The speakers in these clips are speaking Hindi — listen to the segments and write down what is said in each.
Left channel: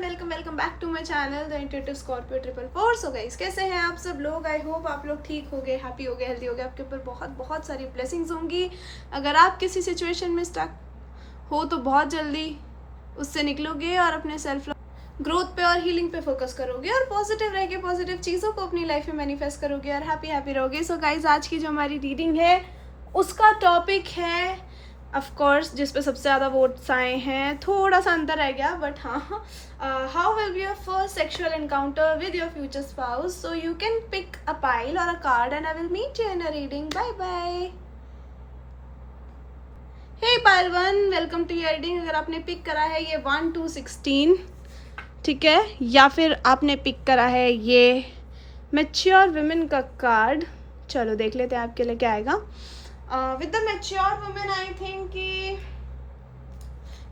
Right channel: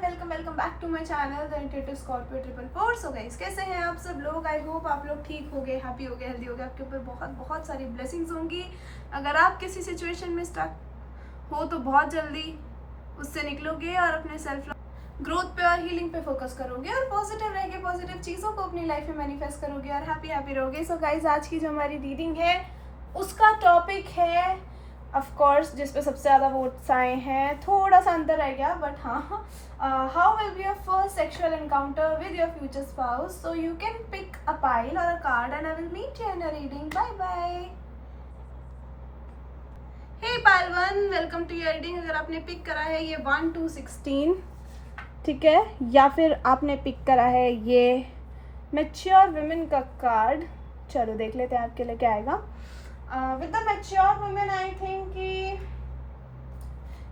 Welcome back to my channel the intuitive Scorpio 444। So guys, कैसे हैं आप सब लोग? आई होप आप लोग ठीक हो गए, हैप्पी हो गए, हेल्दी हो गए। आपके ऊपर बहुत बहुत सारी ब्लेसिंग्स होंगी। अगर आप किसी सिचुएशन में स्टक हो तो बहुत जल्दी उससे निकलोगे और अपने सेल्फ ग्रोथ पे और हीलिंग पे फोकस करोगे और पॉजिटिव रह के पॉजिटिव चीज़ों को अपनी लाइफ में मैनिफेस्ट करोगे और हैप्पी रहोगे। सो गाइस, आज की जो हमारी रीडिंग है उसका टॉपिक है ऑफ कोर्स जिस पे सबसे ज़्यादा वोट्स आए हैं। थोड़ा सा अंतर रह गया बट हाँ, how will be your first sexual encounter with your future spouse. So you can pick a pile or a card and I will meet you in a reading. Bye bye. Hey pile 1, welcome to your reading. अगर आपने पिक करा है ये 1 to 16, ठीक है, या फिर आपने पिक करा है ये मैच्योर वुमेन का कार्ड, चलो देख लेते हैं आपके लिए क्या आएगा। With the mature women I think कि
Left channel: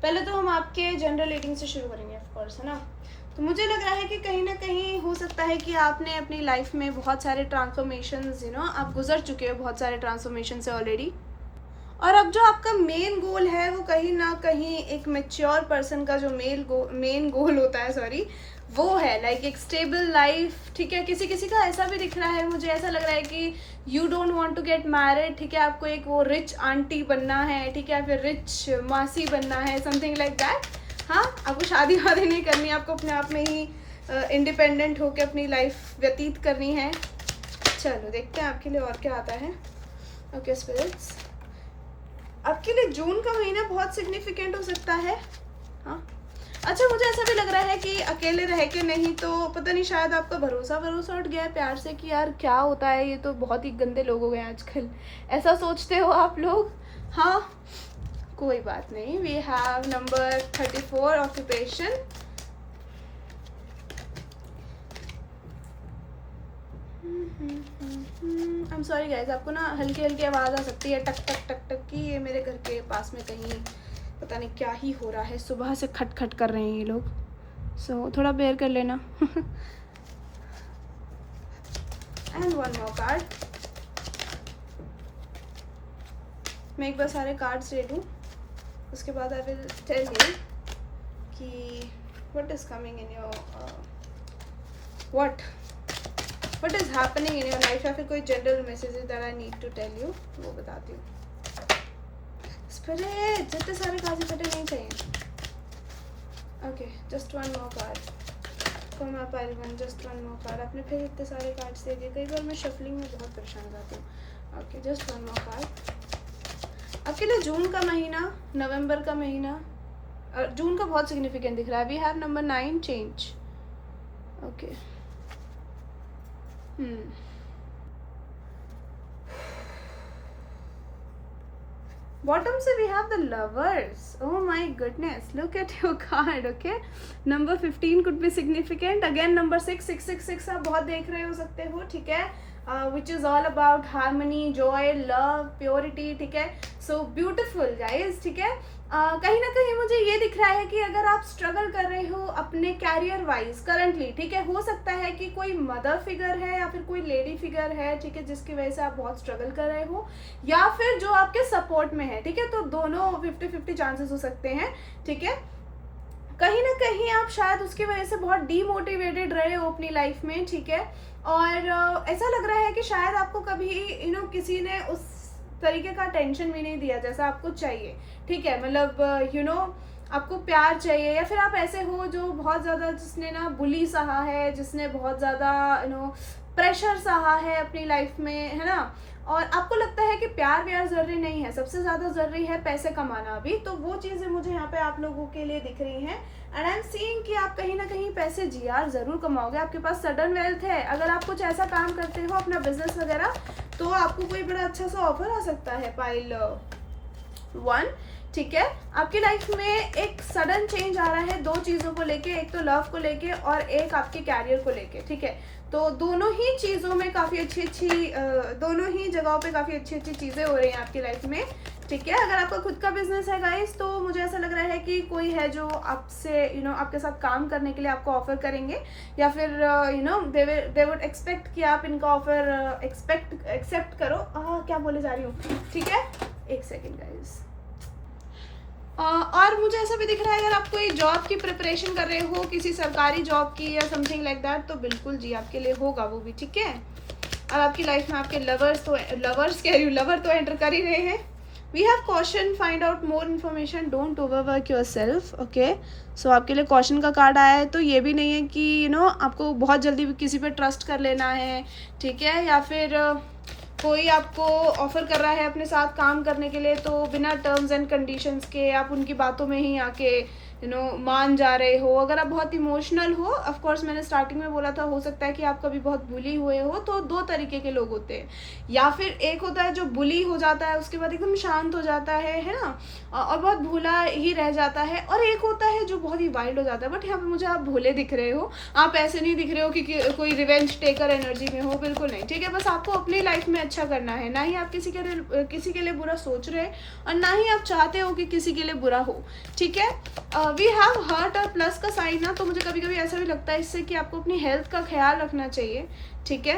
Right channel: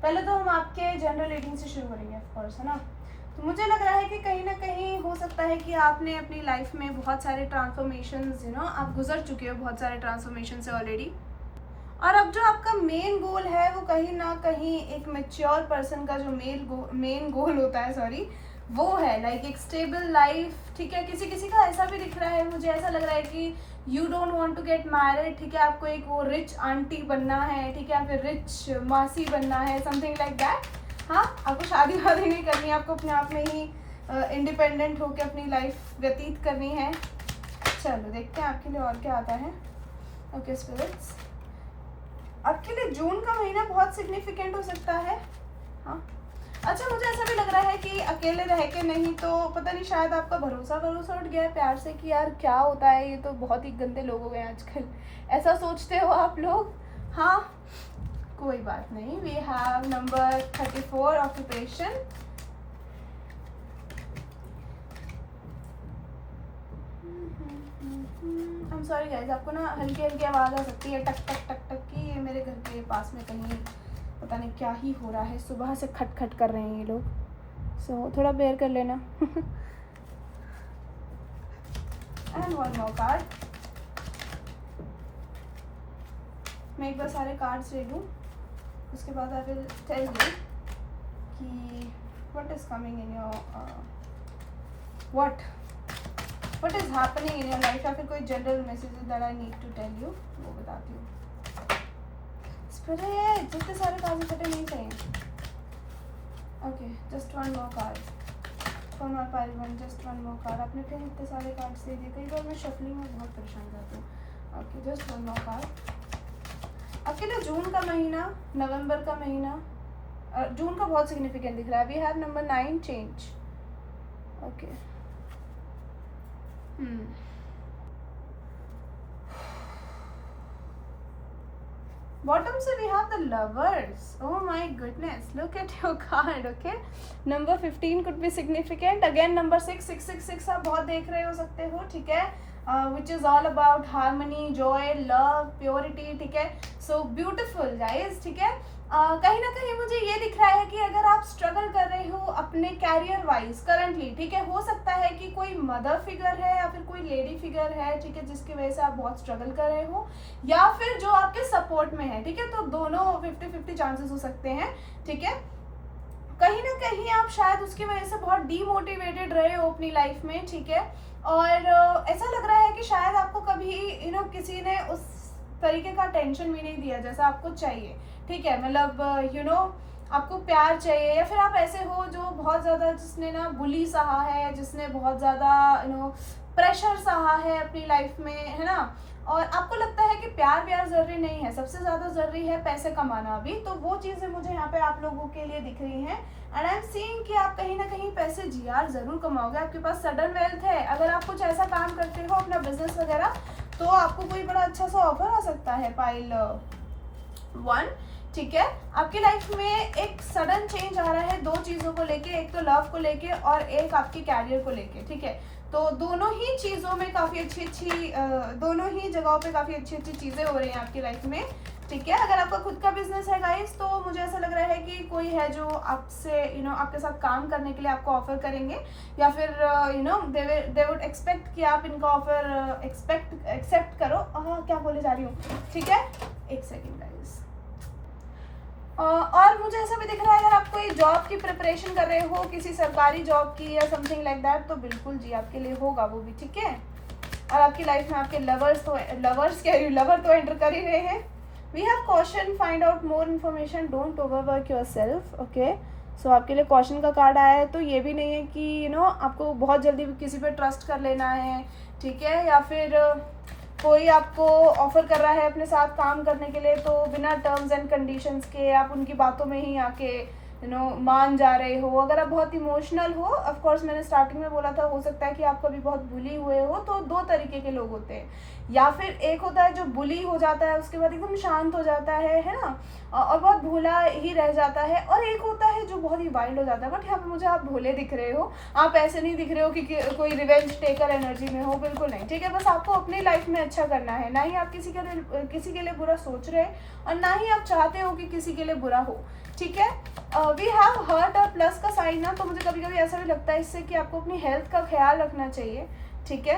पहले तो हम आपके जनरल रीडिंग से शुरू करेंगे ऑफ कोर्स, है ना। तो मुझे लग रहा है कि कहीं ना कहीं हो सकता है कि आपने अपनी लाइफ में बहुत सारे ट्रांसफॉर्मेशंस, आप गुजर चुके हो बहुत सारे ट्रांसफॉर्मेशन से ऑलरेडी। और अब जो आपका मेन गोल है वो कहीं ना कहीं एक मैच्योर पर्सन का जो मेन गोल होता है, सॉरी, वो है लाइक एक स्टेबल लाइफ, ठीक है। किसी किसी का ऐसा भी दिख रहा है, मुझे ऐसा लग रहा है कि you don't want to get married, ठीक है। आपको एक वो रिच आंटी बनना है, ठीक है, फिर रिच मासी बनना है, समथिंग लाइक दैट। हाँ, आपको शादी वादी नहीं करनी है, आपको अपने आप में ही इंडिपेंडेंट होकर अपनी लाइफ व्यतीत करनी है। चलो देखते हैं आपके लिए और क्या आता है। ओके स्पिरिट्स, आपके लिए जून का महीना बहुत सिग्निफिकेंट हो सकता है। हाँ, अच्छा, मुझे ऐसा भी लग रहा है कि अकेले रह के नहीं तो पता नहीं, शायद आपका भरोसा उठ गया है प्यार से कि यार क्या होता है, ये तो बहुत ही गंदे लोग हो गए आजकल, ऐसा सोचते हो आप लोग। हाँ, कोई बात नहीं। We have number 34 occupation. I am sorry guys, आपको ना हल्की हल्की आवाज़ आ सकती है, टक टक टक टक की। ये मेरे घर के पास में कहीं पता नहीं क्या ही हो रहा है, सुबह से खट खट कर रहे हैं ये लोग। सो थोड़ा बेयर कर लेना। And one more card. मैं एक बार सारे कार्ड्स ले लूँ, उसके बाद आई विल टेल यू कि what is coming in your what is happening in your life, या फिर कोई general messages that I need to tell you, वो बताती हूँ। स्पिरिट, जितने सारे कार्ड फटे नहीं चाहिए। Okay, just one more card from my pile 1, just one more card. आपने फिर इतने सारे कार्ड्स दे दिए, कई बार मैं शफलिंग में बहुत परेशान करती हूँ। Okay, just one more card. आपके लिए जून का महीना, नवंबर का महीना, जून का बहुत सिग्निफिकेंट दिख रहा है। We have number 9 change. Okay, bottom से we have the lovers. Oh my goodness, look at your card. Okay, number 15 could be significant. Again number 6 आप बहुत देख रहे हो सकते हो, ठीक है, which is all about harmony, Joy, love, purity, ठीक है। सो ब्यूटिफुल गाइज, ठीक है। कहीं ना कहीं मुझे ये दिख रहा है कि अगर आप स्ट्रगल कर रहे हो अपने कैरियर वाइज करंटली, ठीक है, हो सकता है कि कोई मदर फिगर है या फिर कोई लेडी फिगर है, ठीक है, जिसकी वजह से आप बहुत स्ट्रगल कर रहे हो, या फिर जो आपके सपोर्ट में है, ठीक है। तो दोनों 50-50 चांसेस हो सकते हैं, ठीक है। कहीं ना कहीं आप शायद उसकी वजह से बहुत डीमोटिवेटेड रहे हो अपनी लाइफ में, ठीक है। और ऐसा लग रहा है कि शायद आपको कभी किसी ने उस तरीके का टेंशन भी नहीं दिया जैसा आपको चाहिए, ठीक है। मतलब आपको प्यार चाहिए, या फिर आप ऐसे हो जो बहुत ज़्यादा, जिसने ना बुली सहा है, जिसने बहुत ज़्यादा प्रेशर सहा है अपनी लाइफ में, है ना। और आपको लगता है कि प्यार ज़रूरी नहीं है, सबसे ज़्यादा ज़रूरी है पैसे कमाना भी। तो वो चीज़ें मुझे यहाँ पे आप लोगों के लिए दिख रही हैं। एंड आई एम सीइंग कि आप कहीं ना कहीं पैसे जीआर ज़रूर कमाओगे। आपके पास सडन वेल्थ है। अगर आप कुछ ऐसा काम करते हो अपना बिजनेस वगैरह, तो आपको कोई बड़ा अच्छा सा ऑफर आ सकता है। पाइल 1, ठीक है। आपकी लाइफ में एक सडन चेंज आ रहा है दो चीज़ों को लेके, एक तो लव को लेके और एक आपके कैरियर को लेके, ठीक है। तो दोनों ही चीज़ों में काफ़ी अच्छी दोनों ही जगहों पे काफ़ी अच्छी चीज़ें हो रही हैं आपकी लाइफ में, ठीक है। अगर आपका खुद का बिजनेस है गाइस, तो मुझे ऐसा लग रहा है कि कोई है जो आपसे आपके साथ काम करने के लिए आपको ऑफर करेंगे, या फिर दे वुड एक्सपेक्ट कि आप इनका ऑफर एक्सेप्ट करो। क्या बोले जा रही हूँ, ठीक है। एक सेकेंड गाइस, और मुझे ऐसा भी दिख रहा है अगर आप कोई जॉब की प्रिपरेशन कर रहे हो, किसी सरकारी जॉब की या समथिंग लाइक दैट, तो बिल्कुल जी आपके लिए होगा वो भी, ठीक है। और आपकी लाइफ में आपके लवर तो एंटर कर ही रहे हैं। We have question, find out more information, don't overwork yourself, okay. So आपके लिए क्वेश्चन का कार्ड आया है, तो ये भी नहीं है कि आपको बहुत जल्दी किसी पे ट्रस्ट कर लेना है, ठीक है, या फिर कोई आपको ऑफर कर रहा है अपने साथ काम करने के लिए, तो बिना टर्म्स एंड कंडीशंस के आप उनकी बातों में ही आके मान जा रहे हो। अगर आप बहुत इमोशनल हो, ऑफ कोर्स मैंने स्टार्टिंग में बोला था, हो सकता है कि आप कभी बहुत बुली हुए हो, तो दो तरीके के लोग होते हैं, या फिर एक होता है जो बुली हो जाता है उसके बाद एकदम शांत हो जाता है ना, और बहुत भोला ही रह जाता है, और एक होता है जो बहुत ही वाइल्ड हो जाता है। बट यहाँ पे मुझे आप भोले दिख रहे हो, आप ऐसे नहीं दिख रहे हो कि कोई रिवेंज टेकर एनर्जी में हो, बिल्कुल नहीं, ठीक है। बस आपको अपनी लाइफ में अच्छा करना है, ना ही आप किसी के लिए बुरा सोच रहे और ना ही आप चाहते हो कि किसी के लिए बुरा हो, ठीक है। वी हैव हर्ट और प्लस का साइन ना, तो मुझे कभी कभी ऐसा भी लगता है इससे कि आपको अपनी हेल्थ का ख्याल रखना चाहिए, ठीक है।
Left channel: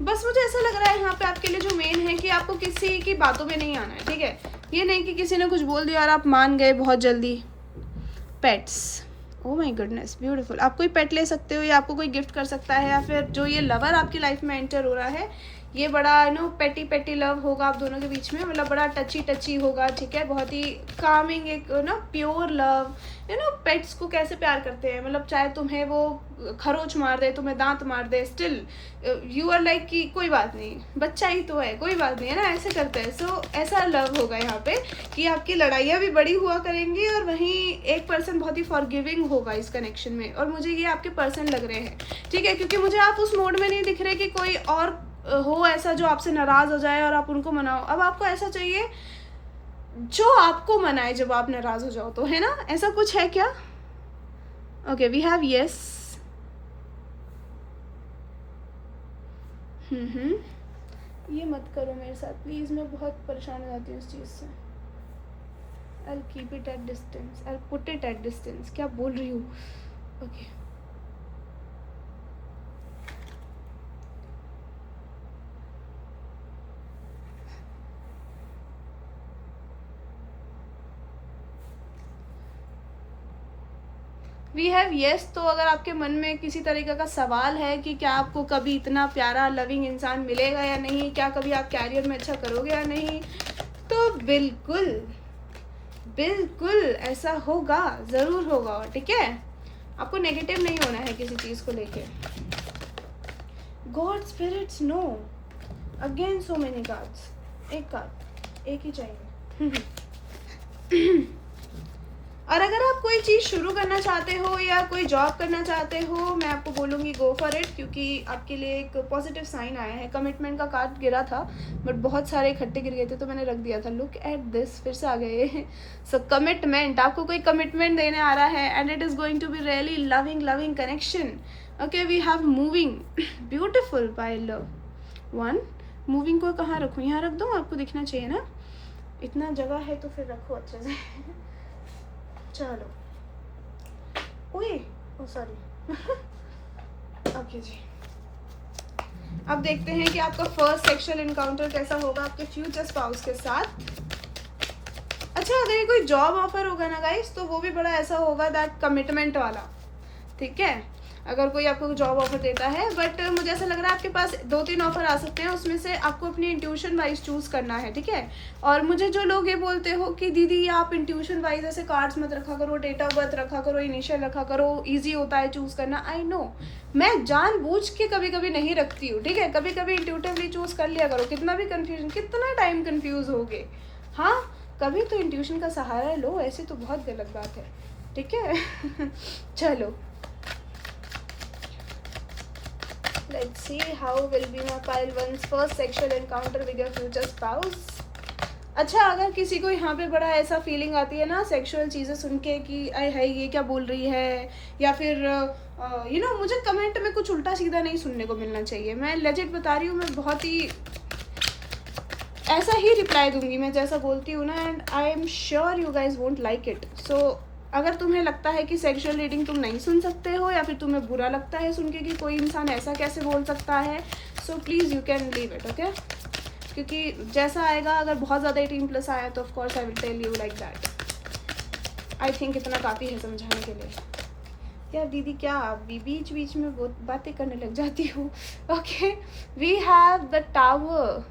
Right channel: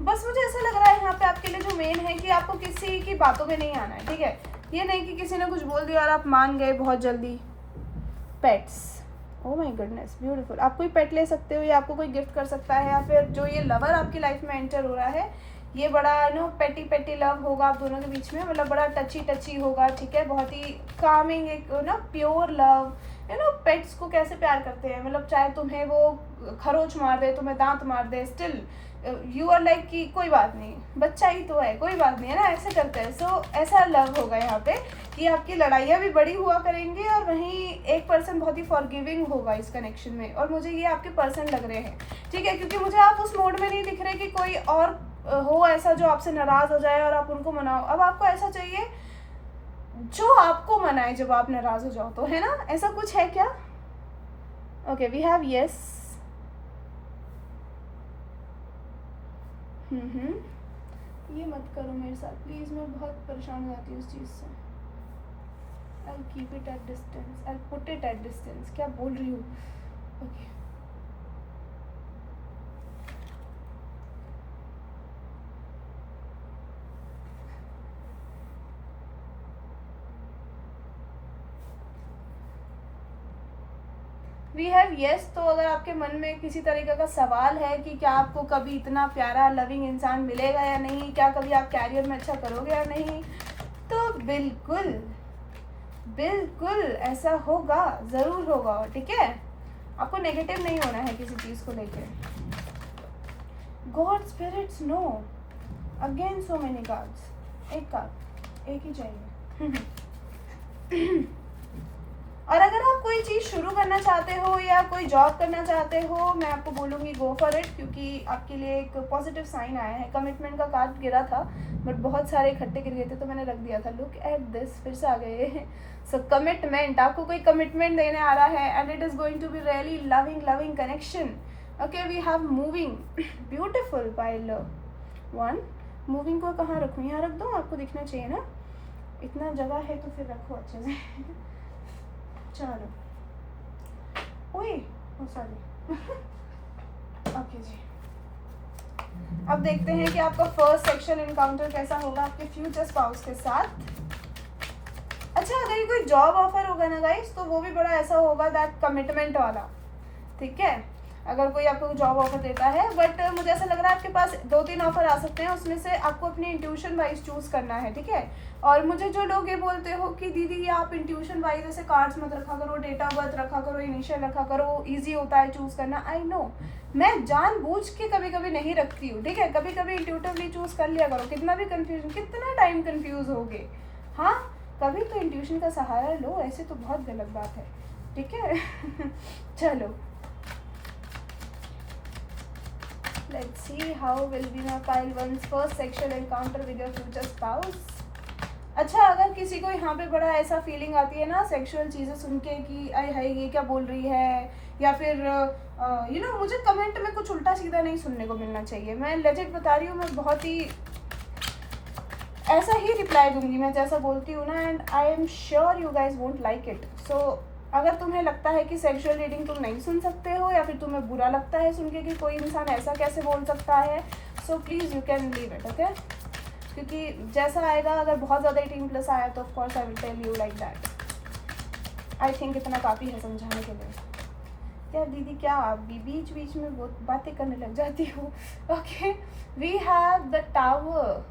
बस मुझे ऐसा लग रहा है यहाँ पे आपके लिए जो मेन है कि आपको किसी की बातों में नहीं आना है, ठीक है। ये नहीं कि किसी ने कुछ बोल दिया और आप मान गए बहुत जल्दी। Pets, oh my goodness, beautiful. आप कोई पेट ले सकते हो या आपको कोई गिफ्ट कर सकता है, या फिर जो ये लवर आपकी लाइफ में एंटर हो रहा है, ये बड़ा पेटी लव होगा आप दोनों के बीच में, मतलब बड़ा टची होगा, ठीक है। बहुत ही कामिंग, एक प्योर लव। पेट्स को कैसे प्यार करते हैं, मतलब चाहे तुम्हें वो खरोच मार दे, तुम्हें दांत मार दे, स्टिल यू आर लाइक कि कोई बात नहीं, बच्चा ही तो है, कोई बात नहीं, है ना, ऐसे करते हैं। सो ऐसा लव होगा यहाँ पे कि आपकी लड़ाइयाँ भी बड़ी हुआ करेंगी, और वहीं एक पर्सन बहुत ही फॉरगिविंग होगा इस कनेक्शन में, और मुझे ये आपके पर्सन लग रहे हैं, ठीक है, क्योंकि मुझे आप उस मोड में नहीं दिख रहे कि कोई और हो ऐसा जो आपसे नाराज हो जाए और आप उनको मनाओ। अब आपको ऐसा चाहिए जो आपको मनाए जब आप नाराज हो जाओ, तो है ना, ऐसा कुछ है क्या? Okay, we have yes. ये मत करो मेरे साथ प्लीज, मैं बहुत परेशान हो जाती हूँ इस चीज से। I'll keep it at distance, I'll put it at distance। क्या बोल रही हूँ? Okay, we have yes. तो अगर आपके मन में किसी तरीके का सवाल है कि क्या आपको कभी इतना प्यारा लविंग इंसान मिलेगा या नहीं, क्या कभी आप कैरियर में अच्छा करोगे या नहीं, तो बिल्कुल बिल्कुल ऐसा होगा, ज़रूर होगा, ठीक है। आपको नेगेटिव नहीं होना है किसी चीज़ को लेके। God spirits no, again so many cards, एक कार्ड, एक ही चाहिए। और अगर आप कोई चीज़ शुरू करना चाहते हो या कोई जॉब करना चाहते हो, मैं आपको बोलूँगी गो फॉर इट, क्योंकि आपके लिए एक पॉजिटिव साइन आया है। कमिटमेंट का कार्ड गिरा था, बट बहुत सारे इकट्ठे गिर गए थे तो मैंने रख दिया था। लुक एट दिस, फिर से आ गए। सो कमिटमेंट, आपको कोई कमिटमेंट देने आ रहा है, and it is going to be really loving connection. Okay, we have moving, beautiful pile one. Moving को कहाँ रखूँ, यहाँ रख दूँ, आपको दिखना चाहिए ना, इतना जगह है तो फिर रखो अच्छे से। चलो, ओए, सॉरी। ओके जी, अब देखते हैं कि आपका फर्स्ट सेक्शुअल इनकाउंटर कैसा होगा आपके फ्यूचर स्पाउस के साथ। अच्छा, अगर ये कोई जॉब ऑफर होगा ना गाइस, तो वो भी बड़ा ऐसा होगा दैट कमिटमेंट वाला, ठीक है। अगर कोई आपको जॉब ऑफर देता है, बट मुझे ऐसा लग रहा है आपके पास 2-3 ऑफर आ सकते हैं, उसमें से आपको अपनी इंट्यूशन वाइज चूज़ करना है, ठीक है। और मुझे जो लोग ये बोलते हो कि दीदी आप इंट्यूशन वाइज ऐसे कार्ड्स मत रखा करो, डेट ऑफ बर्थ रखा करो, इनिशियल रखा करो, ईजी होता है चूज़ करना, आई नो, मैं जानबूझ के कभी कभी नहीं रखती हूँ, ठीक है। कभी कभी इंट्यूटिवली चूज़ कर लिया करो, कितना भी कन्फ्यूजन, कितना टाइम कन्फ्यूज होगे, हाँ, कभी तो इंट्यूशन का सहारा लो, ऐसे तो बहुत गलत बात है, ठीक है। चलो, let's see how will be my pile one's first sexual encounter with your future spouse। अच्छा, अगर किसी को यहाँ पे बड़ा ऐसा फीलिंग आती है ना सेक्सुअल चीज़ें सुन के कि अरे है ये क्या बोल रही है, या फिर मुझे कमेंट में कुछ उल्टा सीधा नहीं सुनने को मिलना चाहिए। मैं लेजिट बता रही हूँ, मैं बहुत ही ऐसा ही रिप्लाई दूंगी मैं जैसा बोलती हूँ ना, and I am sure you guys won't like it. So अगर तुम्हें लगता है कि सेक्सुअल रीडिंग तुम नहीं सुन सकते हो, या फिर तुम्हें बुरा लगता है सुन के कि कोई इंसान ऐसा कैसे बोल सकता है, so please you can leave it, okay. क्योंकि जैसा आएगा, अगर बहुत ज़्यादा 18+ आया तो of course I will tell you like that. I think इतना काफ़ी है समझाने के लिए। यार दीदी क्या आप भी बीच बीच में बहुत बातें करने लग जाती हो। Okay, we have the tower,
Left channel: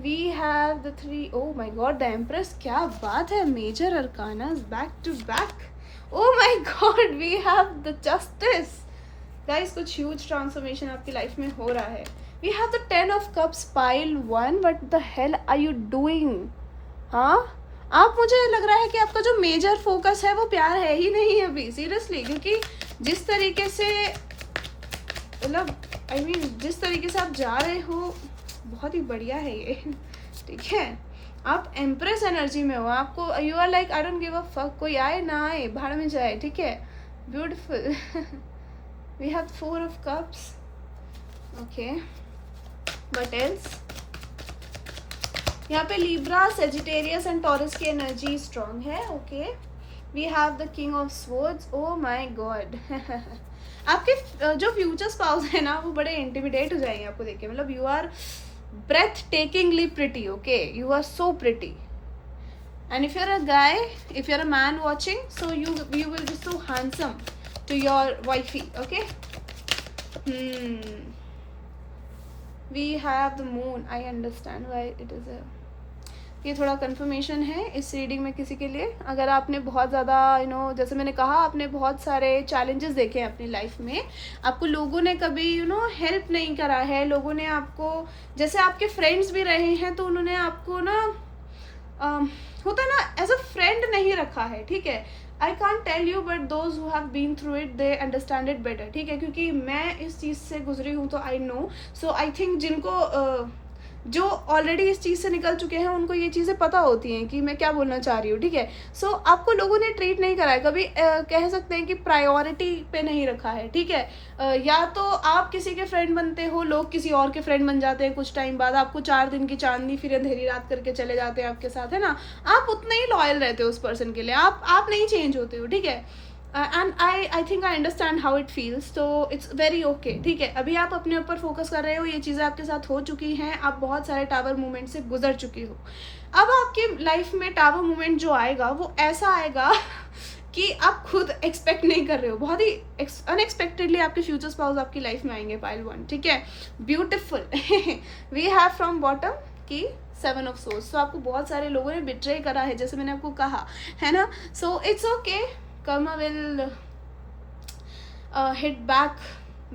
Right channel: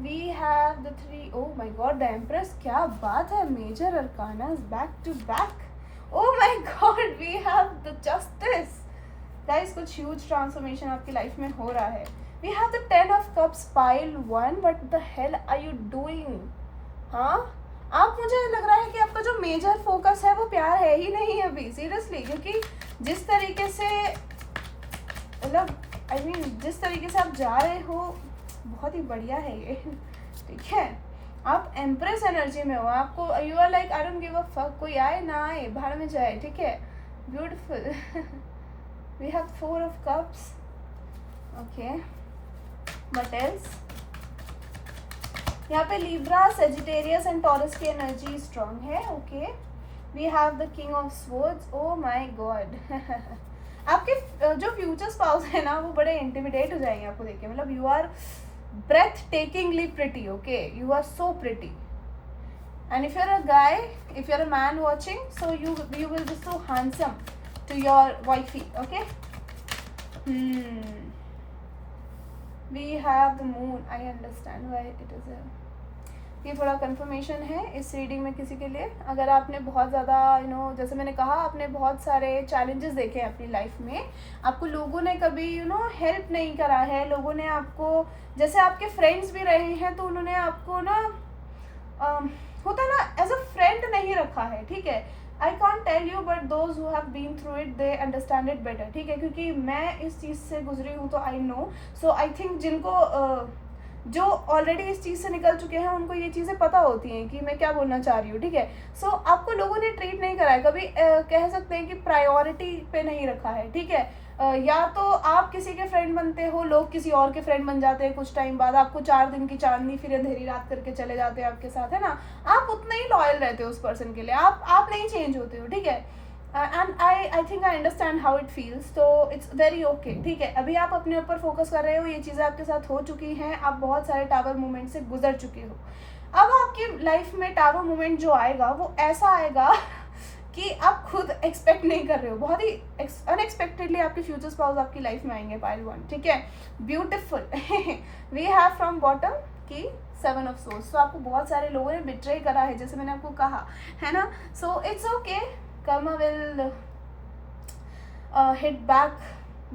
we have the 3, oh my god the empress, क्या बात है, major arcana back to back. Oh my god we have the justice. Guys कुछ ह्यूज ट्रांसफॉर्मेशन आपकी लाइफ में हो रहा है। We have the 10 of cups pile 1, but the hell are you doing? हाँ, आप, मुझे लग रहा है कि आपका जो मेजर फोकस है वो प्यार है ही नहीं अभी, सीरियसली, क्योंकि जिस तरीके से, मतलब आई मीन जिस तरीके से आप जा रहे हो बहुत ही बढ़िया है ये। ठीक है, आप एम्प्रेस एनर्जी में हो, आपको you are like I don't give a fuck, कोई आए ना आए भाड़ में जाए। ठीक है, beautiful. We have 4 of cups. Okay, what else? यहाँ पे लिब्रा, सेजिटेरियस एंड टॉरस की एनर्जी स्ट्रॉन्ग है। Okay, we have the king of swords. Oh my god. आपके जो फ्यूचर स्पाउस है ना वो बड़े इंटिमिडेट हो जाएंगे आपको देख के, मतलब you are breathtakingly pretty. Okay, you are so pretty, and if you are a guy, if you are a man watching, so you will be so handsome to your wifey. Okay, we have the moon, I understand why it is ये थोड़ा कंफर्मेशन है इस रीडिंग में किसी के लिए। अगर आपने बहुत ज़्यादा जैसे मैंने कहा, आपने बहुत सारे चैलेंजेस देखे हैं अपनी लाइफ में, आपको लोगों ने कभी हेल्प नहीं करा है, लोगों ने आपको, जैसे आपके फ्रेंड्स भी रहे हैं तो उन्होंने आपको होता है ना एज अ फ्रेंड नहीं रखा है। ठीक है, I can't tell you, but those who have been through it they understand it better. ठीक है, क्योंकि मैं इस चीज़ से गुजरी हूँ तो I know, so I think जिनको जो ऑलरेडी इस चीज़ से निकल चुके हैं उनको ये चीज़ें पता होती हैं कि मैं क्या बोलना चाह रही हूँ। ठीक है, सो आपको लोगों ने ट्रीट नहीं करा है कभी, कह सकते हैं कि प्रायोरिटी पे नहीं रखा है। ठीक है, या तो आप किसी के फ्रेंड बनते हो, लोग किसी और के फ्रेंड बन जाते हैं, कुछ टाइम बाद आपको 4 दिन की चांदनी फिर अंधेरी रात करके चले जाते हैं आपके साथ, है ना, आप उतने ही लॉयल रहते हो उस पर्सन के लिए, आप नहीं चेंज होते हो। ठीक है, and I think I understand how it feels, तो इट्स वेरी ओके। ठीक है, अभी आप अपने ऊपर फोकस कर रहे हो, ये चीज़ें आपके साथ हो चुकी हैं, आप बहुत सारे टावर मूवमेंट से गुजर चुके हो। अब आपकी लाइफ में टावर मूवमेंट जो आएगा वो ऐसा आएगा कि आप खुद एक्सपेक्ट नहीं कर रहे हो, बहुत ही अनएक्सपेक्टेडली आपके फ्यूचर स्पाउस आपकी लाइफ में आएंगे, पाइल 1। ठीक है, beautiful. We have from bottom की 7 ऑफ सोर्स। तो आपको बहुत सारे लोगों ने बिट्रे करा है, जैसे मैंने आपको कहा है ना, so it's okay, Karma will hit back,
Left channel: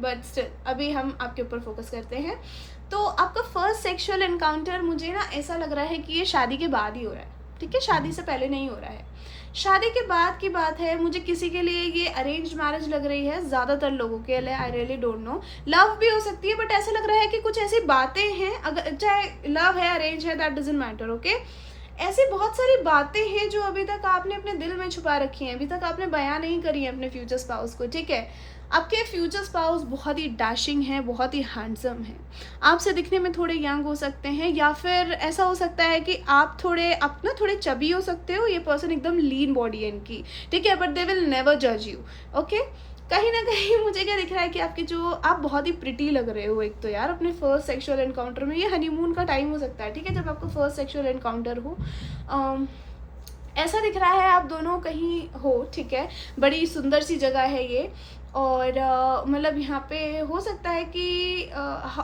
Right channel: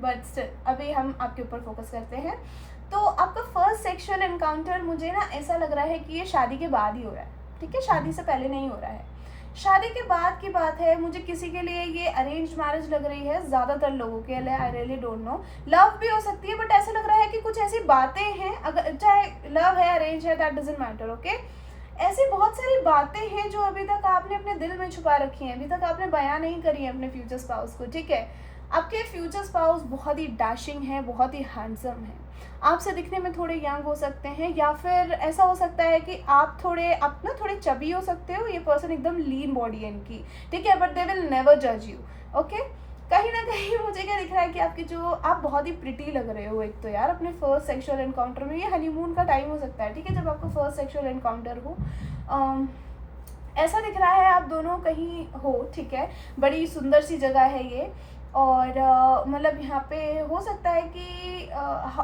but still अभी हम आपके ऊपर फोकस करते हैं। तो आपका फर्स्ट सेक्सुअल एनकाउंटर मुझे ना ऐसा लग रहा है कि ये शादी के बाद ही हो रहा है। ठीक है, शादी से पहले नहीं हो रहा है, शादी के बाद की बात है। मुझे किसी के लिए ये अरेंज मैरिज लग रही है, ज़्यादातर लोगों के लिए, I really don't know, love भी हो सकती है, बट ऐसा लग रहा है कि कुछ ऐसी बातें हैं, अगर चाहे लव है अरेंज है दैट डजंट मैटर। ओके, ऐसी बहुत सारी बातें हैं जो अभी तक आपने अपने दिल में छुपा रखी हैं, अभी तक आपने बयां नहीं करी है अपने फ्यूचर स्पाउस को। ठीक है, आपके फ्यूचर स्पाउस बहुत ही डैशिंग है, बहुत ही हैंडसम है, आपसे दिखने में थोड़े यंग हो सकते हैं, या फिर ऐसा हो सकता है कि आप ना थोड़े चबी हो सकते हो, ये पर्सन एकदम लीन बॉडी है इनकी। ठीक है, बट दे विल नेवर जज यू। ओके, कहीं ना कहीं मुझे क्या दिख रहा है कि आपके जो आप बहुत ही प्रिटी लग रहे हो एक तो यार अपने फर्स्ट सेक्सुअल एनकाउंटर में। ये हनीमून का टाइम हो सकता है। ठीक है, जब आपका फर्स्ट सेक्सुअल एनकाउंटर हो, ऐसा दिख रहा है आप दोनों कहीं हो। ठीक है, बड़ी सुंदर सी जगह है ये, और मतलब यहाँ पे हो सकता है कि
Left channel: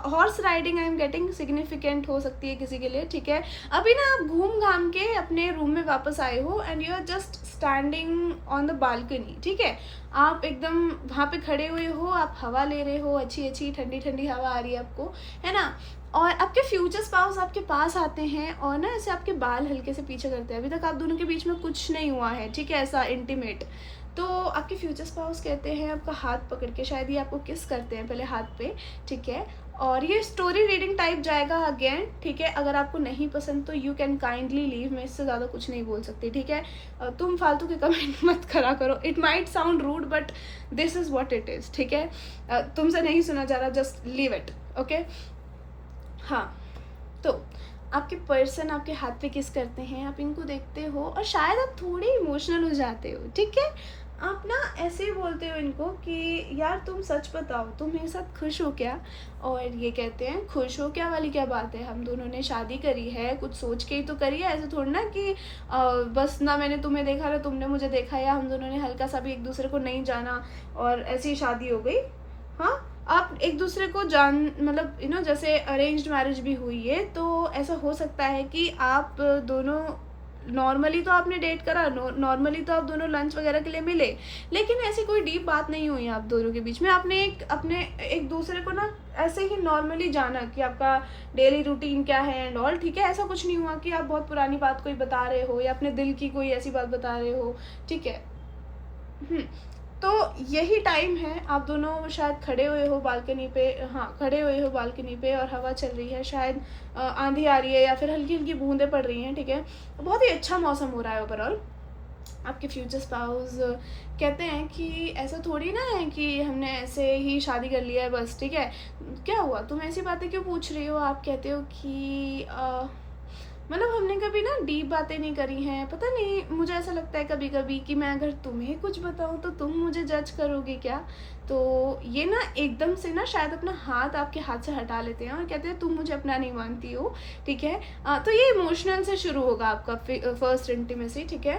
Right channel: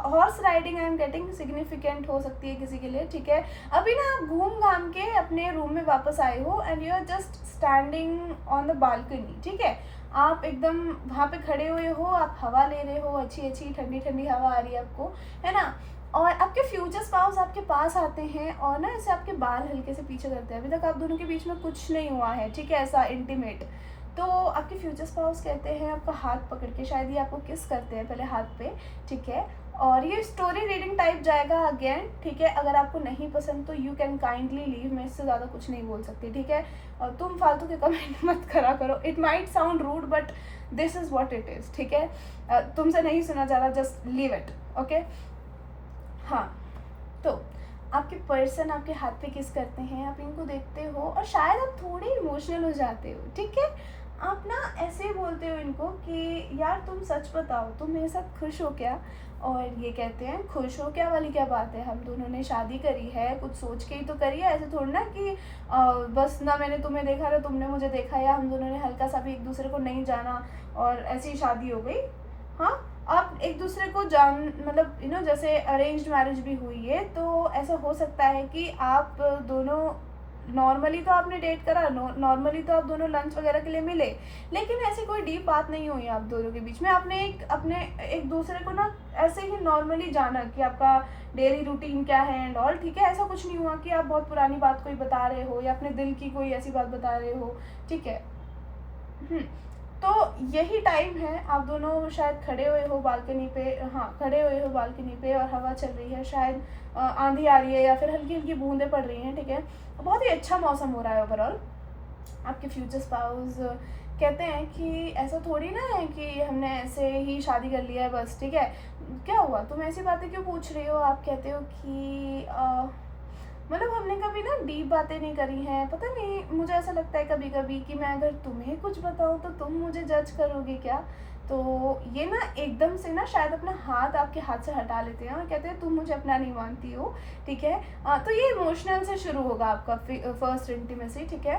horse riding I am getting significant हो सकती है किसी के लिए। ठीक है, अभी ना आप घूम घाम के अपने रूम में वापस आए हो and you are just standing on the balcony. ठीक है, आप एकदम वहाँ पे खड़े हुए हो, आप हवा ले रहे हो, अच्छी अच्छी ठंडी ठंडी हवा आ रही है आपको, है ना, और आपके फ्यूचर स्पाउस आपके पास आते हैं और ना ऐसे आपके बाल हल्के से पीछे करते हैं। अभी तक आप दोनों के बीच में कुछ नहीं हुआ है, ठीक है, ऐसा इंटीमेट। तो आपके फ्यूचर स्पाउस कहते हैं आपका हाथ पकड़ के, शायद ये आपको किस करते हैं पहले हाथ पे। ठीक है, और ये स्टोरी रीडिंग टाइप जाएगा अगेन। ठीक है, अगर आपको नहीं पसंद तो यू कैन काइंडली लीव, मैं इससे ज़्यादा कुछ नहीं बोल सकती। ठीक है, तुम फालतू के कमेंट मत करा करो, it might sound rude but this is what it is. ठीक है, तुमसे नहीं सुना जा रहा, जस्ट लीव इट। ओके, हाँ, तो आपके पर्सन आपके हाथ पे किस करते हैं, आप इनको देखते हो और शायद आप थोड़े इमोशनल हो जाते हो। ठीक है, आप ना ऐसे बोलते हो इनको कि यार तुम सच बताओ, तुम मेरे साथ खुश हो क्या? और ये कहते हैं खुश हो क्या वाली क्या बात है, हम दोनों ने शादी करी है, कुछ सोच के ही तो करी है, ऐसे थोड़ी ना कि बस ना मैंने तुम्हें देखा ना तुमने मुझे देखा, या हम दोनों ने हल्का सा भी एक दूसरे को नहीं जाना और ऐसी ही शादी हो गई। हाँ, आप एक दूसरे को जान मतलब जैसे अरेंज्ड मैरिज भी हुई है तो ऐसा हो सकता है कि आप दोनों नॉर्मली तो आपने डेट करा, नॉर्मली तो आप दोनों लंच वगैरह के लिए मिले, लेकिन ऐसी कोई डीप बात नहीं हुई आप दोनों के बीच में। आपने अपने एक दूसरे को ना ऐसे ही नॉर्मली जाना कि आपका डेली रूटीन क्या है एंड ऑल, ठीक है। ऐसा कुछ नहीं हुआ कि आप बहुत पुरानी बात कोई बता रहे हो या अपने दिल की कोई ऐसी बात बता रहे हो, ठीक है। तो यही टाइम है, आप दोनों शायद खड़े हुए हो बालकनी पे, हाँ खड़े हुए हो बालकनी पे और हवा चल रही है, शायद आंधी आ रही है या फिर हल्की हल्की बूंदें पड़ रही हैं, ठीक है। बहुत ही अच्छा मौसम हो रहा है ओवरऑल। आपके फ्यूचर स्पाउस कहते हैं कि ऐसा थोड़ी ना है कि हमने ऐसे ही शादी कर लिया है बस, ठीक है। क्या हुआ, तुम ऐसी बातें क्यों पूछ रही हो? आप कहते हो कि मतलब हमने कभी ना डीप बातें नहीं करी हैं, पता नहीं मुझे ऐसा लगता है कभी कभी कि मैं अगर तुम्हें कुछ बताऊँ तो तुम मुझे जज करोगे क्या। तो ये ना एकदम से ना शायद अपना हाथ आपके हाथ से हटा लेते हैं और कहते हैं तुम मुझे अपना नहीं मानती हो, ठीक है। तो ये इमोशनल से शुरू होगा आपका फर्स्ट इंटीमेसी, ठीक है।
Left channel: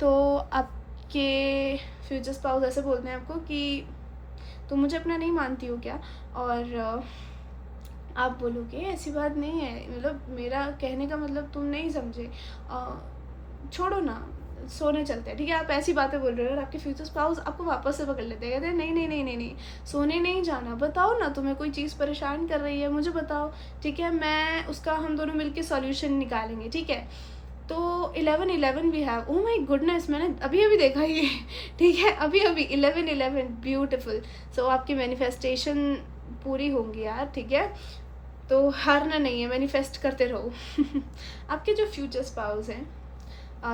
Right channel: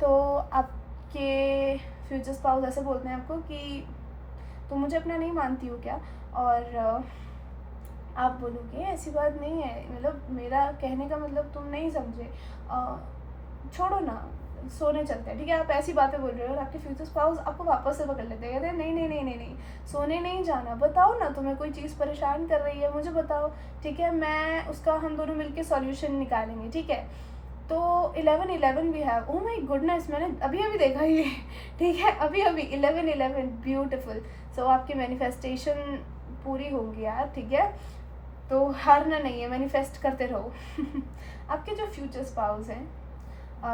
तो आपके फ्यूचर स्पाउस ऐसे बोलते हैं आपको कि तुम मुझे अपना नहीं मानती हो क्या? और आप बोलोगे ऐसी बात नहीं है, मतलब मेरा कहने का मतलब तुम नहीं समझे, छोड़ो ना, सोने चलते हैं, ठीक है। आप ऐसी बातें बोल रहे हो और आपके फ्यूचर स्पाउस आपको वापस से पकड़ लेते हैं, कहते हैं नहीं नहीं नहीं नहीं नहीं, सोने नहीं जाना, बताओ ना तुम्हें कोई चीज़ परेशान कर रही है, मुझे बताओ, ठीक है। मैं उसका हम दोनों मिलके सॉल्यूशन निकालेंगे, ठीक है। तो 11-11 we have, oh my goodness, मैंने अभी अभी देखा ये ठीक है, अभी अभी 11-11 ब्यूटिफुल। सो आपकी मैनिफेस्टेशन पूरी होगी यार, ठीक है। तो हारना नहीं है, मैनिफेस्ट करते रहो आपके जो फ्यूचर स्पाउस हैं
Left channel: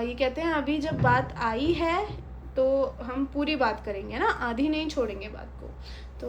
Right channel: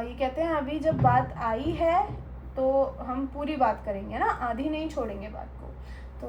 ये कहते हैं अभी जब बात आई है तो हम पूरी बात करेंगे ना, आधी नहीं छोड़ेंगे बात को। तो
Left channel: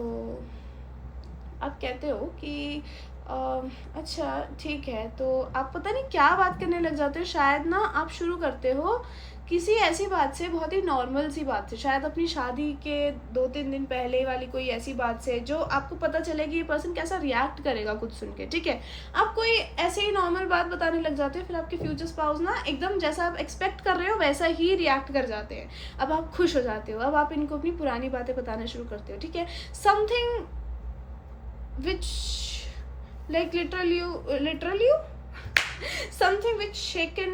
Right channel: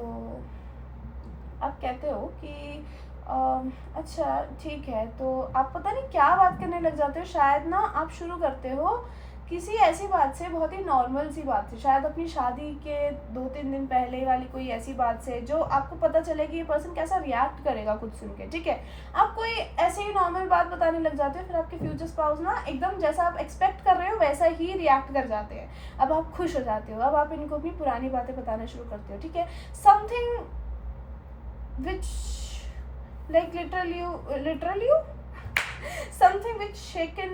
आप कहते हो कि अच्छा ठीक है, तो आप पता नहीं क्या बात करने लग जाते हो, शायद ना आप शुरू करते हो किसी ऐसी बात से, बहुत ही नॉर्मल सी बात से, शायद अपनी शादी के 2-3 दिन पहले वाली कोई ऐसी बात से जो आपको पता चले कि ये पर्सन कैसा रिएक्ट करेगा कुछ सुन के, ठीक है। आप कोई ऐसे ही नॉर्मल बात बताने लग जाते हो, फिर आपके फ्यूचर स्पाउस ना एकदम जैसा आप एक्सपेक्ट कर रहे हो वैसा ही रिएक्ट कर जाते हैं। अब आप खुश हो जाते हो, अब आप इनको अपनी पुरानी बातें बताना शुरू करते हो, ठीक है। Something which like literally something which shaken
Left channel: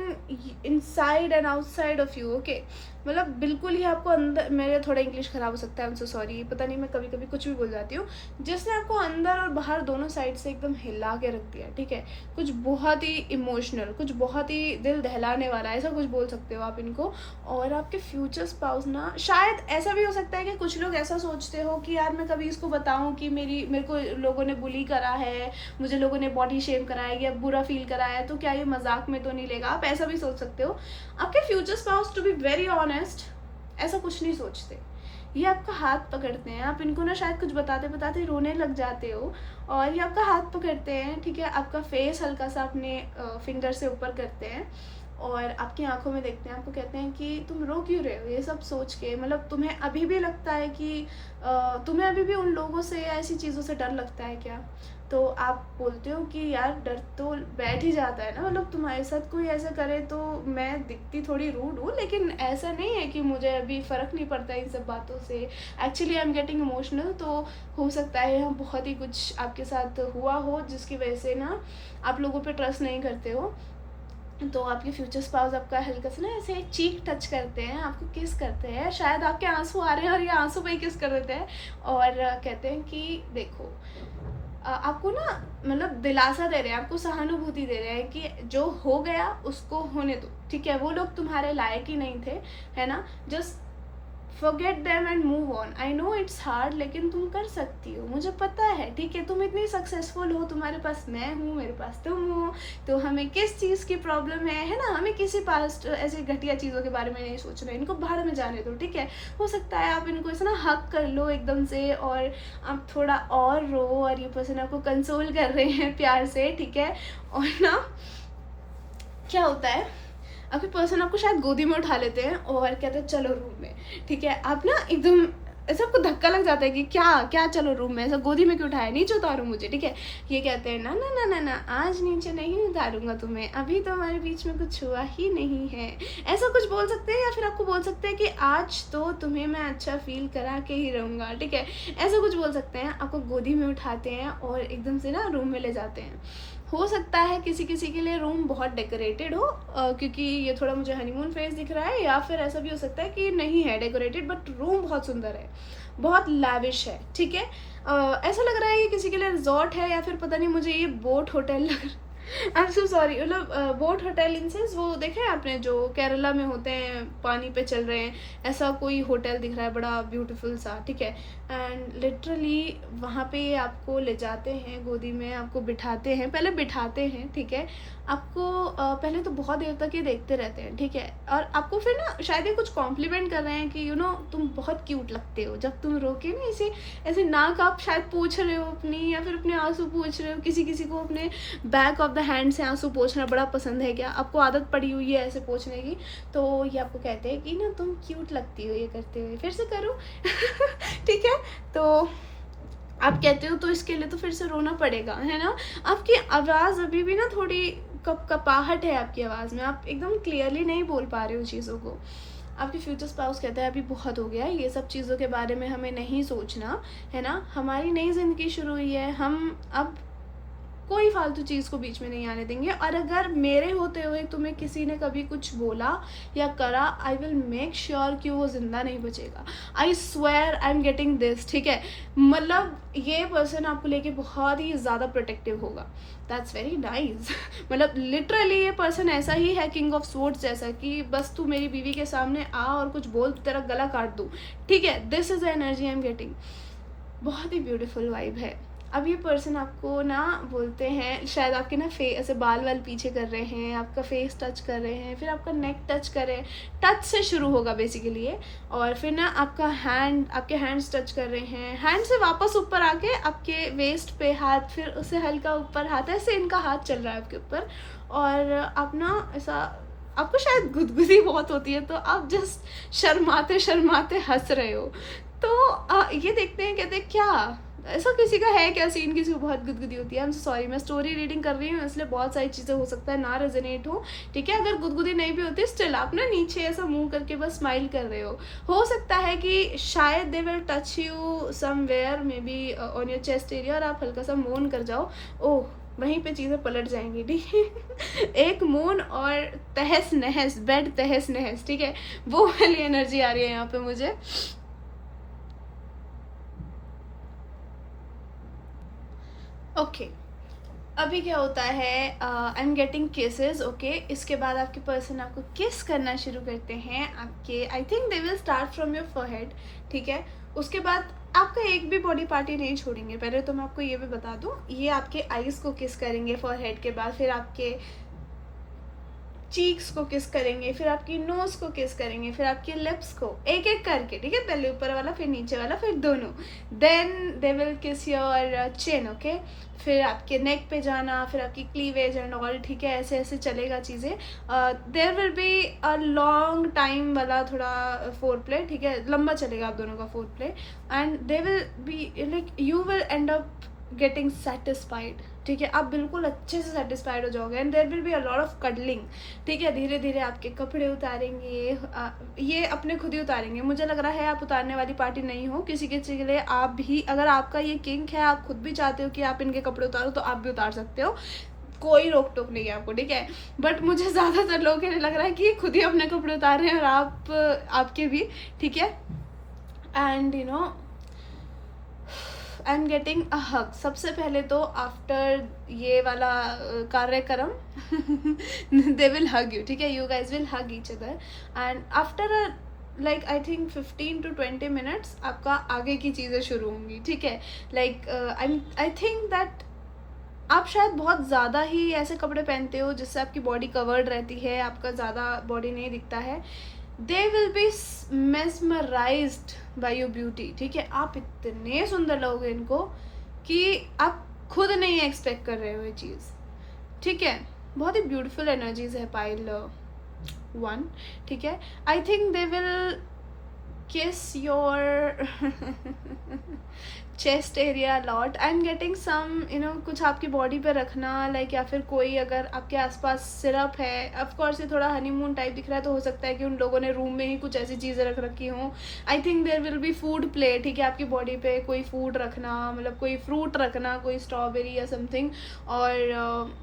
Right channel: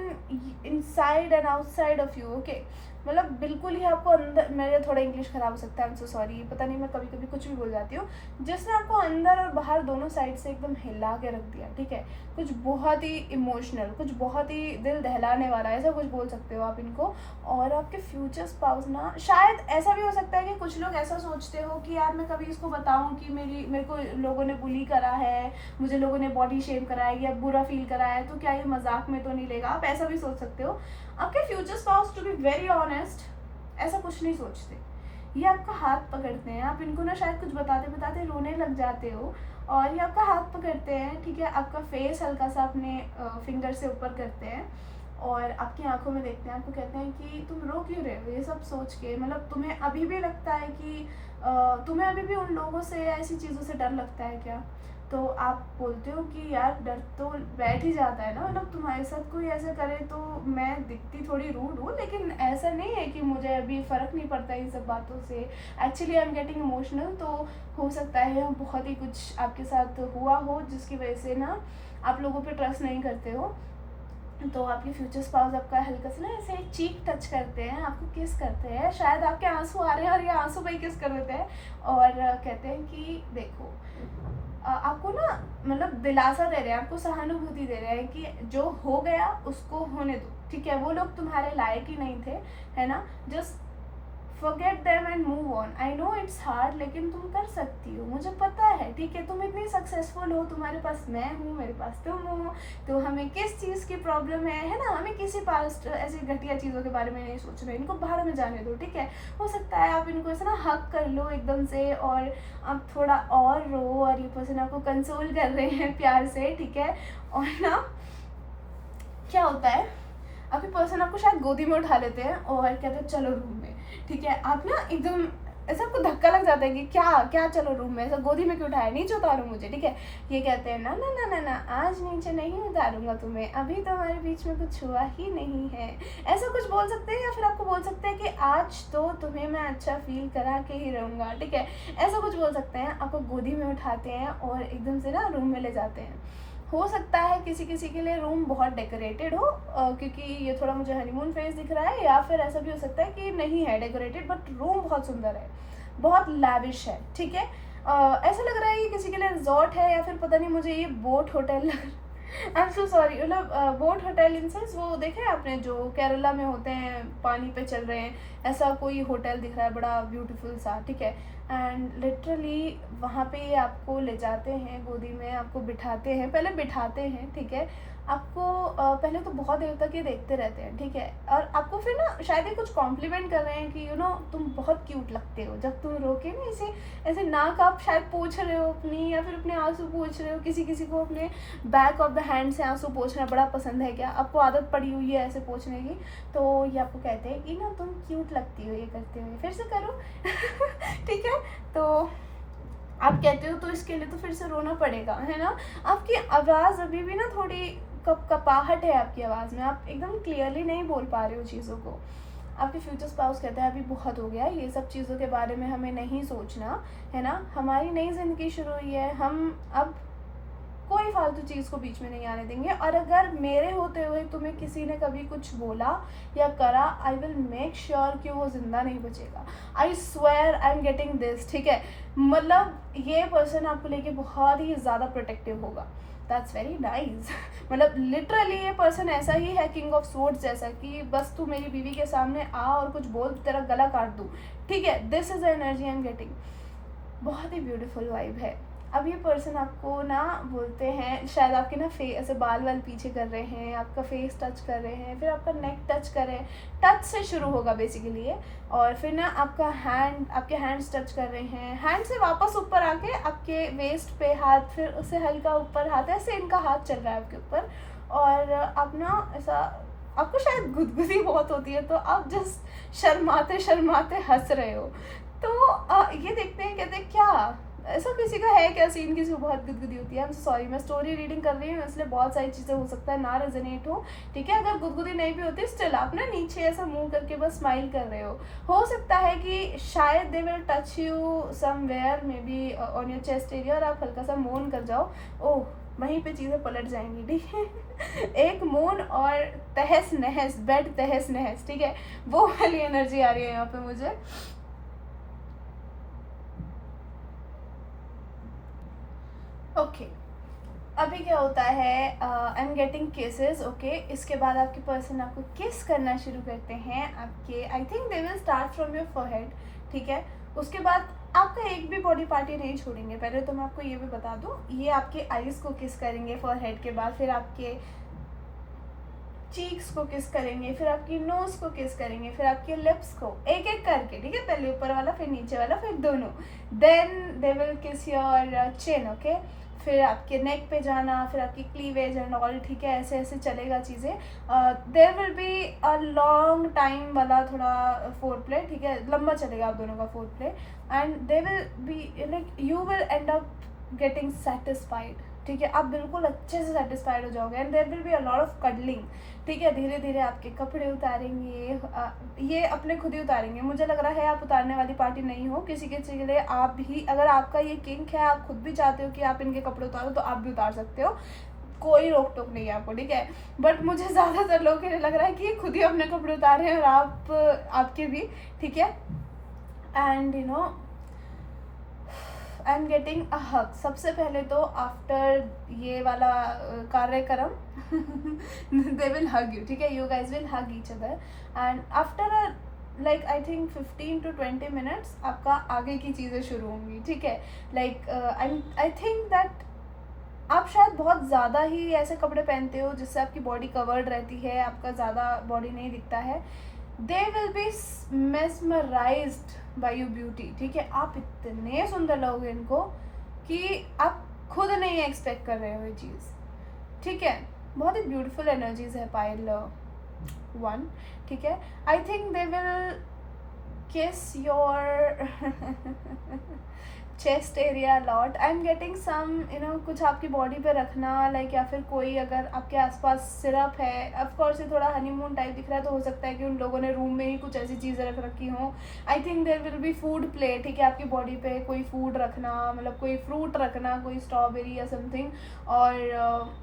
inside and outside of you, okay। मतलब बिल्कुल ही आपको अंदर, मेरा थोड़ा इंग्लिश ख़राब हो सकता है, आई एम सो सॉरी, पता नहीं मैं कभी कभी कुछ भी बोल जाती हूँ, जिसने आपको अंदर और बाहर दोनों साइड से एकदम हिला के रख दिया, ठीक है। कुछ बहुत ही इमोशनल, कुछ बहुत ही दिल दहलाने वाला, ऐसा कुछ बोल सकते हो आप इनको। और आपके फ्यूचर स्पाउस ना, शायद ऐसा भी हो सकता है कि कुछ लोग ऐसा सोचते हो कि यार मैं कभी इसको बताऊँ कि मेरे को लोगों ने बुली करा है, मुझे लोगों ने बॉडी शेम करा है या बुरा फील करा है, तो क्या ये मजाक में तो नहीं लेगा, आप ऐसा भी सोच सकते हो। आपके future spouse to be very honest ऐसा कुछ नहीं सोचते, ये आपका हाथ पकड़ते हैं, आप इनको ना शायद कुछ बताते बताते रोने लग जाते हो और ये आपका हाथ पकड़ते हैं, ठीक है। आपका फेस हल्का सा अपने फिंगर से ऊपर करते हैं और आपकी आंखों में देखते हैं, आपको कहते हैं कि तुम रो क्यों रहे हो ये सब सोच के, मतलब तुम्हें अभी भी लगता है कि तुम्हें अभी भी उन लोगों से ऐसी चीज़ों से डर लगता है क्या? तो आप बोलते हो कि यार डर तो बैठ ही जाता है ना, मतलब तुम्हारे साथ कोई ऐसा करे तो मैं दिखती थोड़ी रूड हूँ, लेकिन ऐसा नहीं है कि मुझे अभी फ़र्क नहीं पड़ता इन सब बातों से, actually I am getting emotional. तो हो सकता है हम बहुत ही कुछ आपके साथ हुआ हो जिसकी वजह से ना आप लोगों पे ट्रस्ट नहीं करते हो। तो आपके फ्यूचर स्पाउस आपका हल्का सा ना ऐसे चीक टच करते हैं, आपको किस करते हैं, शायद आपके आंसू आ रहे हैं और ये आंसू पे ही किस कर देते हैं और कहते हैं कि देखो आपको ना मतलब दिलासा दे रहे हैं, आपको सहानुभूति दे रहे हैं कि जो हो गया उसको होने दो, ठीक है। वो लोग तुम्हारे लायक ही नहीं थे, है ना, just forget them and move on। I know it's hard लेकिन तुम कर सकती हो, मुझे पता है, ठीक है। तुम इतनी सक्सेसफुल हो, तुम्हारे पास मैं हूँ, मेरे पास तुम हो, तो हमें किस चीज़ की प्रॉब्लम है ना, हमें किसी पास्ट ऐसे घटिया चीज़ों के बारे में नहीं सोच रहे, इनको बाहर में जाने दो, ठीक है। हो सकता है आप इनको ऐसे ना हक कर लो एकदम से और आप थोड़ा और रो और ये पर्सन आपको कंसोल कर रहे हैं प्यार से, ठीक है। और ना क्या होता है, आपके पर्सन आपको शायद गोदी में उठा लेते हैं और कहते हैं चलो रूम में, ठीक है, आप ना एकदम ऐसा आपको धक्का लग जाता है कि क्या क्या, चलो रूम में, ऐसा गोदी में क्यों उठाया, नीचे उतारो मुझे, ठीक है। ये कहते हैं ना ना ना ना ना, आज नीचे नहीं उतारूंगा तुम्हें, अभी तो हमारे बीच में कुछ हुआ ही नहीं है, ऐसा कुछ बोल सकते हैं। या फिर आपको बोल सकते हैं कि आज तो तुम्हें मैं अच्छा फील करा के ही रहूँगा, ठीक है, ऐसा कुछ बोल सकते हैं। आपको गोदी में उठाते हैं और एकदम से ना रूम में ले जाते हैं। हो सकता है किसी किसी के लिए रूम बहुत डेकोरेटेड हो, क्योंकि ये थोड़ा मुझे हनीमून फेस दिख रहा है, या फिर ऐसा भी हो सकता है कि नहीं है डेकोरेटेड बट रूम बहुत सुंदर है, बहुत लैविश है, ठीक है। ऐसा लग रहा है कि किसी के लिए रिजॉर्ट है, या फिर पता नहीं, मुझे ये बोट होटल लग रहा है। आई एम सो सॉरी, मतलब बोट होटल इन सेंस, वो देखे हैं आपने जो केरला में होते हैं, पानी पे चल रहे हैं, ऐसा कोई होटल दिख रहा है बड़ा ब्यूटीफुल सा, ठीक है। एंड लिटरली वहाँ पे आपको ले जाते हैं गोदी में, आपको बिठाते हैं, पहले बिठाते हैं, ठीक है। आपको पहले तो बहुत देर तक ये देखते रहते हैं, ठीक है। और आपको फिर ना शायद ये कुछ कॉम्प्लीमेंट कर रहे हैं कि तुम बहुत क्यूट लगते हो, जब तुम रोके ना ऐसे ऐसे नाक आप शायद पोंछ रहे हो अपनी, या फिर अपने आंसू पोंछ रहे हो। किसी किसी को अपने बैक ऑफ द हैंड से आंसू पोंछना बड़ा पसंद है, क्या आपको आदत पड़ी हुई है ऐसे पोंछने की, तो ये आपको कहते हैं कि ना तुम क्यूट लगती हो ये करते हुए, फिर से करो। ठीक है, तो आप कहते हो तो इसके लिए तो फिर से रोना पड़ेगा, है ना। आपकी आवाज़ अभी भी ना थोड़ी कपाहट है आपकी आवाज़ में, आप एकदम क्लियरली नहीं बोल पा रहे हो चीज़ों को। आपके फ्यूचर स्पाउस कहते हैं अभी बहुत हो गया, ये सब चीज़ों के बारे में हमें नहीं सोचना, है ना। हमारी नई ज़िंदगी शुरू हुई है, हम अब कोई फालतू चीज़ को बीच में नहीं आने देंगे। और अगर मेरे होते हुए तुम्हें किसी ने कभी कुछ बोला या करा, आई विल मेक श्योर कि वो ज़िंदा नहीं बचेगा। I swear I am getting this, ठीक है। मतलब ये पर्सन आपको लेके बहुत ही ज़्यादा प्रोटेक्टिव होगा। That's very nice. मतलब लिटरली ये पर्सन ऐसा ही है, किंग ऑफ स्वॉर्ड्स जैसा, कि बस तू मेरी बीवी के सामने आ और कुछ बोल, तेरा गला काट दूँ, ठीक है। This is the energy I am getting. बहुत ही ब्यूटीफुल वाइब है। अब ये पर्सन आपको ना बोलते हैं, शायद आपके ना ऐसे बाल वाल पीछे कर रहे हैं, आपका फेस टच कर रहे हैं, फिर आपका नेक टच कर रहे हैं, टच से शुरू होगा बेसिकली ये, और फिर ना आपका आपके हैंड्स टच कर रहे हैं, हैंड से वापस ऊपर आके आपके वेस्ट पे हाथ, फिर उससे हल्का ऊपर हाथ, ऐसे इनका हाथ चल रहा है आपके ऊपर। और आप ना ऐसा, आपको शायद गुदगुदी बहुत होती है, तो आप जस्ट शर्माते शर्माते हंस रहे हो। तो ये देखते हैं, कहते हैं क्या ऐसा किसी का है क्या सीन, किसी को बहुत गुदगुदी होती है। आई एम सॉरी, मैं स्टोरी रीडिंग कर रही हूँ, इसलिए बहुत सारी चीज़ें हो सकता है ना रेजोनेट हो, ठीक है। अगर गुदगुदी नहीं भी होती, स्टिल आप ना नीचे ऐसा मुंह करके बस स्माइल कर रहे हो सकता है कि शायद they will touch you somewhere, may be on your chest area, और आप हल्का सा मोन कर जाओ, ओह वहीं पे चीज़ें पलट जाएंगी, ठीक है। एक मून और तहस नहस, बेड तहस नहस, ठीक है, वो वाली एनर्जी आ रही है यहाँ पे मुझे। ओके अभी क्या होता है, आई एम गेटिंग केसेस, ओके। इसके बाद आपके पर्सन आपको किस करना शुरू करते हैं, आपके I think they will start from your forehead, ठीक है। उसके बाद आपका एक भी बॉडी पार्ट ही नहीं छोड़ेंगे। पहले तो मैं आपको ये भी बता दूं, ये आपके आईज को किस करेंगे फोरहेड के बाद, फिर आपके चीक्स को किस करेंगे, फिर आपकी नोज को किस करेंगे, फिर आपके लिप्स को, एक एक करके, ठीक है। पहले ऊपर वाला, फिर नीचे वाला, फिर दोनों। Then they will kiss your chin, okay. फिर आपके नेक पे जाना, फिर आपकी क्लीवेज एंड ऑल, ठीक है। ऐसे ऐसे चलेगा चीज़ें। There will be a long time वाला थोड़ा फोर प्ले, ठीक है, लंबा चलेगा आप दोनों का foreplay. And they will be like you will end up getting satisfied, ठीक है। आप बिल्कुल अच्छे से सेटिस्फाइड हो जाओगे। And there will be a lot of cuddling, ठीक है। धीरे धीरे आपके कपड़े उतारेंगे, ये अपने खुद ही उतारेंगे। मुझे लग रहा है आप उतारने वाली पार्टी नहीं हो, किसी किसी के लिए आप भी, अगर आपका ये किंक है, आप खुद भी चाहते हो कि आप इनके कपड़े उतारो, तो आप भी उतार सकते हो, कोई रोक टोक नहीं है आपको, ठीक है। बट मुझे ज़्यादातर लोगों के लिए लग रहा है कि ये खुद ही अपने कपड़े उतार रहे हैं, और आपके भी, ठीक है। And I am getting a hug. सबसे पहले तो आफ्टर ये वाला कार्यक्रम दे विल हग यू, ठीक है। You guys will hug each other, and after like I think 15 to 20 minutes आपका आगे की चीज़ें शुरू होंगी, ठीक है। लाइक आई थिंक दैट आप शायद बहुत ज़्यादा ही ऐसे कपड़े पहनते हो जिससे आपकी बॉडी कवर्ड रहती है, आपका ज़्यादा बॉडी नहीं दिखता है। They will B mesmerised bye your beauty, ठीक है। आप इतने सुंदर लगोगे इनको कि आप खुद नहीं एक्सपेक्ट कर रहे हो ये चीज़, ठीक है। बहुत ही ब्यूटीफुल एनर्जीज है पाइल 1, ठीक है। I think they will kiss your chest area a lot. I'm getting some कुछ आपकी बॉडी पे रखना, लाइक या फिर कोई अगर आपके आसपास सिरप है, ऑफ कोर्स ये थोड़ा हनीमून टाइप दिख रहा है तो हो सकता है कि उन लोगों ने रूम में ही कुछ ऐसी चीज़ें रख रखी हों. I think there will be food play. ठीक है, आपकी बॉडी पे कोई फूड रखना, मतलब कोई फ्रूट रखना, कोई स्ट्रॉबेरी या समथिंग. और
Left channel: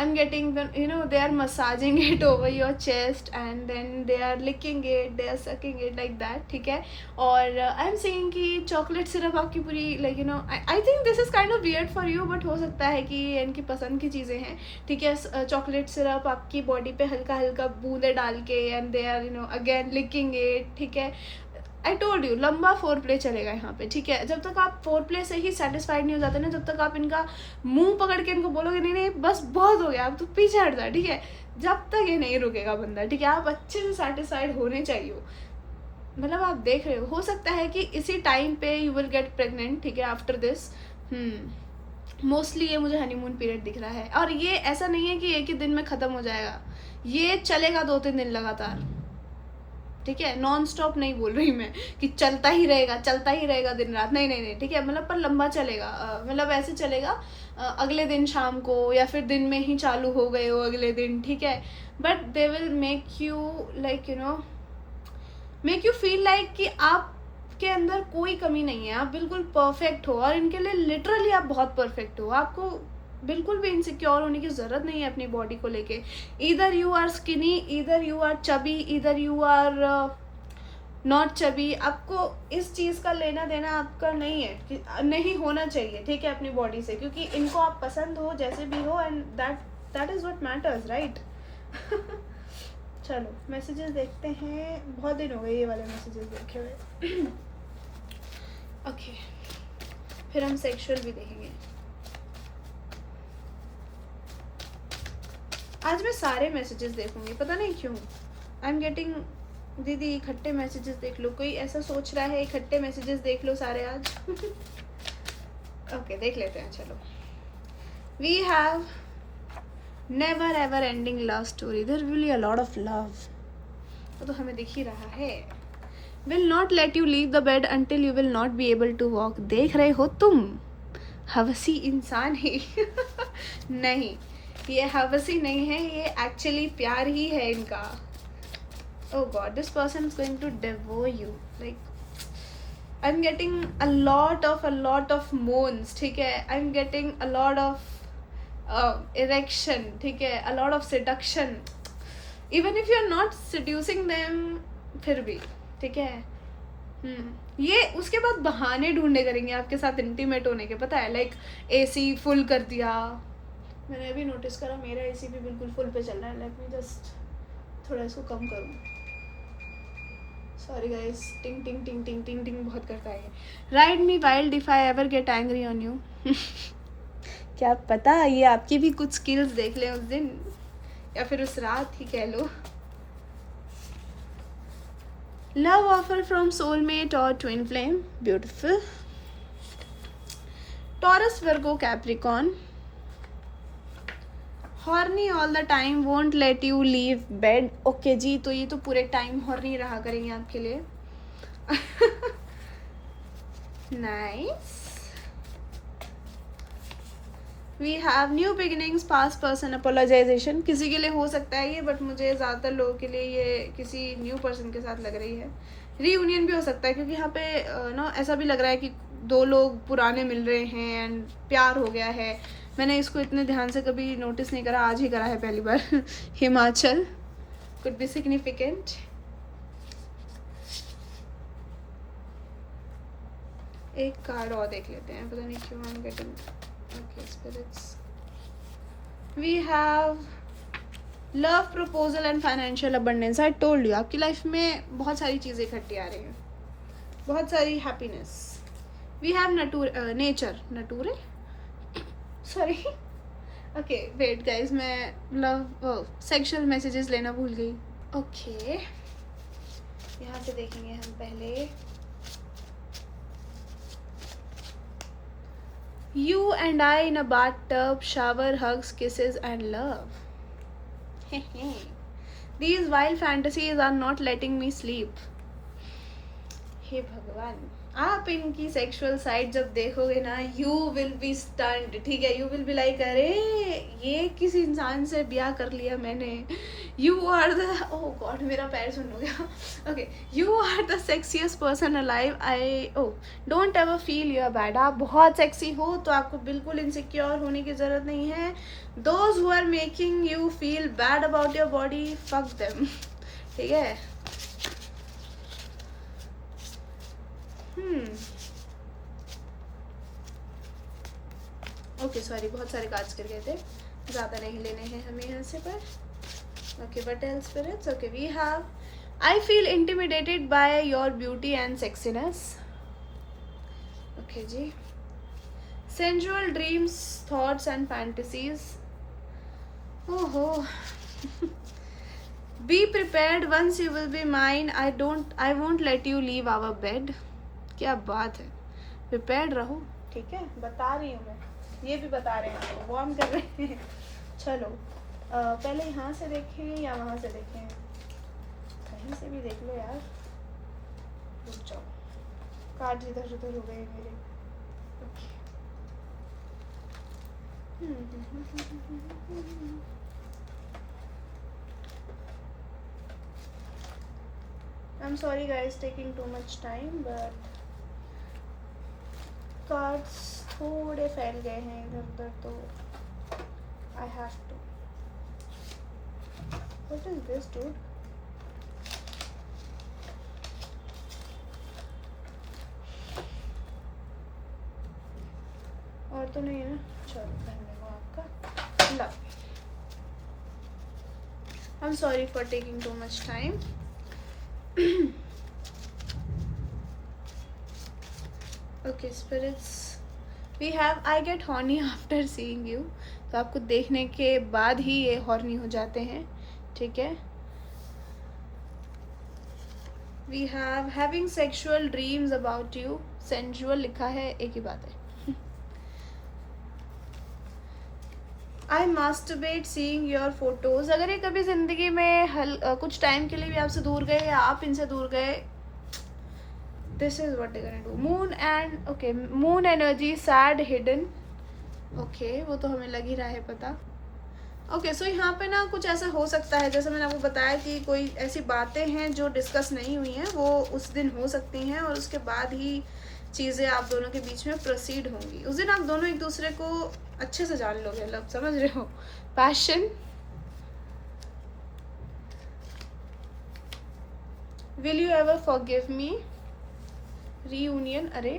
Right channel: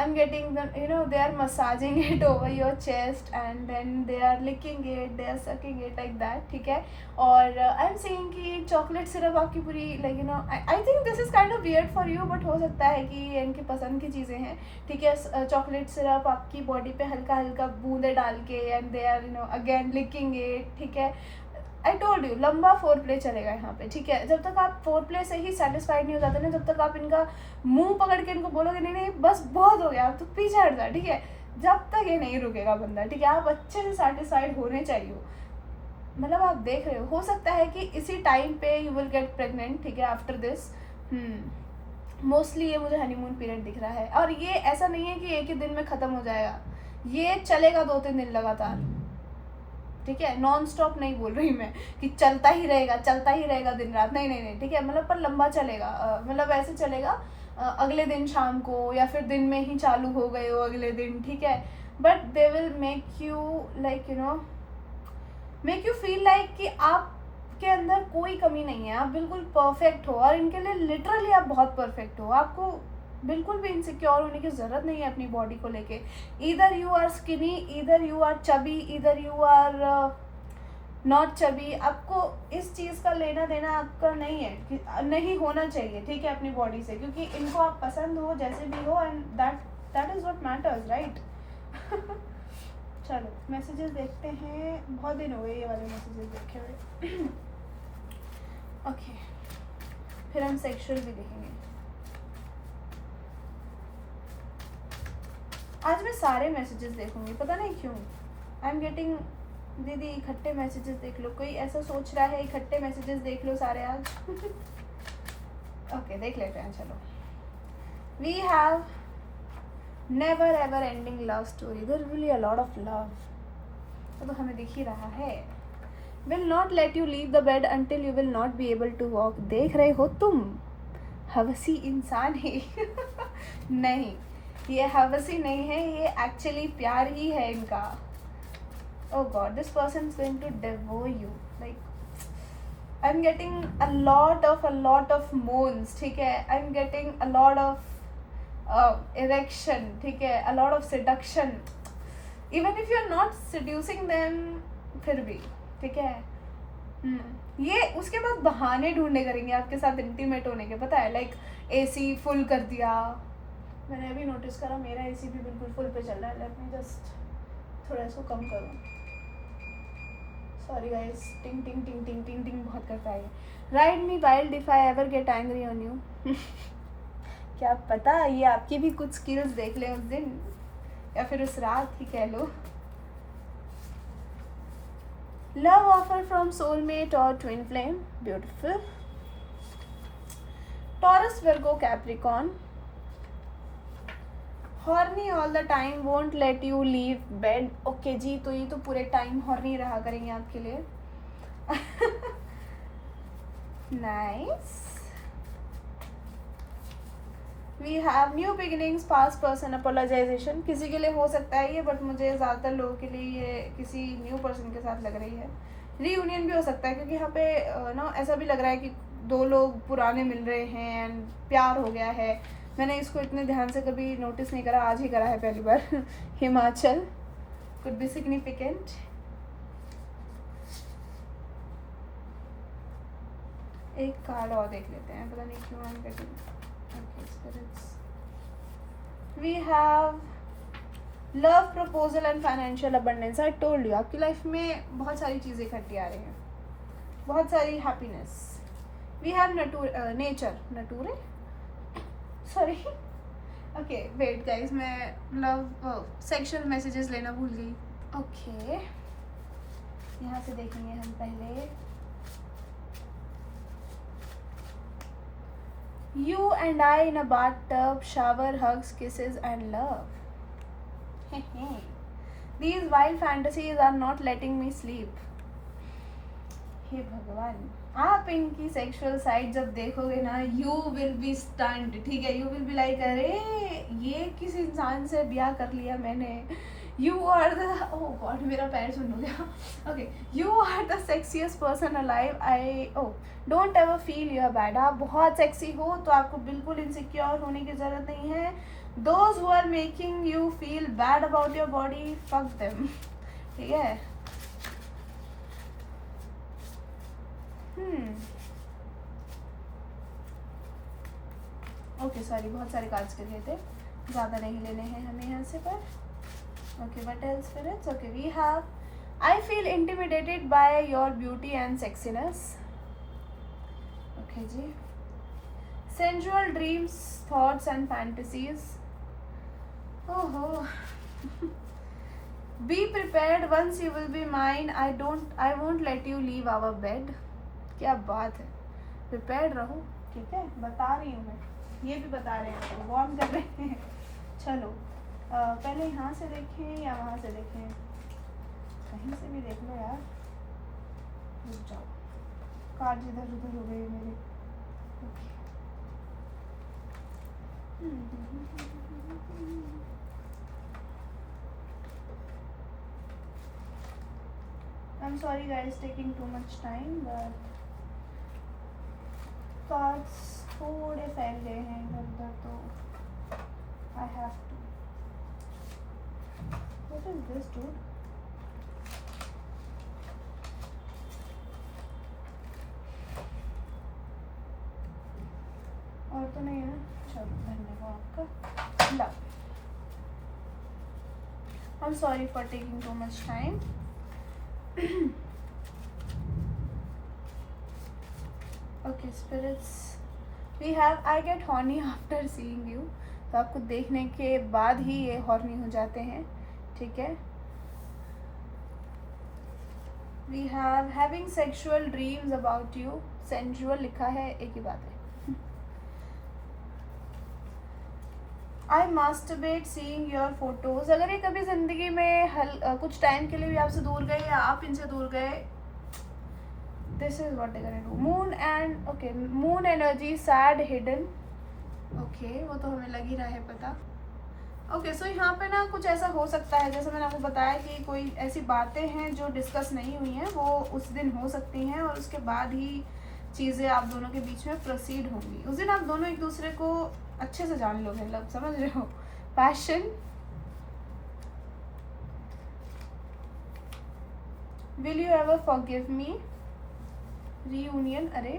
I'm getting the, they are massaging it over your chest and then they are licking it, they are sucking it like that. ठीक है. और I'm seeing कि chocolate syrup आपकी पूरी like I think this is kind of weird for you, but हो सकता है कि इनकी पसंद की चीज़ें हैं. ठीक है. chocolate syrup आपकी बॉडी पे हल्का हल्का बूंदे डाल के and they are again licking it. ठीक है. आई टोल्ड यू, लंबा फोर प्ले चलेगा यहाँ पे. ठीक है, जब तक आप फोर प्ले से ही सेटिस्फाइड नहीं हो जाते ना, जब तक आप इनका मुंह पकड़ के इनको बोलोगे नहीं नहीं बस बहुत हो गया, आप तो पीछे हट जाए. ठीक है, जब तक ये नहीं रुकेगा बंदा. ठीक है, आप अच्छे से सेटिस्फाइड होने चाहिए. मतलब आप देख रहे हो सकता है कि इसी टाइम पे यू विल गेट प्रेगनेंट. ठीक है, आफ्टर दिस. मोस्टली ये मुझे हनीमून पीरियड दिख रहा है. और ये ऐसा नहीं है कि एक ही दिन में ख़त्म हो जाएगा, ये चलेगा 2-3 दिन लगातार. ठीक है, नॉन स्टॉप नहीं बोल रही मैं कि चलता ही रहेगा दिन रात. नहीं नहीं नहीं. ठीक है, मतलब पर लंबा चलेगा. मतलब ऐसे चलेगा अगले दिन शाम को या फिर दिन में ही चालू हो गए हो अगले दिन. ठीक है, but they will make you like make you feel like कि आपके अंदर कोई कमी नहीं है, आप बिल्कुल परफेक्ट हो. और इनके लिए लिटरली आप बहुत परफेक्ट हो. आपको बिल्कुल भी इनसिक्योर होने की ज़रूरत नहीं है अपनी बॉडी को लेके. Either you are skinny, either you are chubby, either you are not chubby. आपको इस चीज़ का लेना देना आपका नहीं है, कि नहीं होना चाहिए. ठीक है, अपनी बॉडी से, क्योंकि इनको आप पसंद हो जैसे भी हो and that is what matters, right. चलो मैसेजेस देखते हैं. बहुत दिन हो गए ये वाले मैसेजेस देखे हुए. ओके, फिर हम सेक्सुअल भी देखेंगे. आज मैं सारे मैसेजेस देखूंगी, पता नहीं क्यों. आई एम गेटिंग, दीदी इकट्ठे मैसेजेस देख लो. कोई ऐसा सोच रहा है इकट्ठे मैसेजेस देख लो सारे आज. ओके, देख लेते हैं. चलो, we have never ever ending love story. There will be a lot of love. तो हमें दिख ही रहा है. Will not let you leave the bed until you will not be able to walk. देख रहे हो तुम, हवसी इंसान है. नहीं, ये हवसी नहीं है, ये एक्चुअली प्यार ही है इनका. oh god, this person is going to devour you. like I'm getting a lot of moans. ठीक है, I'm getting a lot of erection. ठीक है, a lot of seduction, even if you're not seducing them. फिर भी ठीक है. ये उसके बाद बहाने ढूंढने करेंगे आपके साथ इंटीमेट होने के. पता है, लाइक एसी फुल कर दिया. मैंने अभी नोटिस करा मेरा एसी भी बिल्कुल फुल पे चल रहा है. लेट मी जस्ट थोड़ा इसको कम करूँ. सॉरी गाइस, टिंग टिंग टिंग टिंग टिंग टिंग बहुत करता है. Ride me wild if I ever get angry on you. क्या पता ये आपकी भी कुछ स्किल्स देख ले उस दिन, या फिर उस रात ही कह लो. लव ऑफर फ्रॉम सोलमेट और twin flame. Beautiful. Taurus, Virgo, Capricorn. Horny all the time, won't let you leave bed. Okay जी, तो ये तो पूरे टाइम हॉर्नी रहा करेंगे आपके लिए. Nice. We have new beginnings, past person, apologization. किसी के लिए हो सकता है ये, बट मुझे ज़्यादातर लोगों के लिए ये किसी न्यू पर्सन के साथ लग रही है. रीयूनियन भी हो सकता है, क्योंकि यहाँ पे ऐसा भी लग रहा है कि दो लोग पुराने मिल रहे हैं एंड प्यार हो गया है. मैंने इसको इतने ध्यान से कभी नोटिस नहीं करा, आज ही करा है पहली बार. Himachal could be significant. एक कार्ड और देख लेते हैं, पता नहीं क्यों I am getting. We have love, proposal and financial abundance. I told you, आपकी लाइफ में बहुत सारी चीज़ें इकट्ठी आ रही हैं, बहुत सारी happiness. We have nature sorry. Okay wait guys, मैं लव सेक्सुअल मैसेजेस लेना भूल गई. ओके, यहाँ से देखेंगे हम पहले. You and I in a bathtub, shower, hugs, kisses and love. These wild fantasies are not letting me sleep. हे भगवान, आप इनकी सेक्सुअल साइड जब देखोगे ना, यू विल बी स्टन्ड, ठीक है, यू विल बी लाइक अरे ये किस इंसान से ब्याह कर लिया मैंने। You are the, oh god मेरा पैर सुन हो गया, okay, you are the sexiest person alive. I oh don't ever feel you are bad. आप बहुत सेक्सी हो तो आपको बिल्कुल इनसिक्योर होने की ज़रूरत नहीं है। Those who are making you feel bad about your body, fuck them, ठीक है। ओके सॉरी, बहुत सारे कार्ड्स कर गए थे, ज़्यादा नहीं लेने हैं हमें यहाँ से पर। Okay but L spirits, okay we have I feel intimidated by your beauty and sexiness. Okay ji, sensual dreams thoughts and fantasies. ओहो be prepared once you will be mine, I won't let you leave our bed. क्या बात है, प्रिपेयर्ड रहो, ठीक है, बता रही हूँ मैं, ये भी बता रहे हैं, वार्म कर रहे हैं। चलो पहले यहाँ से देखें या वहाँ से देखें, कहीं से भी देख लो यार, रुक जाओ, कार्ड इधर उधर हो गई मेरी। I'm sorry guys, taking too much time, but cards थोड़े फैल गए हैं इधर उधर, तो I have to. What is this dude? और तो नहीं है ना, चलो धन्यवाद आपका, ला। I am sorry for taking too much time. Okay spirits, we have I get horny after seeing you. तो आपको देखने के बाद ही ये हॉर्नी हो जाते हैं, ठीक है। We have having sexual dreams about you, sensual लिखा है, एक ही बात है। I masturbate seeing your photos. अगर ये कभी जिंदगी में कुछ टाइम के लिए भी आपसे दूर गए या आप इनसे दूर गए, this is what I gonna do. Moon and okay, moon energy sad hidden, okay वो तो हमें लग ही रहा है पता। ओके सो यहाँ पे ना कुछ ऐसा हो सकता है, जैसे मैंने आपको बताया कि कोई ऐसी बातें हैं जो डिस्कस नहीं हुई हैं, वो उस दिन हो सकती हैं और उसके बाद ही चीज़ें आप दोनों के बीच में प्रोसीड होंगी। उस दिन आप दोनों एक दूसरे को अच्छे से जान लोगे, मतलब समझ रहे हो। Passion, will you ever forgive me, reunion, अरे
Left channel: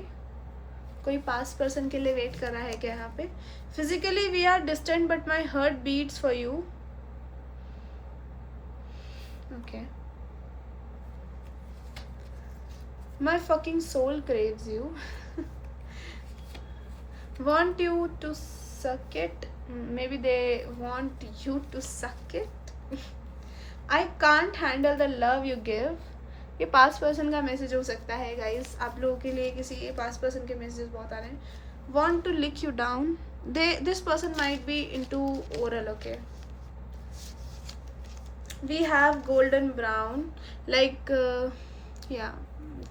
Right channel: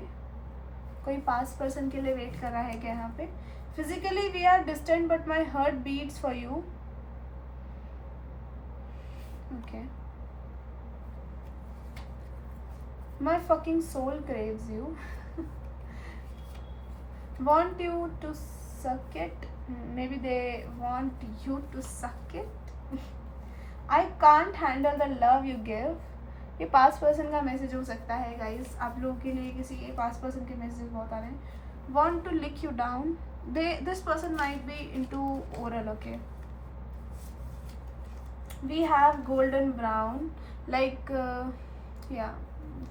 कोई पास्ट पर्सन के लिए वेट कर रहा है क्या यहाँ पे। Physically we are distant but my heart beats for you, okay. My fucking soul craves you, want you to suck it, maybe they want you to suck it. I can't handle the love you give. ये पास्ट पर्सन का मैसेज हो सकता है गाइस, आप लोगों के लिए किसी पास्ट पर्सन के मैसेज बहुत आ रहे हैं। want to lick you down, this person might be into oral, okay. we have golden brown, like yeah,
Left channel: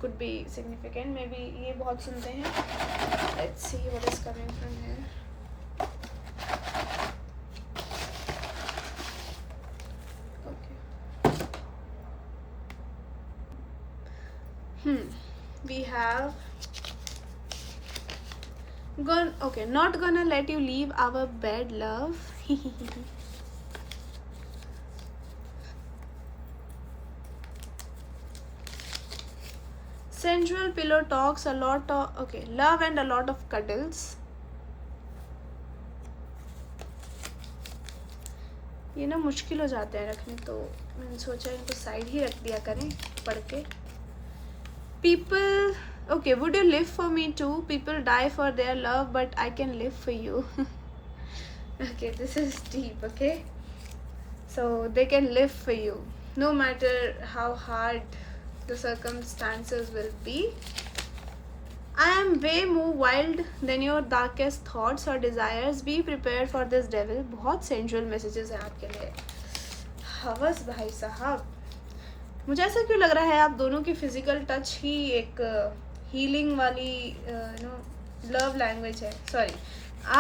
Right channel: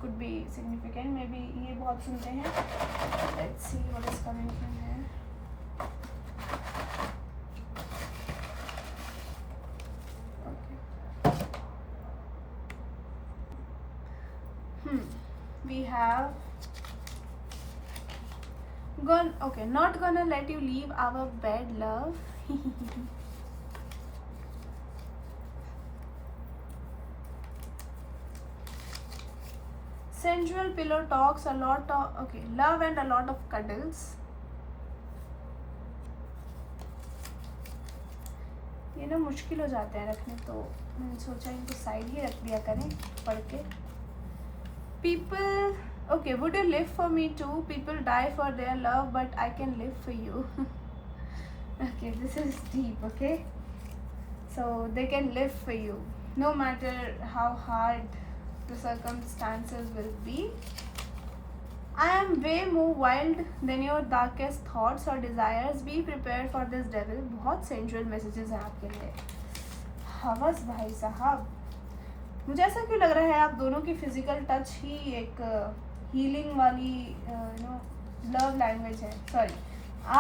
could be significant, maybe ये बहुत सुनते हैं। let's see what is coming from here. okay, we have okay, not gonna let you leave our bed, love. sensual pillow talks, a lot of okay, love and a lot of cuddles. ये ना मुश्किल हो जाते हैं रखने, तो मैंने सोचा इनको साइड ही रख दिया करें पढ़ के। people, okay, would you live for me too? People die for their love but I can live for you. okay, this is deep, okay, so they can live for you no matter how hard the circumstances will be. I am way more wild than your darkest thoughts or desires. Be prepared for this devil. बहुत sensual messages हैं आपके लिए। हवस भाई साहब। मुझे ऐसा क्यों लग रहा है आप दोनों की फिजिकल टच ही एक हीलिंग वाली लव लैंग्वेज है. सॉरी,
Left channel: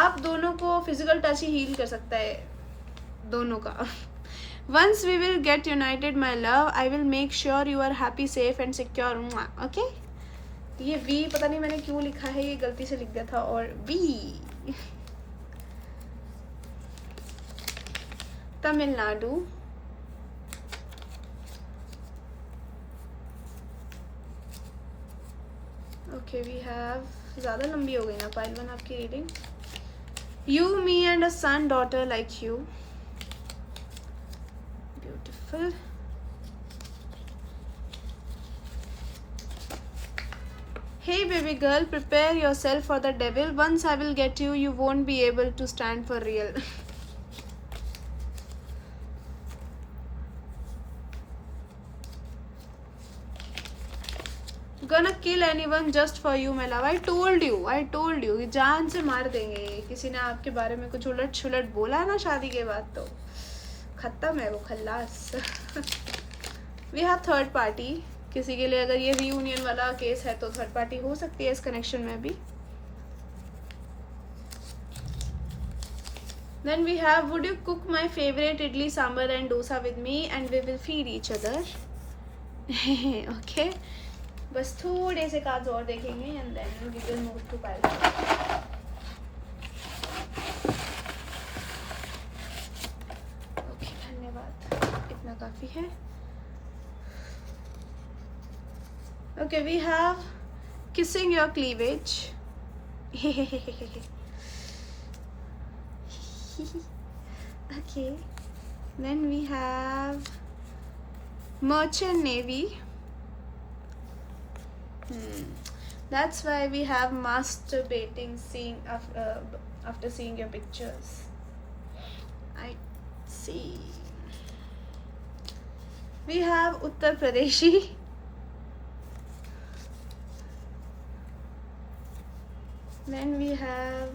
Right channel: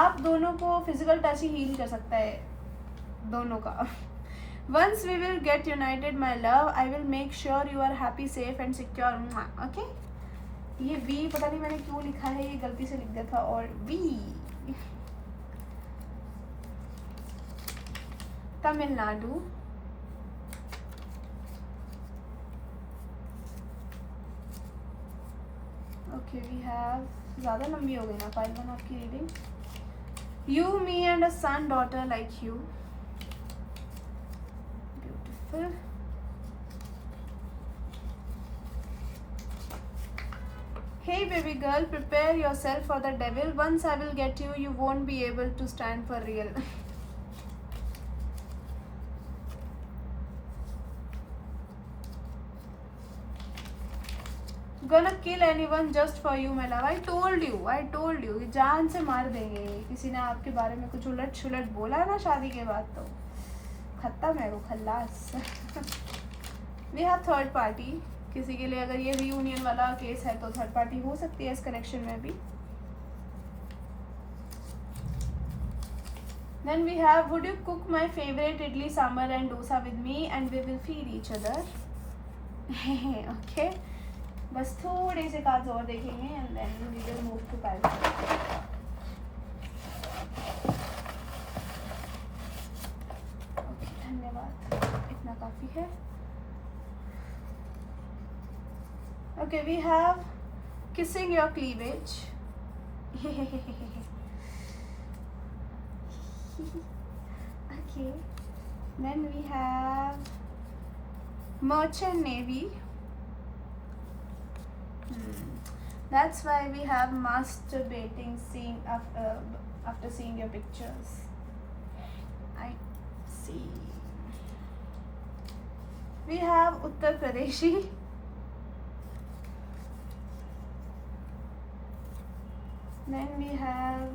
आप दोनों को फिजिकल टच ही हील कर सकता है दोनों का. Once we will get united, my love, I will make sure you are happy, safe and secure. Okay? ये बी पता नहीं मैंने क्यों लिखा है, ये गलती से लिख दिया था. और B Tamil Nadu. Okay we have, ज़्यादा लंबी हो गई ना पाइल 1 आपकी reading. You me and a son daughter like you. Beautiful. Hey baby girl, prepare yourself for the devil. Once I will get you, you won't be able to stand for real. Gonna kill anyone just for you, my love. I told you. जान से मार देंगे. किसी ने आपके बारे में कुछ उलट छुलट बोला ना शादी के बाद तो खत्म है वो, खल्लास. We have third party. किसी के लिए अगर ये रीयूनियन वाला केस है तो थर्ड पार्टी हो सकती है इस कनेक्शन में भी. Then we have, would you cook my favorite idli sambar and dosa with me and we will feed each other. Okay, बस थोड़े से कार्ड्स और देखेंगे and then we will move to pile. Okay, धन्यवाद, इतना काफी है. Okay, we have kissing your cleavage. Okay, then we have merchant navy. That's why we have masturbating scene after seeing your pictures. I see. We have Uttar Pradeshi. Then we have,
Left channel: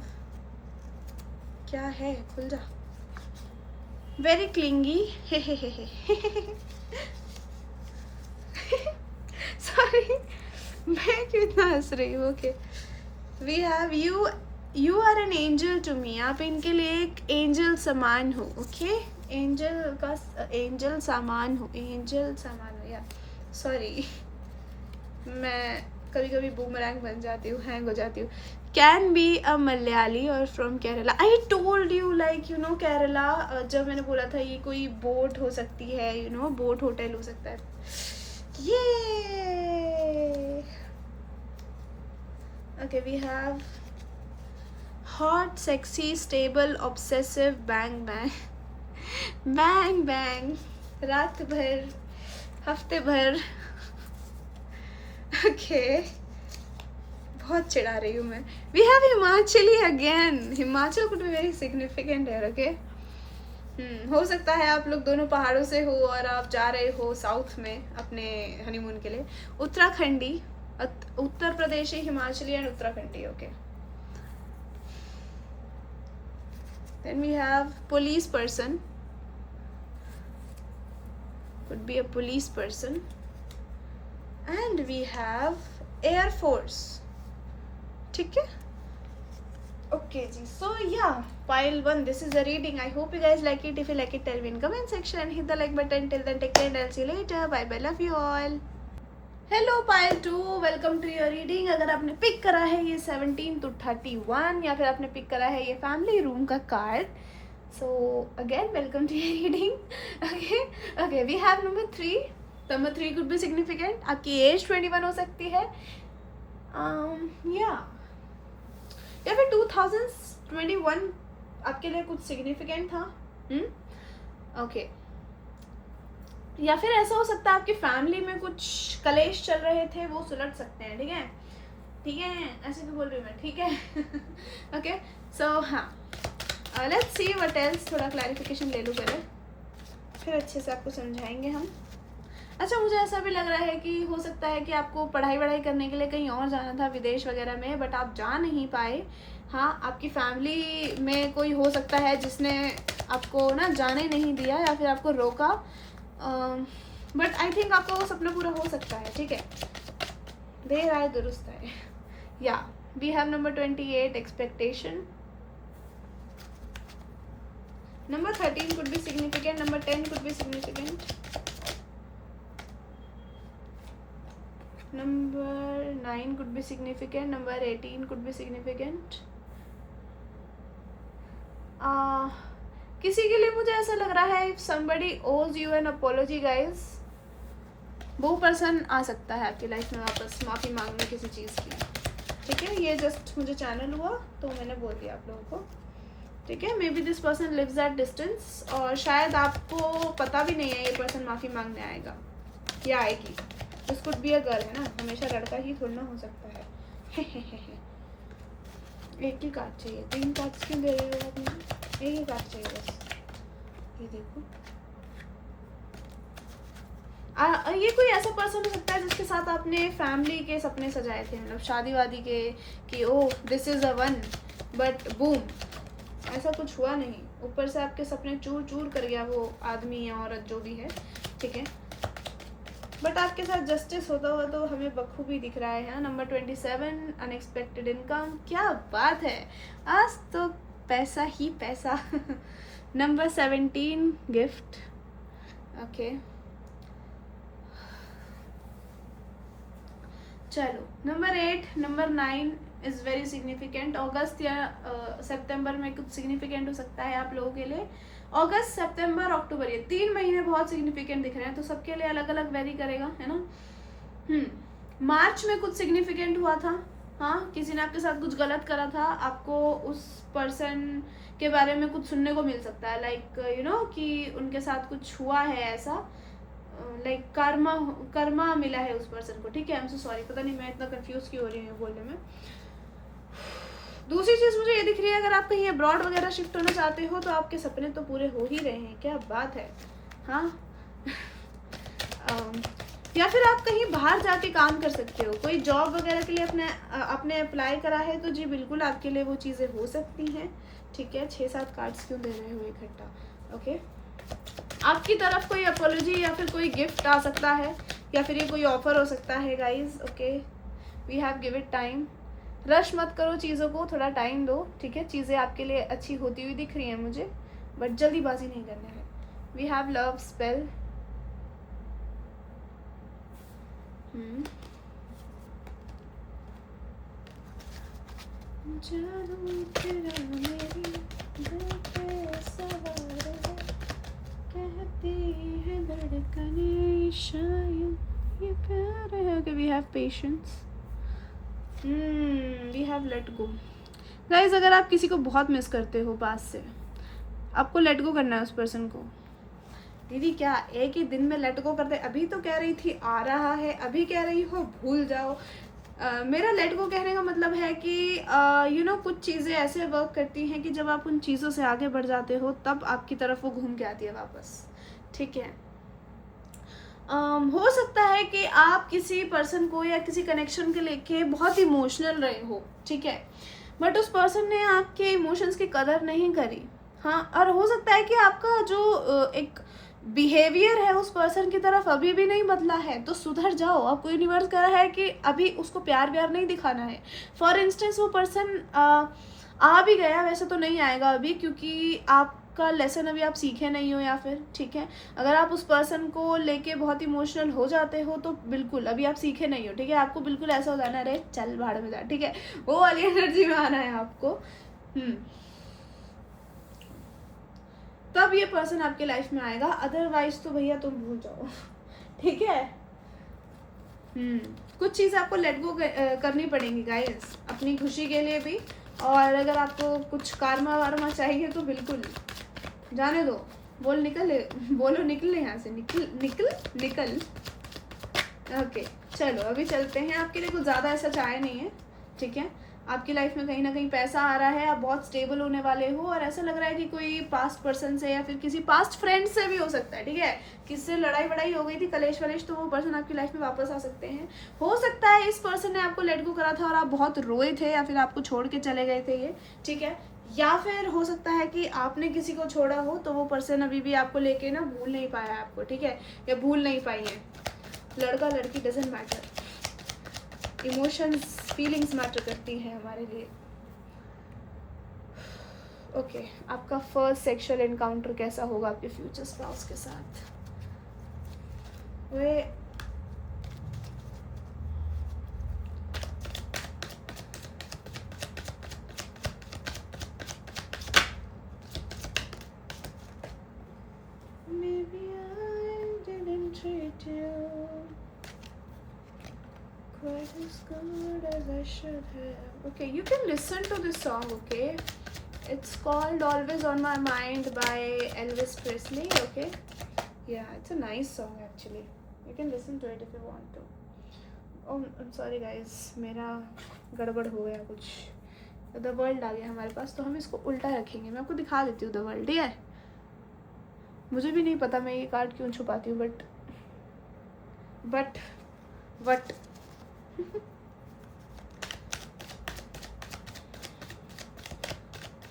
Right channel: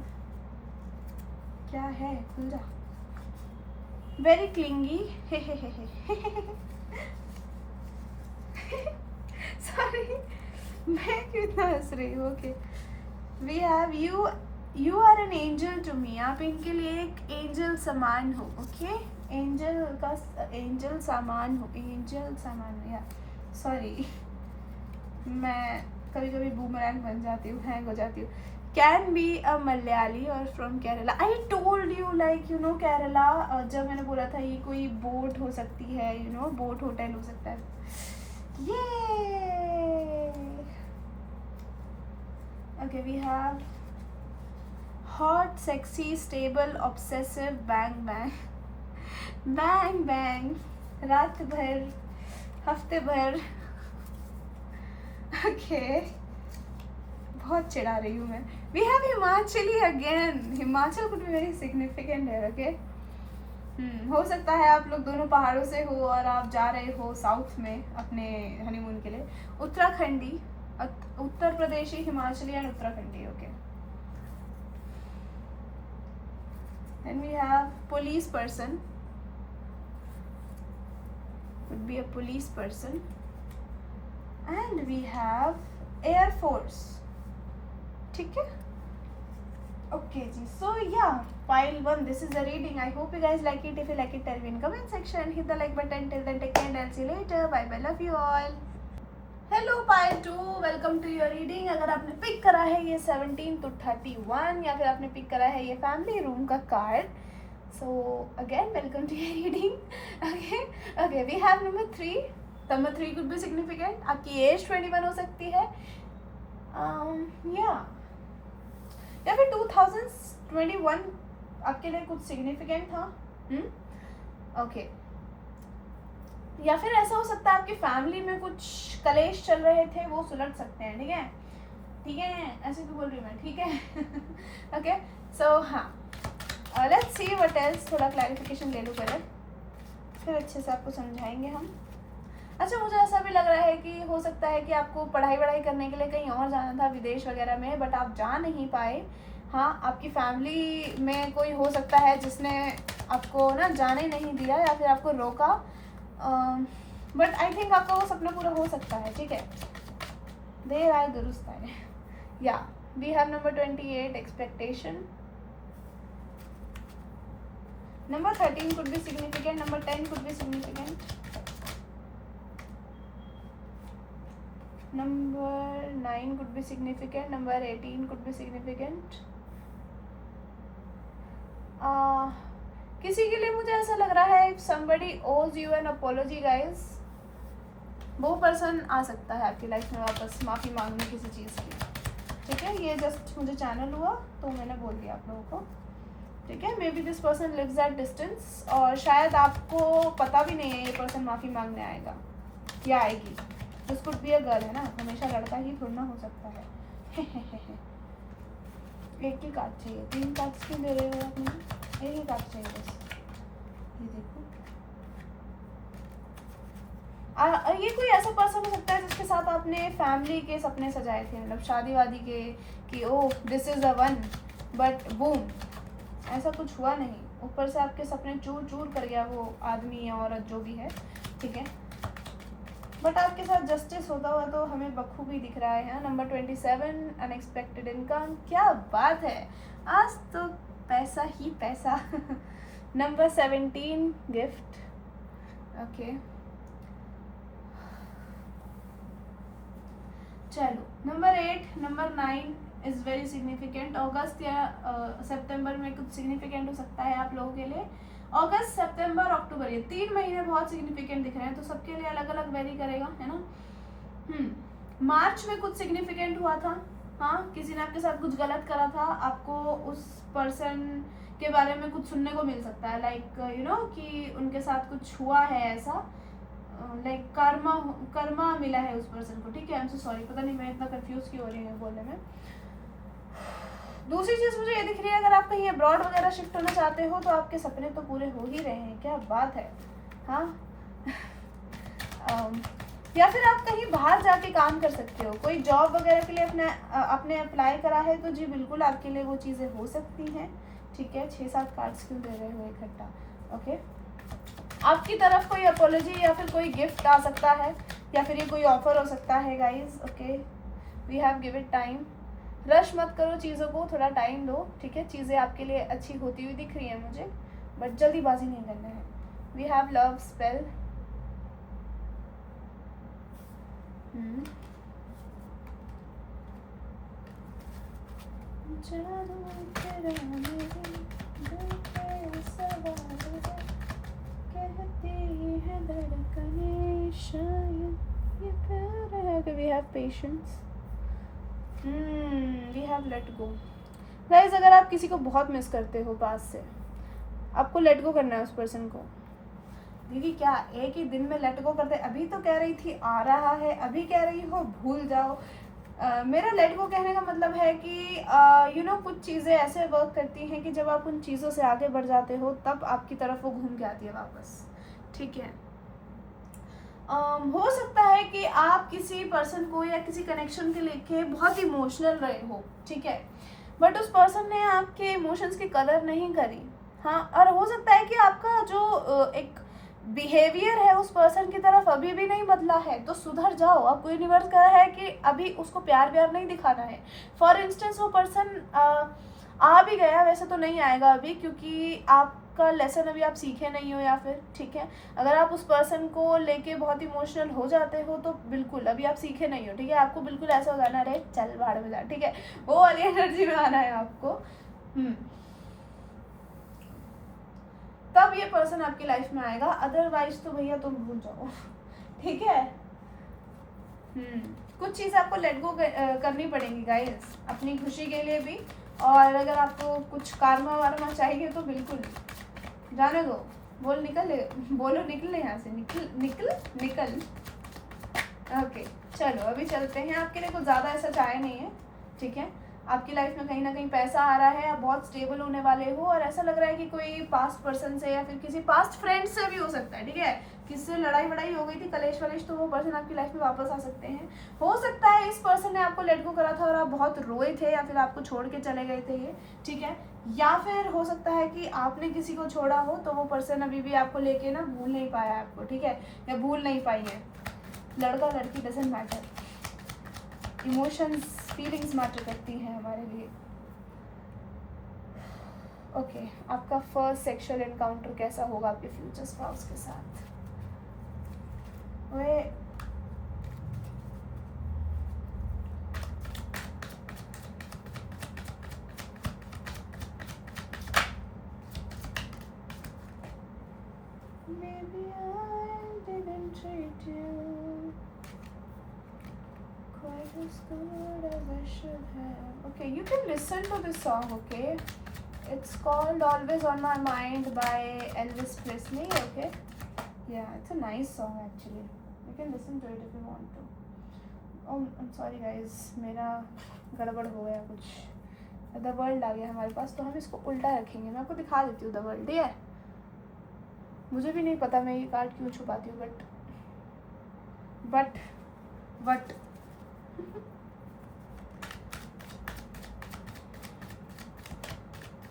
क्या है, खुल जा. Very clingy. Sorry, मैं क्यों इतना हंस रही हूँ. Okay, we have you are an angel to me. आप इनके लिए एक एंजल समान हो. Okay, एंजल सामान हो या सॉरी, मैं कभी कभी बूमरैंग बन जाती हूँ, हैंग हो जाती हूँ. कैन बी अ मलयाली और from Kerala. I told you like Kerala. जब मैंने बोला था ये कोई बोट हो सकती है, बोट होटल हो सकता है. ये okay, we have hot sexy stable obsessive bang bang रात भर हफ्ते भर. ओके, बहुत चिढ़ा रही हूँ मैं. We have Himachali again. Himachal could be very significant है. ओके, हो सकता है आप लोग दोनों पहाड़ों से हो और आप जा रहे हो साउथ में अपने हनीमून के लिए. Uttarakhandi, Uttar Pradeshi, Himachali and Uttarakhandi. Okay, then we have police person. could be a police person. And we have Air Force. ठीक है? Okay ji. So yeah, pile 1. This is the reading. I hope you guys like it. If you like it, tell me in comment section. Hit the like button. Till then, take care and I'll see you later. Bye bye. Love you all. Hello pile 2, welcome to your reading. अगर आपने पिक करा है ये 17 to 31 या फिर आपने पिक करा है ये फैमिली रूम का card, so again welcome to your reading. Okay, we have number 3. Number 3 could be significant. आपकी एज 21 हो सकती है, या फिर 2021 आपके लिए कुछ सिग्निफिकेंट था. ओके, या फिर ऐसा हो सकता है आपकी फैमिली में कुछ कलेश चल रहे थे, वो सुलझ सकते हैं. ठीक है, ऐसे क्यों बोल रही हूँ मैं. ठीक है. ओके, सो हाँ, लेट्स सी व्हाट एल्स. थोड़ा क्लैरिफिकेशन ले लूँ पहले, फिर अच्छे से आपको समझाएंगे हम. अच्छा, मुझे ऐसा भी लग रहा है कि हो सकता है कि आपको पढ़ाई करने के लिए कहीं और जाना था, विदेश वगैरह में, बट आप जा नहीं पाए. हाँ, आपकी फैमिली में कोई हो सकता है जिसने आपको ना जाने नहीं दिया या फिर आपको रोका. बट आई थिंक आपका वो सपना पूरा हो सकता है, ठीक है, देर आए दुरुस्त आए। या we have number 28 expectation, number 13 could be significant, number 10 could be significant, number 9 could be significant, number 18 could be significant. किसी के लिए मुझे ऐसा लग रहा है if somebody owes you an apology guys, वो पर्सन आ सकता है आपकी लाइफ में वापस माफ़ी मांगने किसी चीज़ की, ठीक है। ये जस्ट मुझे चैनल हुआ तो मैंने बोल दिया आप लोगों को, ठीक है। Maybe this person lives at distance, और शायद आपको पता भी नहीं है ये पर्सन माफ़ी मांगने आएगा या आएगी। This could be a girl, है ना, हमेशा लड़का ही थोड़ा ना हो सकता है। एक ही कार्ड चाहिए, 3 कार्ड्स क्यों ले रहे हो आप मुझे, एक ही कार्ड चाहिए बस। ये देखो, ये कोई ऐसा पर्सन हो सकता है जिसके साथ आपने फैमिली के सपने सजाए थे, मतलब शादी वादी के, कि oh this is a one, but boom ऐसा कुछ हुआ नहीं, ऊपर से आपके सपने चूर चूर कर गया वो आदमी या औरत जो भी है, ठीक है। बट आपके साथ जस्टिस होता हुआ तो हमें बखूबी दिख रहा है। नंबर 27 अनएक्सपेक्टेड इनकम, क्या बात है, आज तो पैसा ही पैसा। नंबर 17 गिफ्ट, ओके चलो। Number 8, number 9 is very significant. अगस्त या सितंबर में कुछ सिग्निफिकेंट हो सकता है आप लोगों के लिए। अगस्त, सितंबर, अक्टूबर, ये 3 महीने बहुत सिग्निफिकेंट दिख रहे हैं, तो सबके लिए अलग अलग वेरी करेगा, है ना। मार्च में कुछ सिग्निफिकेंट हुआ था, हाँ, किसी ने आपके साथ कुछ गलत करा था, आपको उस पर्सन के बारे में कुछ सुनने को मिल सकता है, लाइक यू नो कि उनके साथ कुछ हुआ है ऐसा, लाइक कर्मा मिला है उस पर्सन को, ठीक है। आई एम सो सॉरी, पता नहीं मैं इतना कंफ्यूज क्यों हो रही हूँ बोलने में। दूसरी चीज़ मुझे ये दिख रही है, अगर आप कहीं अब्रॉड वगैरह शिफ्ट होना चाहते हो तो आपके सपने तो पूरे हो ही रहे हैं, क्या बात है, हाँ। या फिर आप कहीं बाहर जाके काम कर सकते हो, कोई जॉब वगैरह के लिए अपने अप्लाई करा है तो जी बिल्कुल आपके लिए वो चीज़ें हो सकती हैं, ठीक है। 6-7 कार्ड्स क्यों दे रहे हो इकट्ठा, ओके। आपकी तरफ कोई अपोलॉजी या फिर कोई गिफ्ट आ सकता है, या फिर ये कोई ऑफर हो सकता है guys, okay. We have give it time, rush मत करो चीज़ों को, थोड़ा टाइम दो, ठीक है। चीज़ें आपके लिए अच्छी होती हुई दिख रही हैं मुझे, बट जल्दीबाजी नहीं करना है। We have love spell, we have patience, we have let go। Guys अगर आप किसी को बहुत मिस करते हो पास से, आपको लेट गो करना है उस पर्सन को। दीदी क्या एक ही दिन में लेट गो करते, अभी तो कह रही थी आ रहा है, अभी कह रही हो भूल जाओ। मेरा लेट गो कहने का मतलब है कि यू नो कुछ चीज़ें ऐसे वर्क करती हैं कि जब आप उन चीज़ों से आगे बढ़ जाते हो तब आपकी तरफ वो घूम के आती है वापस, ठीक है। हो सकता है कि आप किसी पर्सन को या किसी कनेक्शन के लेके बहुत इमोशनल रहे हो, ठीक है, बट उस पर्सन ने आपके इमोशंस की कदर नहीं करी, हाँ। और हो सकता है कि आपका जो एक बिहेवियर है उस पर्सन की तरफ अभी भी नहीं बदला है, तो सुधर जाओ। आपको यूनिवर्स कह रहा है कि अभी उसको प्यार नहीं दिखाना है। फॉर इंस्टेंस वो पर्सन आ भी गया, वैसे तो नहीं आएगा अभी, क्योंकि आपका लेसन अभी आप सीखे नहीं हो, या फिर ठीक है अगर आप उस पर्सन को लेके बहुत इमोशनल हो जाते हो तो बिल्कुल अभी आप सीखे नहीं हो, ठीक है। आपको बिल्कुल ऐसा हो जाना, अरे चल भाड़ में जा, ठीक है, वो वाली एनर्जी में आना है आपको। तब ये पर्सन आपकी लाइफ में आएगा, अदरवाइज तो भैया तुम भूल जाओ, ठीक है। कुछ चीज़ आपको लेट गो करनी पड़ेंगी गाइस, अपनी खुशी के लिए भी, और अगर आपको कुछ कारमा वारमा चाहिए तो बिल्कुल जाने दो। बोलो निकल यहाँ से, निकल। ओके चलो अभी चलते हैं, आपके लिए कुछ ज़्यादा ऐसा चाहे नहीं है, ठीक है। आपकी लाइफ में कहीं ना कहीं पैसा आ रहा है, आप बहुत स्टेबल होने वाले हो, और ऐसा लग रहा है कि कोई पास्ट पर्सन से या फिर किसी पास्ट फ्रेंड से भी हो सकता है, ठीक है, किससे लड़ाई वड़ाई हो गई थी, कलेश वलेश, तो वो पर्सन आपकी लाइफ में वापस आ सकते हैं। हो सकता है इस पर्सन ने आपको लेट गो करा था और आप बहुत रोए थे, या फिर आपको छोड़ के चले गए थे ये, ठीक है, या फिर हो सकता है कि आपने किसी को छोड़ा हो तो वो पर्सन अभी भी आपको लेके ना भूल नहीं पाया आपको, ठीक है, या भूल नहीं पाई है। लड़का लड़की doesn't matter, emotions feelings matter करती हैं हमारे लिए। ओके, आपका फर्स्ट सेक्सुअल एनकाउंटर कैसा होगा आपके फ्यूचर स्पाउस के साथ? वे Maybe I didn't treat you quite as good as I should have. Okay, you can listen to this song, okay? It's called Always on My Mind by Elvis Presley, okay? Yeah, it's a nice song actually. You can listen to it if you want to. Oh, I'm sorry guys, मेरा गड़बड़ हो गया कुछ, द वर्ल्ड आ गया हमारे पास, तो हम इसको उल्टा रखेंगे। मैं आपको दिखा देती हूँ द वर्ल्ड, ठीक है? मुझे भी नहीं पता मैं ये कार्ड क्यों छुपाती हूँ, but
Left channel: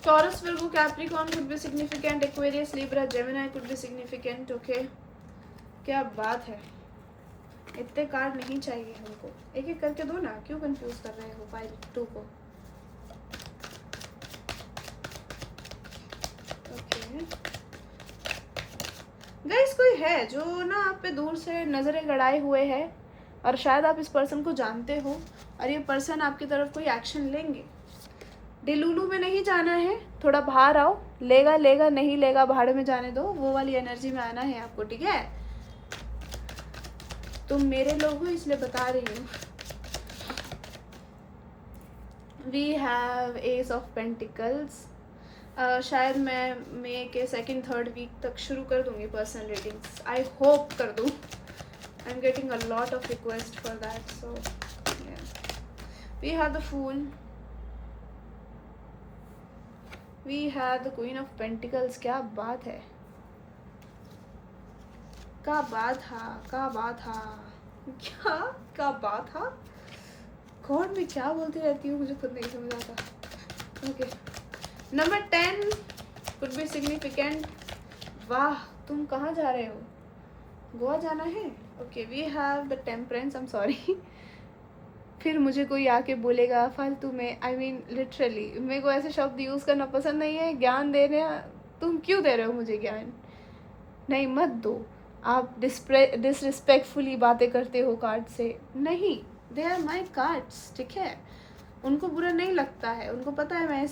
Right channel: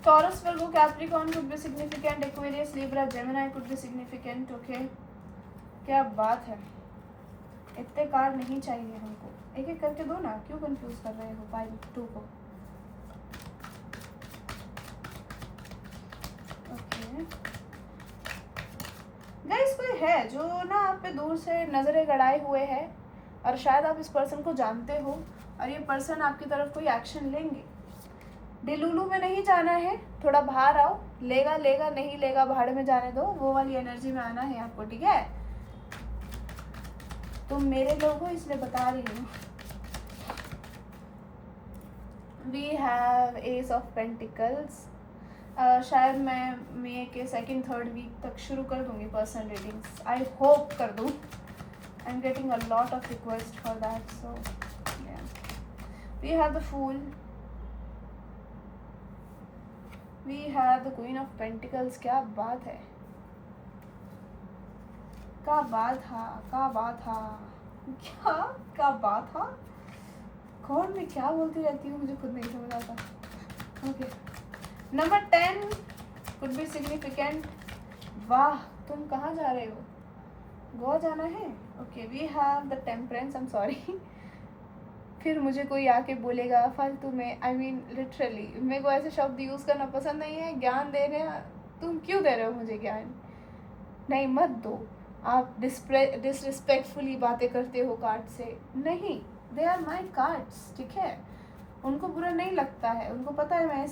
Taurus, Virgo, Capricorn could be significant, Aquarius, Libra, Gemini could be significant, okay? क्या बात है, इतने कार्ड नहीं चाहिए हमको, एक एक करके दो ना, क्यों कंफ्यूज कर रहे हो फाइल 2 को? ओके गाइस, कोई है जो ना आप पे दूर से नजरें गड़ाए हुए है, और शायद आप इस पर्सन को जानते हो, और ये पर्सन आपकी तरफ कोई एक्शन लेंगे। डिलूलू में नहीं जाना है, थोड़ा बाहर आओ, लेगा लेगा, नहीं लेगा भाड़ में जाने दो, वो वाली एनर्जी में आना है आपको, ठीक है? तुम मेरे लोग हो इसलिए बता रही हूँ। We have ace of pentacles. शायद मैं मई के 2-3 वीक तक शुरू कर दूंगी पर्सनल रीडिंग्स, आई होप कर दूँ। I am getting a lot of request for that, so we have the fool, we have the queen of pentacles. क्या बात है, क्या बात था, क्या बात था, क्या बात था। गॉड मैं क्या बोलती रहती हूँ, मुझे खुद नहीं समझ आता। Okay, number 10 could be significant. वाह, तुम कहाँ जा रहे हो? गोवा जाना है? Okay, we have the temperance. I am sorry, फिर मुझे कोई आके बोलेगा फालतू में, आई मीन लिटरली मेरे को ऐसे शब्द यूज़ करना पसंद नहीं है। ज्ञान देने, तुम क्यों दे रहे हो मुझे ज्ञान? नहीं, मत दो। आप डिसरिस्पेक्टफुली बातें करते हो कार्ड से, नहीं, दे आर माई कार्ड्स, ठीक है? उनको बुरा नहीं लगता है, उनको पता है मैं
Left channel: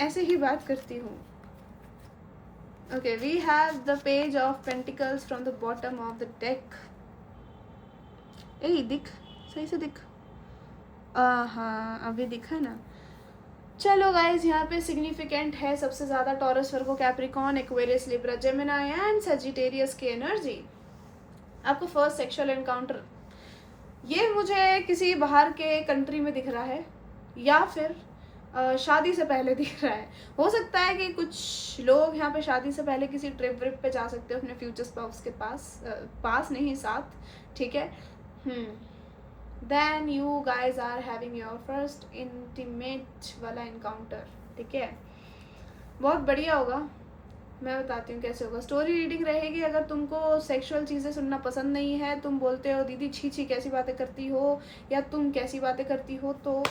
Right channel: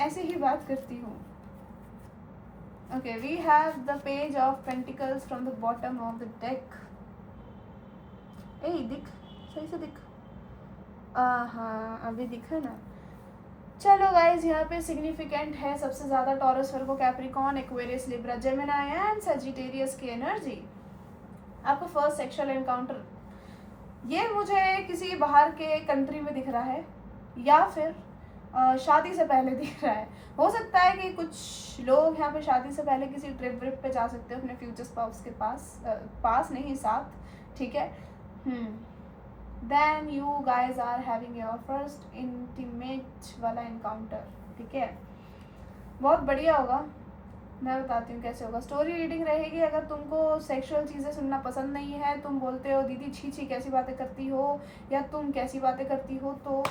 ऐसे ही बात करती हूँ। Okay, we have the page of pentacles from the bottom of the deck. ए दिख, सही से दिख, हाँ अभी दिखा ना। चलो गाइज, यहाँ पे सिग्निफिकेंट है सबसे ज़्यादा taurus, Virgo, Capricorn, Aquarius, Libra, Gemini and Sagittarius की एनर्जी। आपको फर्स्ट सेक्सुअल एनकाउंटर, ये मुझे किसी बाहर के कंट्री में दिख रहा है, या फिर शादी से पहले दिख रहा है। हो सकता है कि कुछ लोग यहाँ पे शादी से पहले किसी ट्रिप व्रिप पे जा सकते हो अपने फ्यूचर स्पाउस के पास नहीं, साथ, ठीक है? Then you guys are having your first intimate वाला encounter, ठीक है? बहुत बढ़िया होगा, मैं बताती हूँ कैसे होगा। स्टोरी रीडिंग रहेगी। अगर तुमको सेक्सुअल चीज़ें सुनना पसंद नहीं है, तुम बोलते हो दीदी छी छी कैसी बातें करती हो, या तुम कैसी बातें करती हो, तो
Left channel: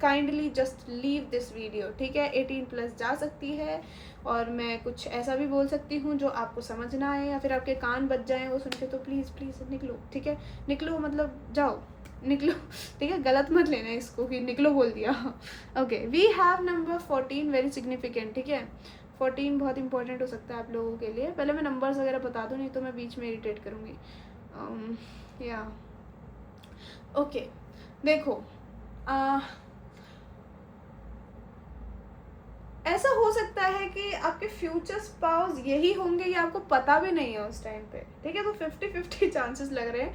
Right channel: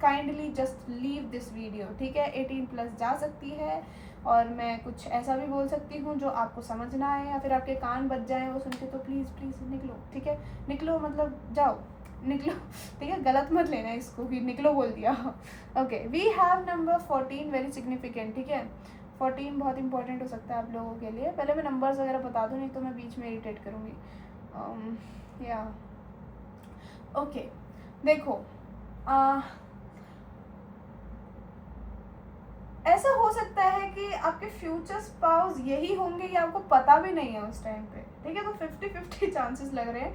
kindly just leave this video, ठीक है? 18+ जा सकती है, और मैं कुछ ऐसा भी बोल सकती हूँ जो आपको समझ ना आए, या फिर आपके कान बज जाएँ वो सुन के, तो प्लीज़ प्लीज़ निकलो, ठीक है? निकलो मतलब जाओ, निकलो, ठीक है? गलत मत लेना इसको कि निकलो बोल दिया। Okay, we have number 14, very significant, ठीक है? 14 बहुत इंपॉर्टेंट हो सकता है आप लोगों के लिए। पहले मैं नंबर्स वगैरह बता दूँ, नहीं तो मैं बीच में इरिटेट करूँगी। या ओके, देखो, ऐसा हो सकता है कि आपके फ्यूचर स्पाउस यही होंगे, या आपको पता भी नहीं है उस टाइम पे, ठीक है। तो 50-50 चांसेस लग रहे हैं,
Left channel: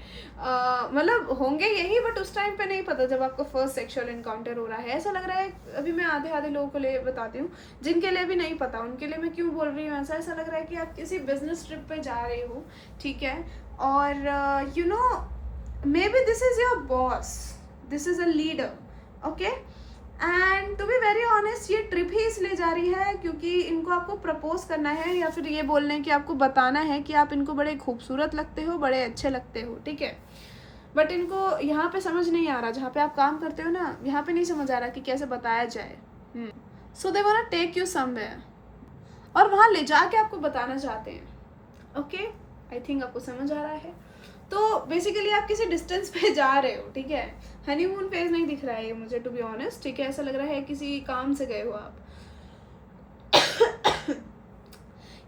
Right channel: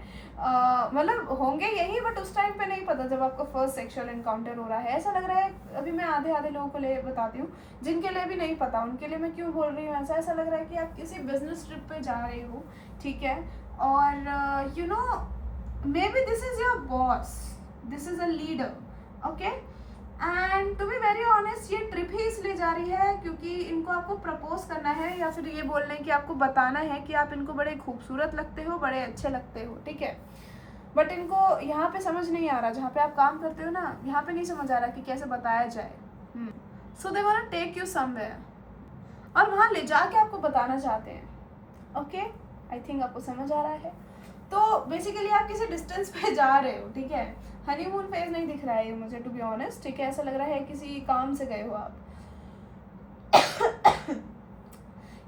मतलब होंगे यही, बट उस टाइम पे नहीं पता जब आपको फर्स्ट सेक्सुअल इनकाउंटर हो रहा है। ऐसा लग रहा है, अभी मैं आधे आधे लोगों को ले बताती हूँ जिनके लिए भी नहीं पता, उनके लिए मैं क्यों बोल रही हूँ ऐसा। ऐसा लग रहा है कि आप किसी बिजनेस ट्रिप पे जा रहे हो, ठीक है, और you know maybe this is your boss, this is a leader, okay. And to be very honest, ये ट्रिप ही इसलिए जा रही है क्योंकि इनको आपको प्रपोज करना है, या फिर ये बोलने की आपको बताना है कि आप इनको बड़े खूबसूरत लगते हो, बड़े अच्छे लगते हो, ठीक है। बट इनको यहाँ पे समझ नहीं आ रहा, जहाँ पे आप काम करते हो ना, यहाँ पे नहीं समझ आ रहा कि कैसे बताया जाए। So they want to take you somewhere, और वहाँ ले जाके आपको बताना चाहते हैं, ओके। आई थिंक आपको समझ आ रहा है। तो बेसिकली आप किसी डिस्टेंस पे जा रहे हो, ठीक है। हनीमून फेज नहीं दिख रहा है ये मुझे, टू बी ऑनेस्ट, ठीक है। ऐसा लग रहा है किसी काम से गए हो आप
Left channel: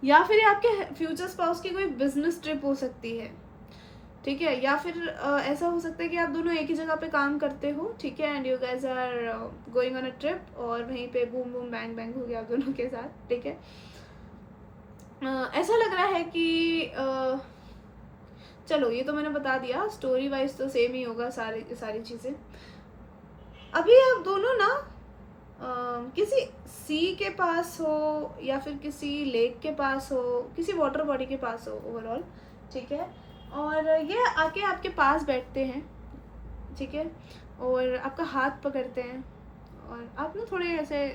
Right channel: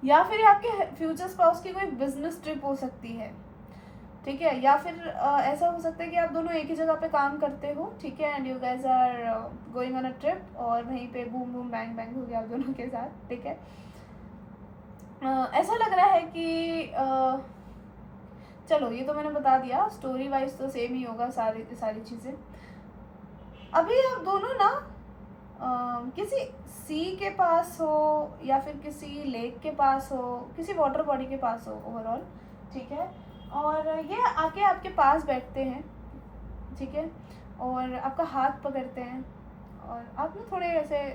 या फिर ये आपके फ्यूचर स्पाउस की कोई बिजनेस ट्रिप हो सकती है, ठीक है। या फिर ऐसा हो सकता है कि आप दोनों एक ही जगह पे काम करते हो, ठीक है, and you guys are going on a trip, और वहीं पे बूम बूम बैंग बैंग हो गया आप दोनों के साथ, ठीक है। ऐसा लग रहा है कि चलो ये तो मैंने बता दिया, स्टोरी वाइज तो सेम ही होगा सारी चीज़ें। अभी आप दोनों ना किसी सी के पास हो, या फिर किसी लेक के पास हो, किसी वाटर बॉडी के पास हो ओवरऑल, ठीक है। और ये आके आपके पास बैठते हैं, ठीक है, और आपका हाथ पकड़ते हैं, और आप ना थोड़े ऐसे,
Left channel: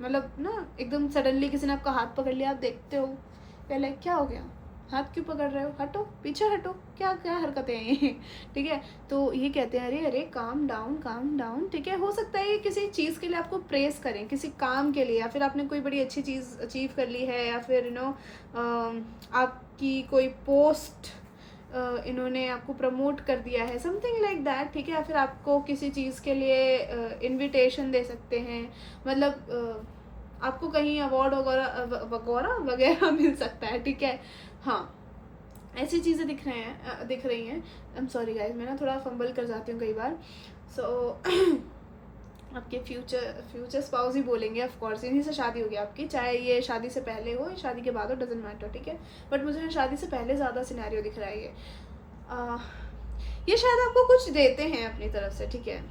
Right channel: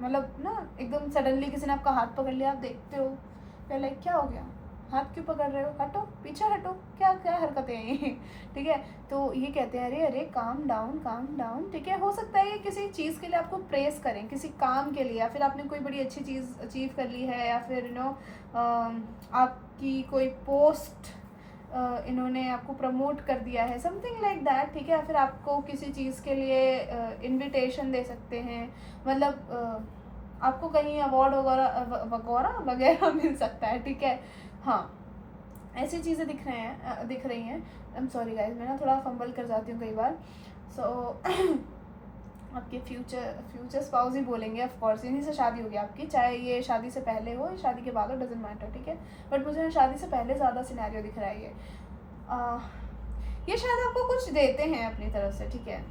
मतलब ना एकदम सडनली किसी ने आपका हाथ पकड़ लिया, आप देखते हो पहले क्या हो गया, हाथ क्यों पकड़ रहे हो, हटो पीछे हटो, क्या क्या हरकतें हैं ये, ठीक है। तो ये कहते हैं अरे अरे काम डाउन, ठीक है। हो सकता है ये किसी चीज़ के लिए आपको प्रेस करें, किसी काम के लिए, या फिर आपने कोई बड़ी अच्छी चीज़ अचीव कर ली है, या फिर यू नो आपकी कोई पोस्ट इन्होंने आपको प्रमोट कर दिया है, समथिंग लाइक दैट, ठीक है। या फिर आपको किसी चीज़ के लिए इनविटेशन दे सकते हैं, मतलब आपको कहीं अवार्ड वगैरह मिल सकता है, ठीक है। हाँ, ऐसी चीज़ें दिख रही हैं। आई एम सॉरी गाइस, मैं ना थोड़ा फंबल कर जाती हूँ कई बार। सो आपके फ्यूचर स्पाउस ही बोलेंगे, ऑफ कोर्स इन्हीं से शादी होगी आपकी, चाहे ये शादी से पहले हो या शादी के बाद हो, डजेंट मैटर, ठीक है। बट मुझे शादी से पहले ज़्यादा सिनेरियो दिख रहा है ये शायद आपको कुछ देते हैं अपनी तरफ से, ठीक है।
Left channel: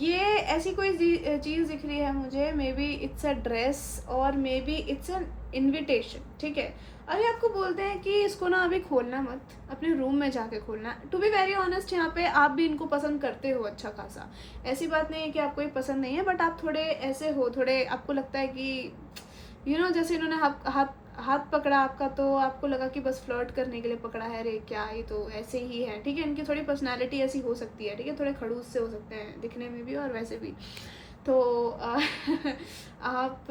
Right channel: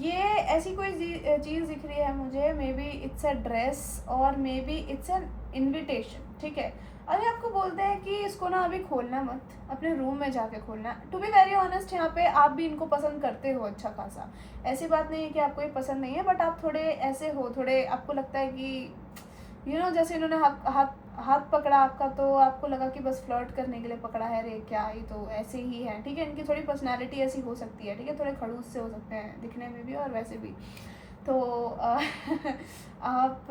ये ऐसी कोई चीज़ दिख रही है मुझे, maybe it's a dress, और maybe it's an invitation, ठीक है। अरे आपको बोलते हैं कि इसको ना अभी खोलना मत, अपने रूम में जाके खोलना। टू बी वेरी ऑनेस्ट, यहाँ पे आप भी इनको पसंद करते हो अच्छा खासा, ऐसी बात नहीं है कि आपको ये पसंद नहीं है, बट आप थोड़े ऐसे हो, थोड़े आपको लगता है कि यू नो जैसे इन्होंने हाथ पकड़ा आपका, तो आपको लगा कि बस फ्लर्ट करने के लिए पकड़ा है, अरे क्या ये तो ऐसे ही है, ठीक है। इनकी थोड़ी पर्सनैलिटी ऐसी हो सकती है, ठीक है, थोड़े खड़ूस से हो सकते हैं दिखने में भी और वैसे भी। तो आप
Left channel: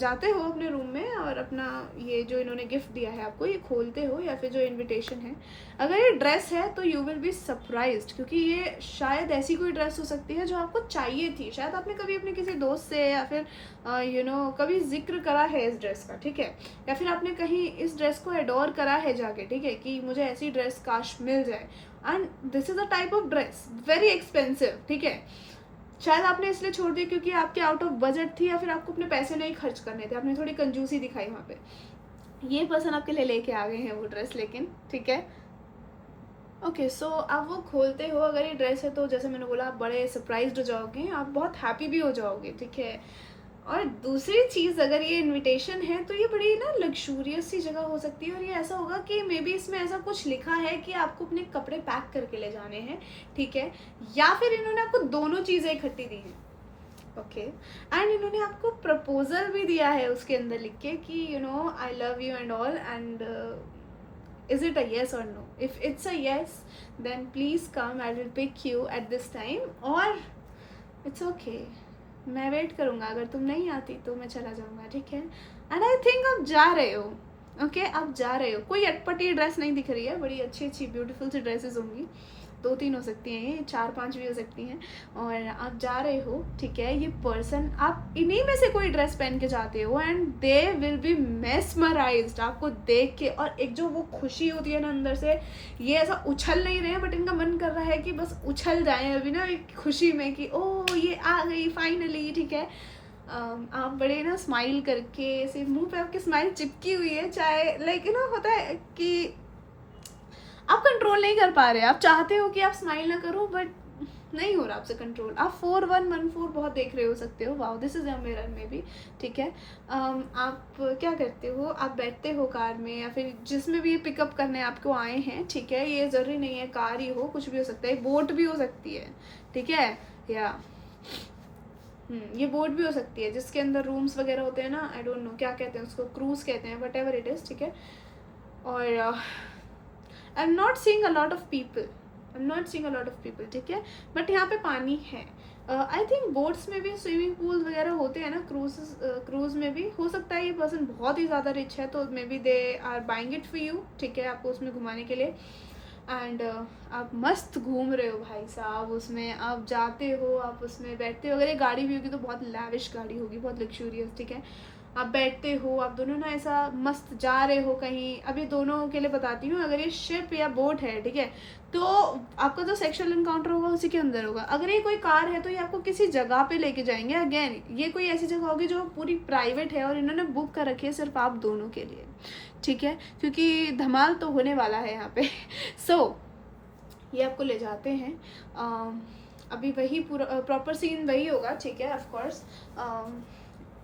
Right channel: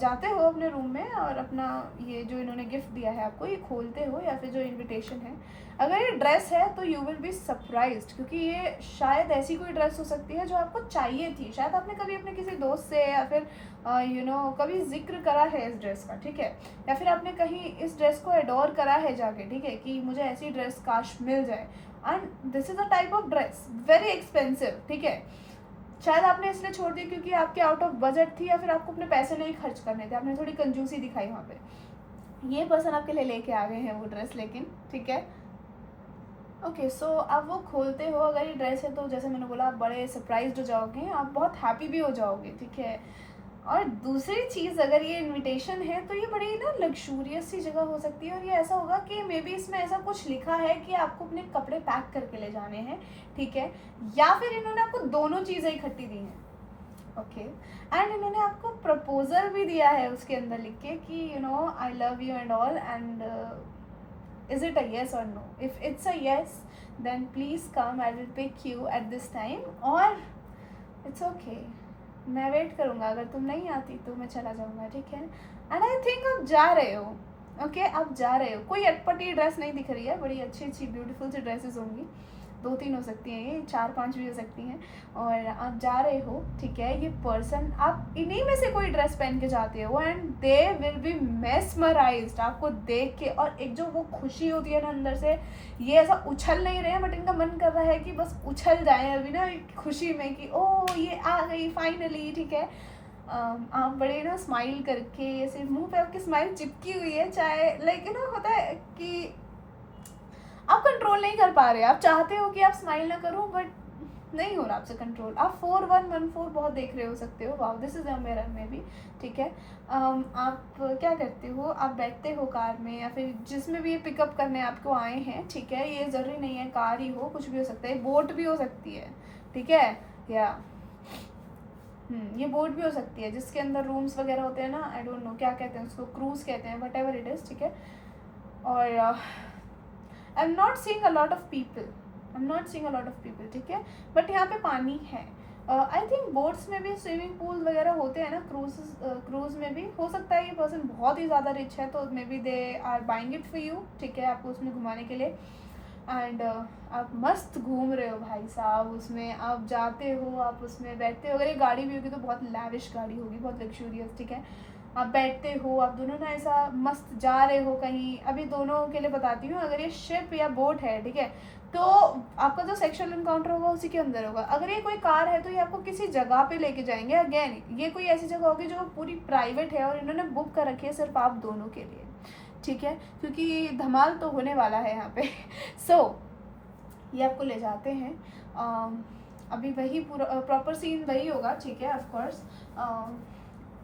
जाते हो अपने रूम में और अपना ये जो इन्होंने गिफ्ट दिया है आपको, ये खोलते हो, या फिर जो इनविटेशन है, अगर ये ड्रेस है तो यू विल बी सरप्राइज्ड, क्योंकि ये शायद ऐसी कोई ड्रेस हो सकती है जो आपको चाहिए थी। शायद आपने कभी अपने किसी दोस्त से, या फिर यू नो कभी जिक्र करा है इस ड्रेस का, ठीक है, या फिर आपने कहीं इस ड्रेस को एडोर करा है जाके, ठीक है, कि मुझे ऐसी ड्रेस काश मिल जाए। And this is a type of dress very expensive, ठीक है। शायद आपने इसलिए छोड़ दी क्योंकि आपके आउट ऑफ बजट थी, या फिर आपको अपने पैसे नहीं खर्च करने थे, आपने थोड़ी कंजूसी दिखाई वहाँ पे। ये पर्सन आपके लिए लेके आ गए हैं वो ड्रेस, लेकिन ठीक है। ओके, सो आप वो खोलते हो, अगर ये ड्रेस है तो जैसे मैंने बोला आप बड़े सरप्राइज्ड हो जाओगे, आप बहुत हैप्पी भी हो जाओगे, ठीक है। और दूसरी चीज़, अगर ये इनविटेशन है तो ये बड़ी ना लग्जूरियस सी जगह हो सकती है, और ये ऐसा होगा कि मे बी इसमें ऐसा कुछ लिखा है कि आपको अपने कपड़े पैक करके ले जाने हैं, ठीक है, या फिर इन्होंने आपको दोनों चीज़ें इकट्ठी दी हैं, ओके। एंड इन्होंने आपको प्रपोजल भी दिया है उसके अंदर लिख के कि you know I love you and all, and is it a yes और no. If it's a yes then please come, I will pick you at this time, और इट्स ओके, मैं वेट करूँगा, अगर तुम नहीं आती तो मैं चला जाऊँगा, ठीक है। एंड आई थिंक आप जा रहे हो, ओके, आप जा रहे हो। कोई अटपटी ड्रेस नहीं दिख रही है, बड़ी अच्छी अच्छी ब्यूटीफुल सी ड्रेसेस होंगी, 2-3 हो सकती हैं, ये 4-5 भी हो सकती हैं, और आप जा रहे हो, ठीक है। ये पर्सन, आप इन्हीं में से कोई ड्रेस पहन के जाते हो, and they will B mesmerised आपको देख के, और एक जो वो खुशी होती है ना अंदर से, ये ऐसा उछल नहीं रहे हैं, बट इनका मन कर रहा है कि बस उछल जाएं अभी ना एक खुशी में कि ओ ये आ गई फाइनली, ठीक है। आप बड़े ना स्माइल करके, ऐसे मुंह पे आपकी स्माइल चिपकी हुई है, चाहे लाइक यू नो होता है कि आप कंट्रोल नहीं कर पा रहे, आप चाहते हो कि आप स्माइल ना करो बट नहीं हो रहा आपसे कंट्रोल। आप 4114 बहुत देख रहे हो सकते हो, wow this is a mirror में भी, ठीक है। आप क्या करते हो, आप बैठते हो कार में या फिर जिसमें भी ये पिकअप करने आपको आए हैं, ठीक है, ये ज़रूरी नहीं है कार ही हो, कुछ भी हो सकता है, बोट भी हो सकती है, ठीक है, या ये बोट भी हो सकती है जिसके अंदर रूम्स वगैरह होते हैं ना, आई डोंट नो क्या कहते हैं उसको, क्रूज कहते हैं, वट एवर इट इज़, ठीक है। और I am not seeing a lot of people, ठीक है, बट यहाँ पे पानी है। आई थिंक बोट्स में भी स्विमिंग पूल वगैरह होते हैं ना, क्रूज में भी हो सकता है ये पर्सन बहुत ही ज़्यादा रिच है तो maybe they are buying it for you, ठीक है, आपको उसमें घुमाने के लिए। एंड आप मस्त घूम रहे हो भाई साहब, उसमें आप जाते हो, आप उसमें बैठते हो, अगर ये गाड़ी भी होगी तो बहुत लैविश गाड़ी होगी, बहुत लग्जूरियस, ठीक है। आप बैठते हो, आप दोनों ना ऐसा मस्त जा रहे हो कहीं। अभी दोनों के लिए बताती हूँ, अगर ये शिप या बोट है, ठीक है, तो आपका जो सेक्सुअल इनकाउंटर होगा उसी के अंदर होगा। अगर ये कोई कार है तो ये आपको किसी जगह पे लेके जाएंगे, अगेन ये कोई ऐसी जगह होगी जो पूरी प्राइवेट है और इन्होंने बुक कर रखी है सिर्फ आप दोनों के लिए, ठीक है, क्योंकि धमाल तो होने वाला है यहाँ पे। सो ये आपको ले जाते हैं, अभी वही पूरा प्रॉपर सीन वही होगा, ठीक है, ऑफ कोर्स।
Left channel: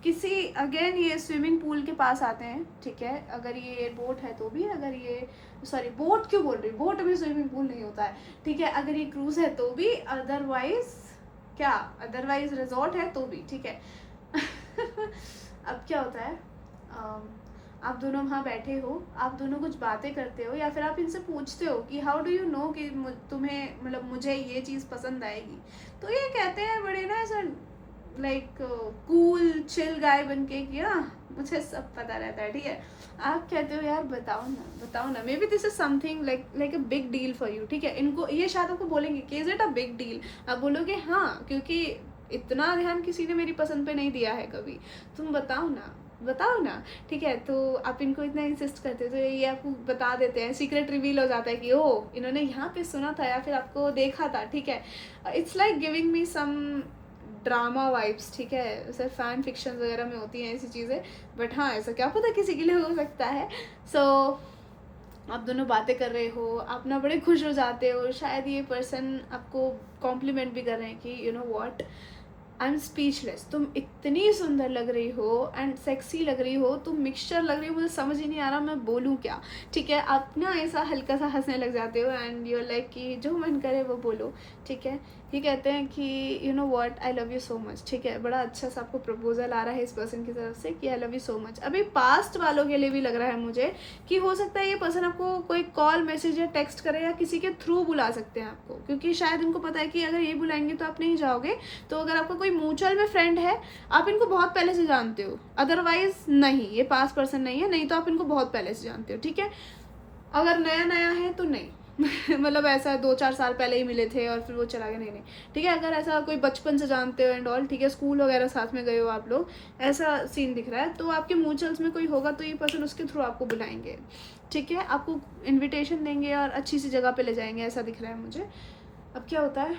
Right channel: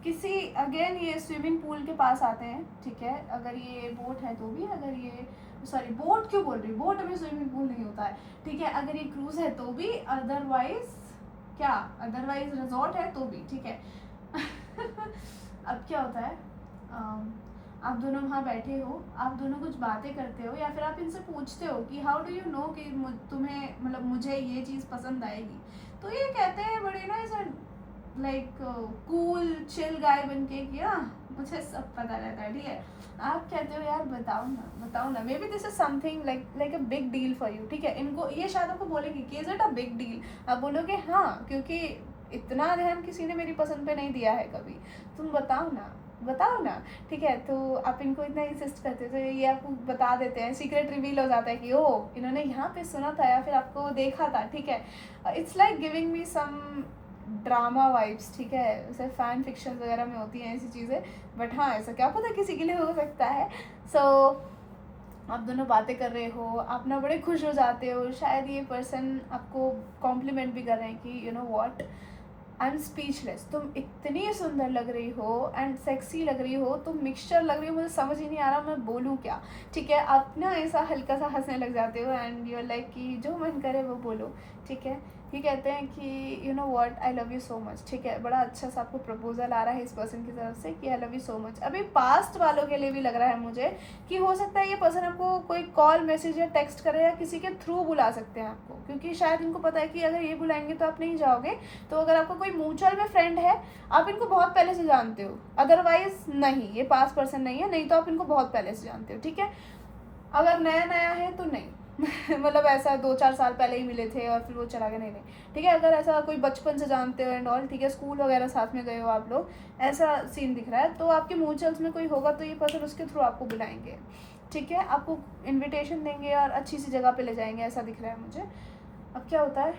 किसी अगेन ये स्विमिंग पूल के पास आते हैं, ठीक है, अगर ये बोट है तो भी, अगर ये सॉरी बोट क्यों बोल रही, बोट में स्विमिंग पूल नहीं होता है, ठीक है, अगर ये क्रूज है तो भी, अदरवाइज क्या, अदरवाइज रिजॉर्ट है तो भी, ठीक है। अब क्या होता है, आप दोनों वहाँ बैठे हो, आप दोनों कुछ बातें करते हो या फिर आप इनसे पूछते हो कि हाउ डू यू नो कि तुम्हें मतलब मुझे ये चीज़ पसंद आएगी, तो ये कहते हैं बड़े ना ऐसा लाइक कूल चिल गाय बन के कि हाँ मुझे सब पता रहता है, ठीक है। आप कहते हो यार बताओ ना, may be this is something like a big deal for you, ठीक है। इनको ये शायद आपको बोलेंगे कि is it a big deal, आप बोलोगे हाँ, क्योंकि इतना ध्यान किसी ने मेरी पसंद पे नहीं दिया है कभी, तुम बताओ ना, ठीक है। तो आप इनको इतना इंसिस्ट करते हो तो ये आपको बता देते हैं, सीक्रेट रिवील हो जाता है कि ओ इन्होंने यहाँ पे सुना था या फिर आपको देखा था, ठीक है। It's like giving me some drama vibes, ठीक है, जैसे फैन फिक्शन वगैरह में होती हैं ऐसी चीज़ें, बट हाँ ऐसा क्या पता किसी के लिए हो सकता है। सो आप दोनों बातें कर रहे हो, आप ना बड़े खुश हो जाते हो, शायद ये पर्सन आपको कॉम्प्लीमेंट भी कर रहे हैं कि you know what, I am speechless, तुम इतनी सुंदर लग रही हो एंड सेक्सी लग रही हो, तुम मिक्सचर लग रही हो, मुझे समझ ही नहीं आ रहा मैं बोलूँ क्या, ठीक है। आप ना ऐसा हल्का सा हंसने लग जाते हो एंड यू आर लाइक कि जो मन करे वो बोलो, ठीक है। ये कहते हैं कि you know what I love you so much, ठीक है, बड़ा अच्छा सा आपको प्रपोजल आ रहा है इस पर्सन की तरफ से कि आई लव यू सो मच। अभी पास्ट वालों के लिए भी लग रहा है मुझे कि हो सकता है ये पर्सन आपको कोई कॉल मैसेज या टेक्स्ट करे या किसी के थ्रू बुला सकते हैं आपको, क्योंकि शायद इनको पता है कि अगर ये बुलाएंगे तो आप नहीं जाओगे। तो अगर आपका कोई म्यूचुअल में फ्रेंड है, आप इनको बहुत पहले से जानते हो, अदरवाइज नहीं, ये पास पर्सन नहीं है, नहीं तो आप इनको बहुत पहले से जानते हो, ठीक है। अगर नया है तो नहीं, मतलब ऐसा 2-4 साल पहले ही मिले थे और फिर वो चला गया, नहीं, ठीक है। अगर ऐसा कोई बचपन से जानते हो एंड ऑल, ठीक है, स्कूल वगैरह साथ में गए हो आप लोग, ऐसा सीन दिख रहा है, तो आपके म्यूचुअल्स में कोई होगा तो ये पर्सन उसके थ्रू आपको बुलाएंगे, ठीक है, आपको इन्विटेशन देंगे और अच्छी सी जगह पे ले जाएंगे, ऐसा दिख रहा है मुझे। अब क्या होता है,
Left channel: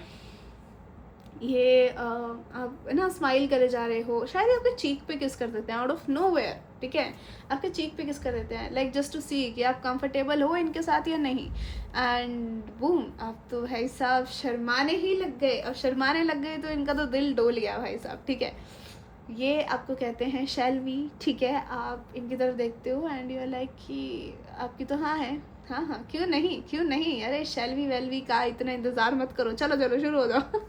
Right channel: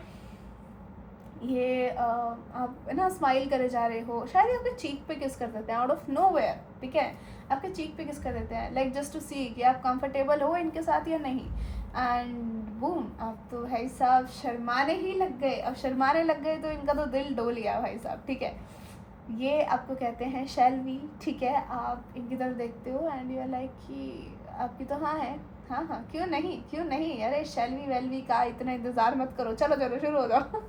ये आप ना स्माइल करे जा रहे हो, शायद आपके चीक पे किस कर देते हैं आउट ऑफ नो वेयर, ठीक है, आपके चीक पे किस कर देते हैं लाइक जस्ट टू सी कि आप कंफर्टेबल हो इनके साथ या नहीं, एंड बूम, आप तो भाई साहब शर्माने ही लग गए, और शर्माने लग गए तो इनका तो दिल डोल गया भाई साहब, ठीक है। ये आपको कहते हैं शैल वी, ठीक है, आप इनकी तरफ देखते हो एंड यू आर लाइक कि आपकी तो हाँ है, हाँ क्यों नहीं, अरे शैल वी वेल वी का इतना इंतज़ार मत करो, चलो शुरू हो जाओ।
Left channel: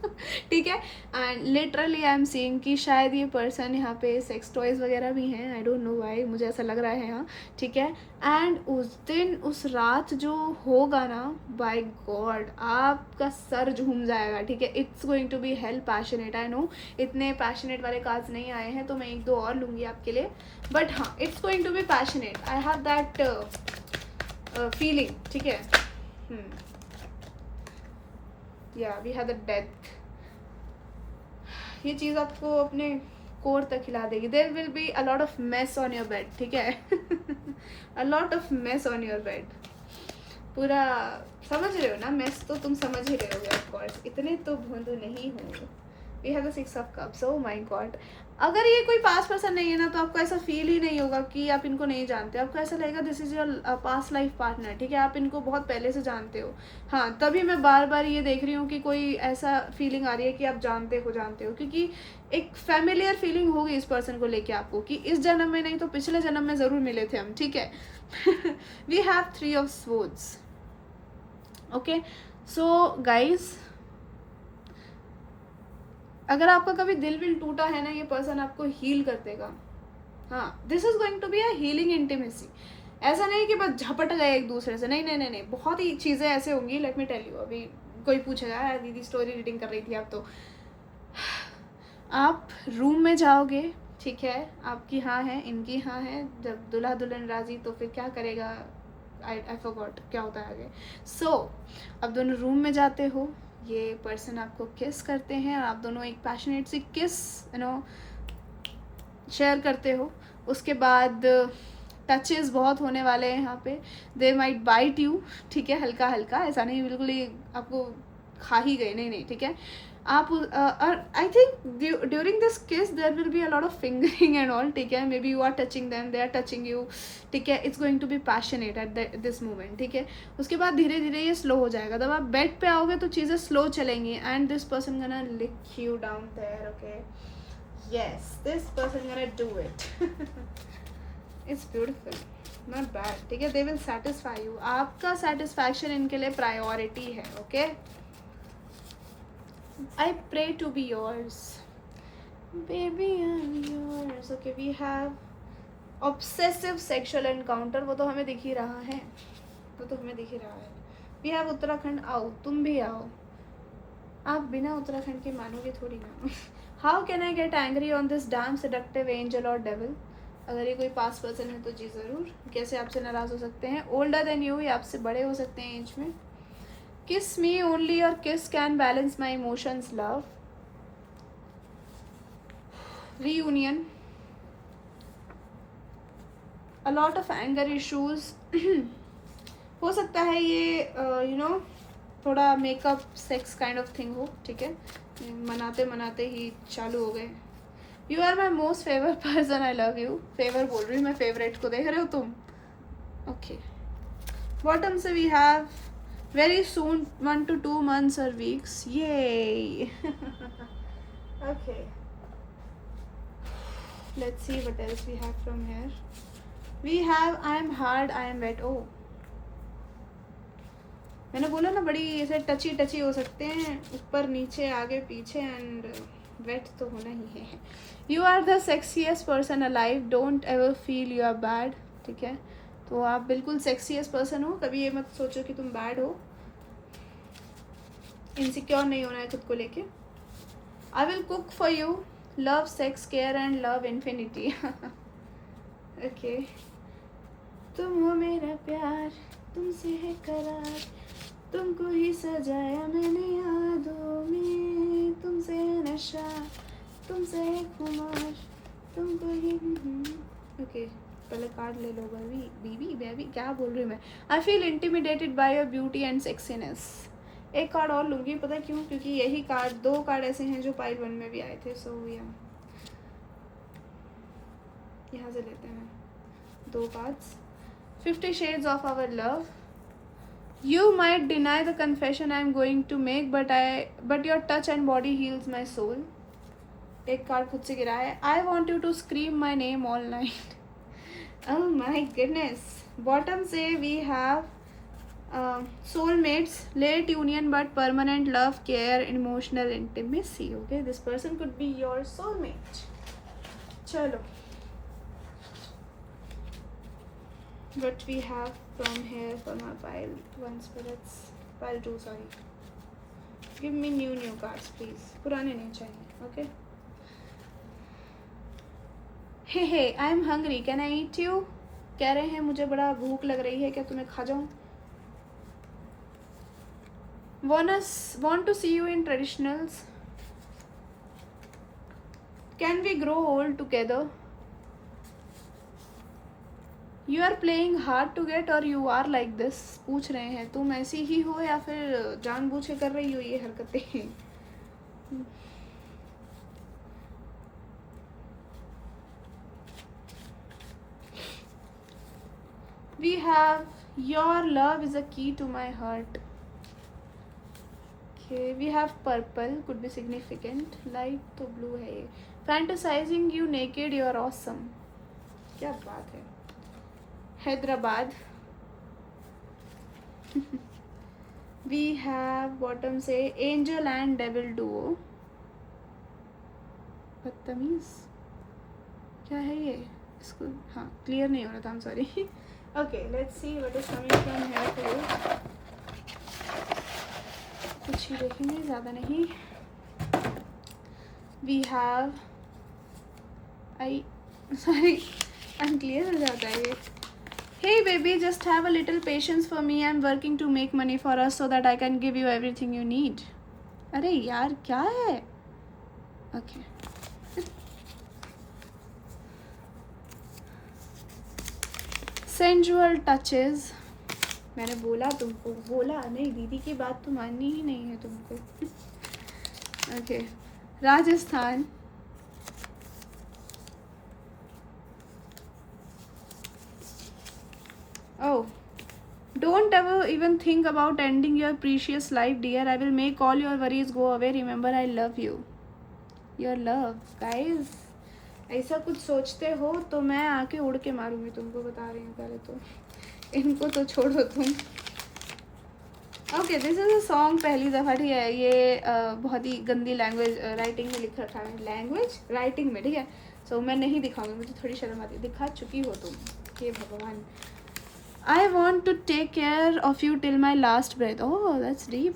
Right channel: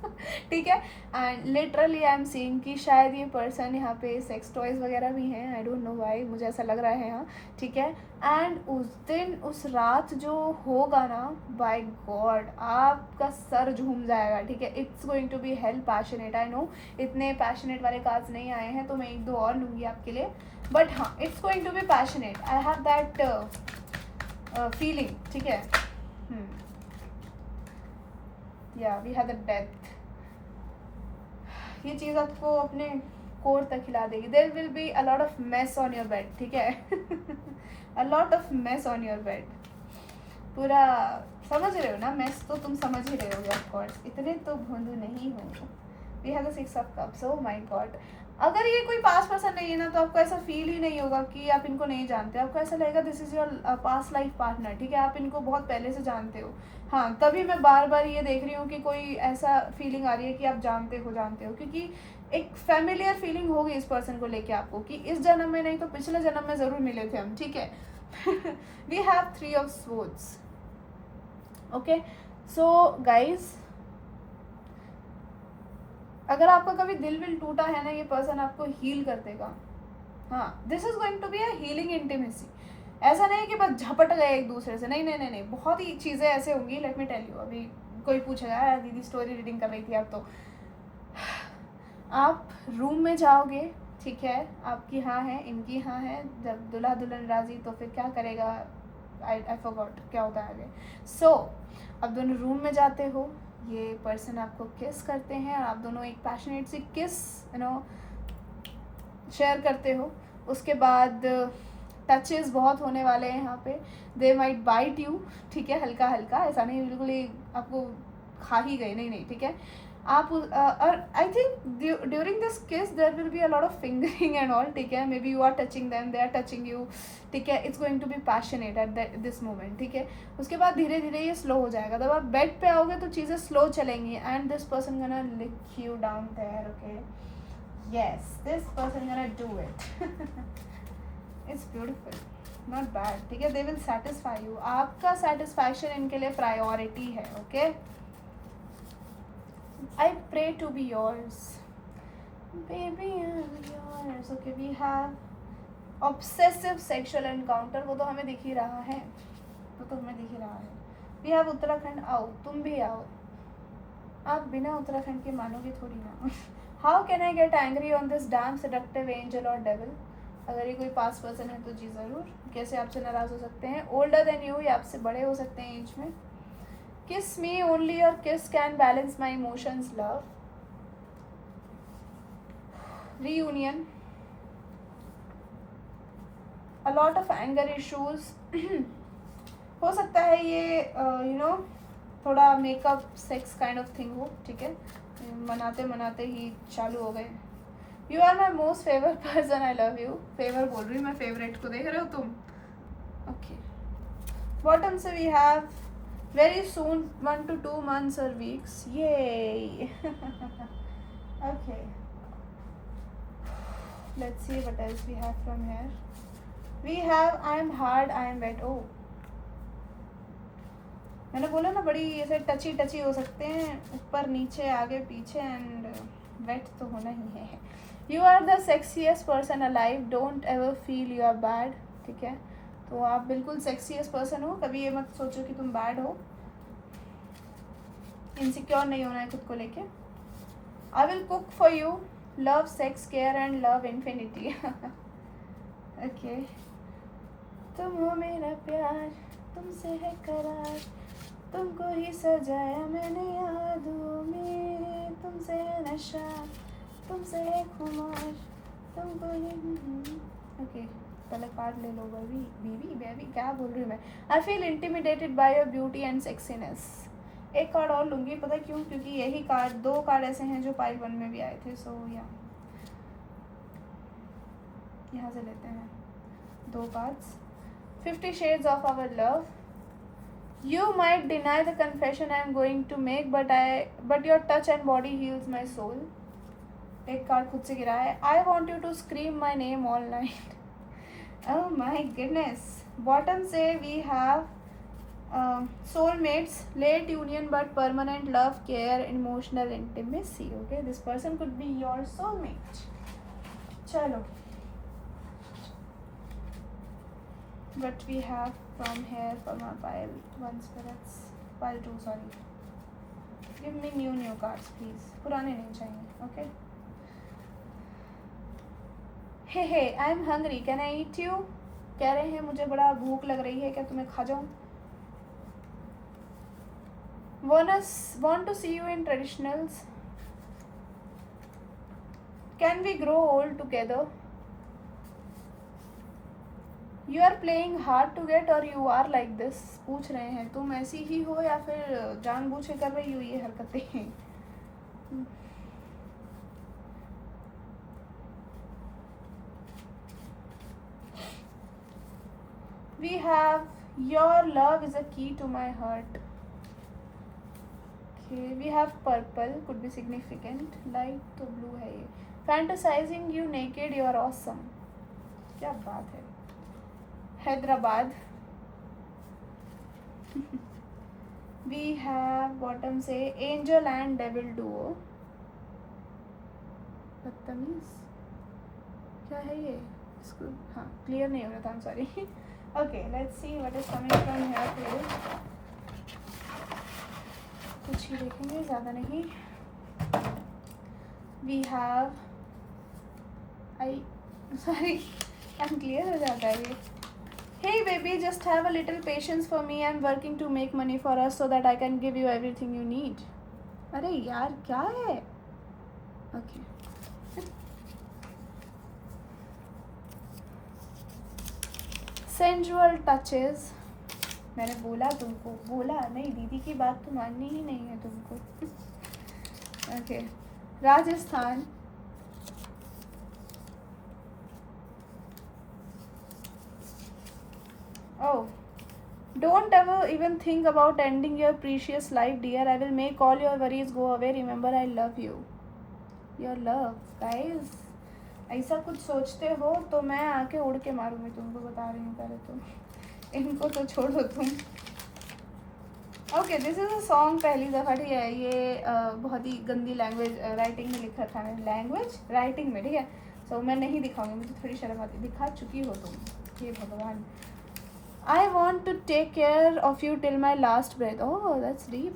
ठीक है। And literally I am seeing कि शायद ये पर्सन यहाँ पे सेक्स टॉयज़ वगैरह भी हैं, आई डोंट नो व्हाई, मुझे ऐसा लग रहा है यहाँ, ठीक है। एंड उस दिन उस रात जो होगा ना, बाय गॉड आपका सर झूम जाएगा, ठीक है। It's going to be hell passionate, I know इतने पैशनेट वाले कार्ड्स नहीं आए हैं तो मैं 1-2 और लूँगी आपके लिए, बट हाँ it's going to be passionate, I have that feeling, ठीक है। या वी हैव द डेथ, ये चीज़ आपको अपने कोर तक हिला देगी। There will be a lot of mess on your bed, ठीक है। A lot of mess on your bed, पूरा समझ रहे हो ना, मेस तो तुम समझ ही रहे होगे ऑफ कोर्स, इतने तो भोंदू नहीं होंगे। We have the 6 of cups, oh my god। अगर ये कोई पास पर्सन नहीं है ना, तो आपको ऐसा फील ही नहीं होगा कि आप इनको नहीं जानते, आपको ऐसा लगेगा this is your past life partner, ठीक है, आप इनको बहुत पहले से जानते हो। हाँ, तभी मैं बार बार ये देख रही हूँ कि कोई ऐसा फीलिंग आ रही है कि आप जानते हो, क्योंकि एक फैमिलियर फीलिंग होगी इस पर्सन को लेके आपको, कि इस जन्म में नहीं तो पिछले जन्म में ज़रूर मिले थे हम, ठीक है। We have 3 of swords. Okay, so guys, अगर आपका कभी दिल विल टूटा है ना, ये पर्सन आपको हील कर देगा। हाँ, this is going to be a healing intimacy. ऐसा नहीं कि बस झपट गए एक दूसरे से, नहीं नहीं नहीं नहीं, बहुत ही चीज़ें ऐसे होंगी। लेट मी टेल यू, अभी कोई पूछेगा यार दीदी स्टोरी रीडिंग कर रही थी आप, तो आप रूम में जाओगे, ठीक है, आपकी हाँ है, इनकी हाँ है, जब दुल्हा दुल्हन राजी तो फिर क्या करेगा, आई फॉरगॉट क्या होता है आगे। सो अब दोनों रूम में जाते हो, ये पर्सन आपको किस करते हैं, आप दोनों एक पैशनेट सी किस शेयर करते हो। उसके बाद टचेस बहुत होने वाले हैं यहाँ पे, दे माइट बाइट यू, ठीक है, हल्का हल्का, ऐसा नहीं बिल्कुल ही आपको खा ही गए, नहीं नहीं, ठीक है। आप और I think during this kiss there will be a lot of fingering and all, ठीक है, maybe you are touching them, they are touching you, ठीक है। It's going to be passionate at this moment, ठीक है। उसके बाद धीरे धीरे ये स्लो हो जाएगा, जब आप बेड पे आओगे तो चीज़ें स्लो चलेंगी, and this person gonna lick you down there, okay, yes, this person gonna do it. It's beautiful, not bad, ठीक है। दे विल सेटिस्फाई यू, आपका सेटिस्फैक्शन इनके लिए प्रायोरिटी है, okay. I pray to be yours, baby I'm yours. Okay, we have obsessive sexual encounter, वो तो हमें दिख ही रहा है, हमें दिख ही रहा है। We have उत्तराखंड, आओ तुम भी आओ, आप बिना उत्तराखंड के मानोगे थोड़ी ना। How can I get angry on this damn seductive angel or devil? अगर ये कोई पास पर्सन है तो जी ज़रूर, कैसे आपसे नाराज़ हो सकते हैं। ओल्डर देन यू, ये आपसे बड़े हो सकते हैं एज में। Kiss me only, your kiss can balance my emotions, love. Reunion. A lot of anger issues. हो सकता है ये थोड़ा makeup sex kind of thing हो, ठीक है, मनाते मनाते ही चालू हो गए। You are my most favourite person, I love you. Favour बोल रही हूँ मैं, फेवरेट को देख रहे हो तुम, ओके। बॉटम से we have very soon, 1 to 2 months or weeks, yay. Okay, let's see what else we have from here. We have I am hard, I am wet. Oh, मैंने बोला ना बड़ी ऐसे टची टची हो सकते हैं, ऊपर नीचे आगे पीछे, एंड वेट तो होना ही है। You are the sexiest person alive, don't ever feel you are bad, ठीक है। तो आप बिल्कुल सेक्सीएस्ट पर्सन हो, कभी ये मत सोचो कि तुम बैड हो, इनसिक्योर नहीं होना है खुद को लेके। I will cook for you, love sex care and love infinity. Okay, तुम हो मेरा प्यार, तुमसे है करार, तुमको ही सजाया मैंने यादों में, तुमसे है नशा, तुमसे है खुमार, तुमको ही। ओके, पहले कार्ड ले लो। बेबी क्या बोल रही हूँ मैं। आई feel intimidated by your beauty and sexiness. एक कार्ड और लूँगी, पता क्यों, क्योंकि यही कार्ड, 2 कार्ड ऐसे हैं जो पाइल 1 में भी आए थे। सो यहाँ से लेते हैं 2 cards. 50 Shades of Our Love. You might deny the confession I am going to make, but your touch and body heals my soul. एक कार्ड खुद से गिरा है। I want you to scream my name all night. Oh my goodness. Bottom से we have soulmates, late union but permanent love, care, emotional intimacy. Okay, this person could be your soulmate. चलो, what we have from here for my pile 1 spirits, pile 2, sorry. Give me new cards please, पुराने नहीं चाहिए। Okay. Hey, I am hungry, can I eat you? कह रहे हैं मुझे बड़ा भूख लग रही है, क्या तुम्हें खा जाऊँ? Want to see you in traditionals. Can we grow old together? You are playing hard to get or you are like this. पूछ रहे हैं तुम ऐसी ही हो या फिर जानबूझ के कर रही हो ये हरकतें। We have your love is a key to my heart. Okay, we have purple, could be significant. Light तो blue है ये. Fantasizing you naked, you're awesome. क्या बात है. Hyderabad. We have bottom से angel and devil duo. बदतमीज क्या है ये. इसको हाँ क्लियर नहीं हो रहा था. I'm sorry. Okay, let's see what is coming from here today. कुछ ही देखेंगे, ज़्यादा नहीं. We have unclear हो जाता है ये. Hey baby, just have a little patience for me. I'm working to make money for us so that I can give you everything you need. अरे यार क्या है. Okay. Sensual touches. मैंने बोला तुमको, बोला नहीं, दीदी की बात तो माननी ही नहीं है तुमको. Okay, Rajasthan. Oh, don't ever even think about ending your precious life, dear. I will make all your worries go away. Remember, I love you. Your love, guys. ऐसा कुछ सोचते हो तो मैं आके उड़ के मारूंगी तुमको, बता रही हूँ पहले तो. इनको तो छोड़ो तुम. Okay, this is a song पहली दफ़ा. ठीक है, ये बहुत ही गंदी लैंग्वेज राइटिंग में लिख रखा है. लैंग्वेज राइटिंग में, ठीक है. सो मैं नहीं दिखाऊंगी, मुझे थोड़ी शर्म आती. दिखा चुकी हो तुम. ये भगवान. I want to take care of you till my last breath. Oh that's deep.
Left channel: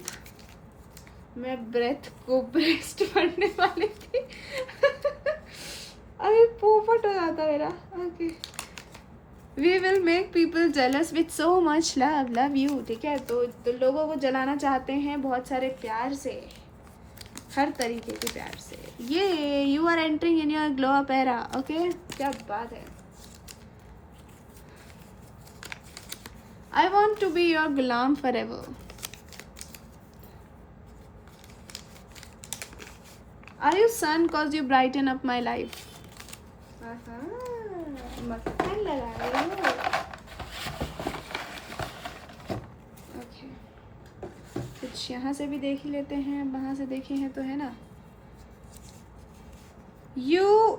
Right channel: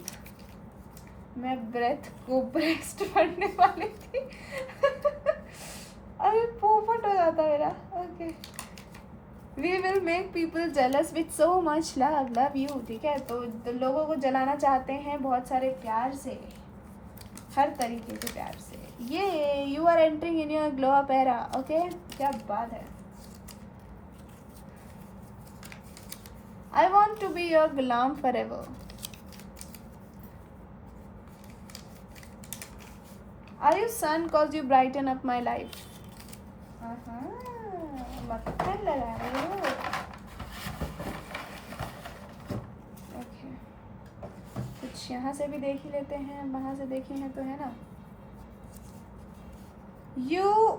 मैं ब्रेथ को ब्रेस्ट पढ़ने वाली थी. अरे पोपट हो जाता मेरा. Okay, we will make people jealous with so much love. Love you. ठीक है, तो लोगों को जलाना चाहते हैं बहुत सारे प्यार से, हर तरीके के प्यार से. ये you are entering in your glow up era. Okay, क्या बात है. I want to be your गुलाम forever. Are you sun cause you brighten up my life. कुछ यहाँ से भी देख ही लेते हैं, वहाँ से देखे हैं तो है ना. You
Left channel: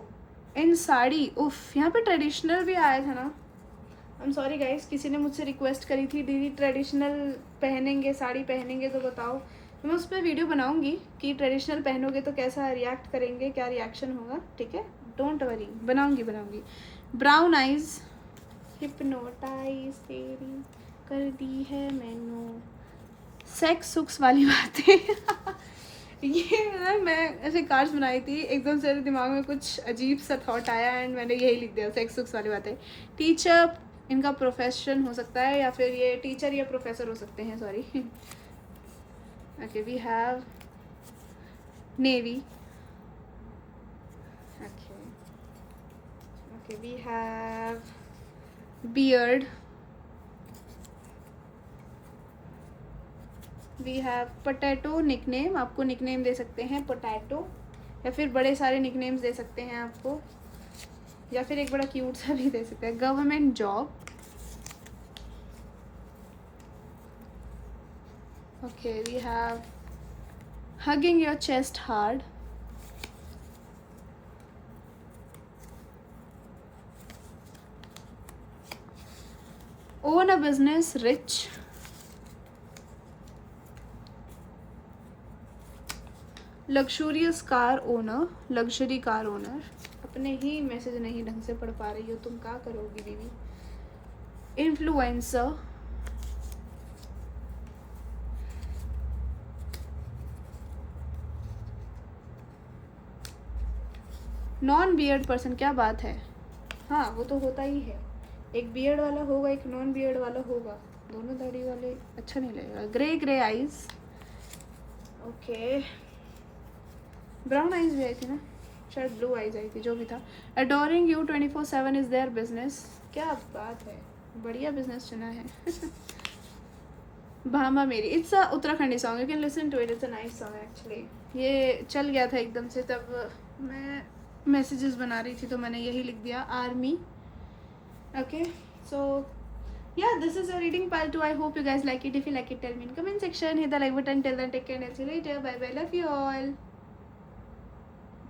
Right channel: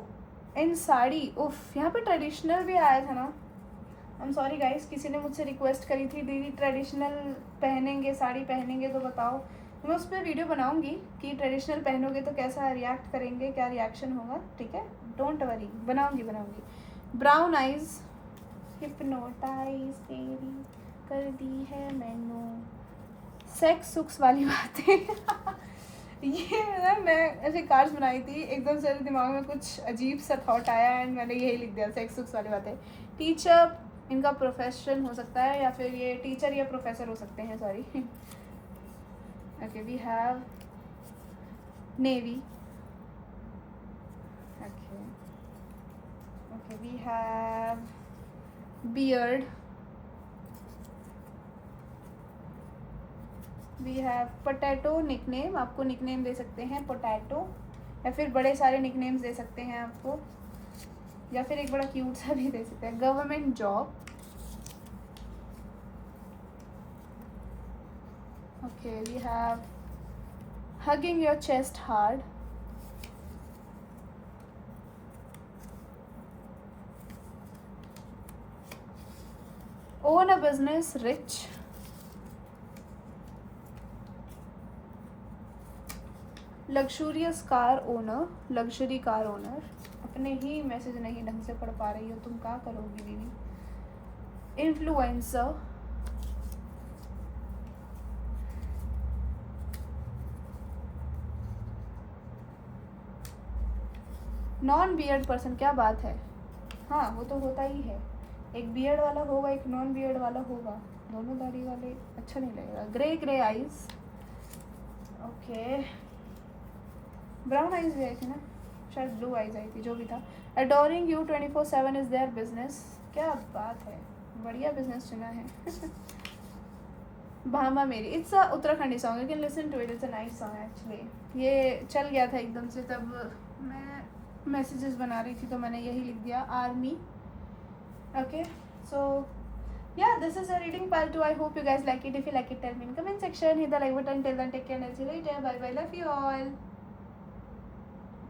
in sari. उफ, यहाँ पे ट्रेडिशनल भी आया था ना. आई एम सॉरी गाइस, किसी ने मुझसे रिक्वेस्ट करी थी दीदी ट्रेडिशनल पहनेंगे, साड़ी पहनेंगे तो बताओ. मैं उस पर वीडियो बनाऊंगी कि ट्रेडिशनल पहनोगे तो कैसा रिएक्ट करेंगे, क्या रिएक्शन होगा. ठीक है, डोंट वरी, बनाऊंगी. Brown eyes. हिप्नोटाइज तेरी कर दी है मैंने. सेक्स सुक्स वाली बातें. ये ना मैं ऐसे कार्ड्स बनाई थी, एकदम से दिमाग में कुछ अजीब सा थॉट आया एंड मैंने यही लिख दिया, सेक्स सुक्स वाली बातें. टीचर, इनका प्रोफेशन हो सकता है या फिर ये टीचर या प्रोफेसर हो सकते हैं. Sorry. Okay, we have navy. Okay, we have beard. We have potato nickname. आपको निकनेम दे सकते हैं potato, या फिर बड़े सारे निकनेम्स दे सकते हैं आपको, या फिर एक बड़ा क्यूट सा भी दे सकते हैं. Government job. Okay, we have hugging your chest hard. Own a business, rich. Luxurious car owner, luxury car owner. अपने ही मैसेज नहीं ढंग से पढ़ पा रही हो तुम, क्या करोगी दीदी. इन्फ्लुएंसर. Non beard person. क्या बात है. हाँ, वो तो होता ही है. एक बियर्ड वाला होगा, एक नॉन बियर्ड वाला होगा. दोनों दाढ़ी वाले अच्छा नहीं लगेगा. Grey eyes. Okay, brown eyes भी आई थी ना, शायद ब्लू आइज आई थी, जो भी था. Adoring you 24/7 is their business. क्या बात है, बढ़िया बिजनेस चुना है. भामा मेरी. It's a Uttarakhandi song, you can listen to it. It's a nice song actually. ये चल गया था एकदम से, तब मैं मैसेजेस बना रही थी तो मैंने यही लिख दिया, army. Okay, so Yeah, this is a reading pile too. I hope you guys like it. If you like it, tell me in comment section. Hit the like button. Till then, take care and see you later. Bye bye. Love you all.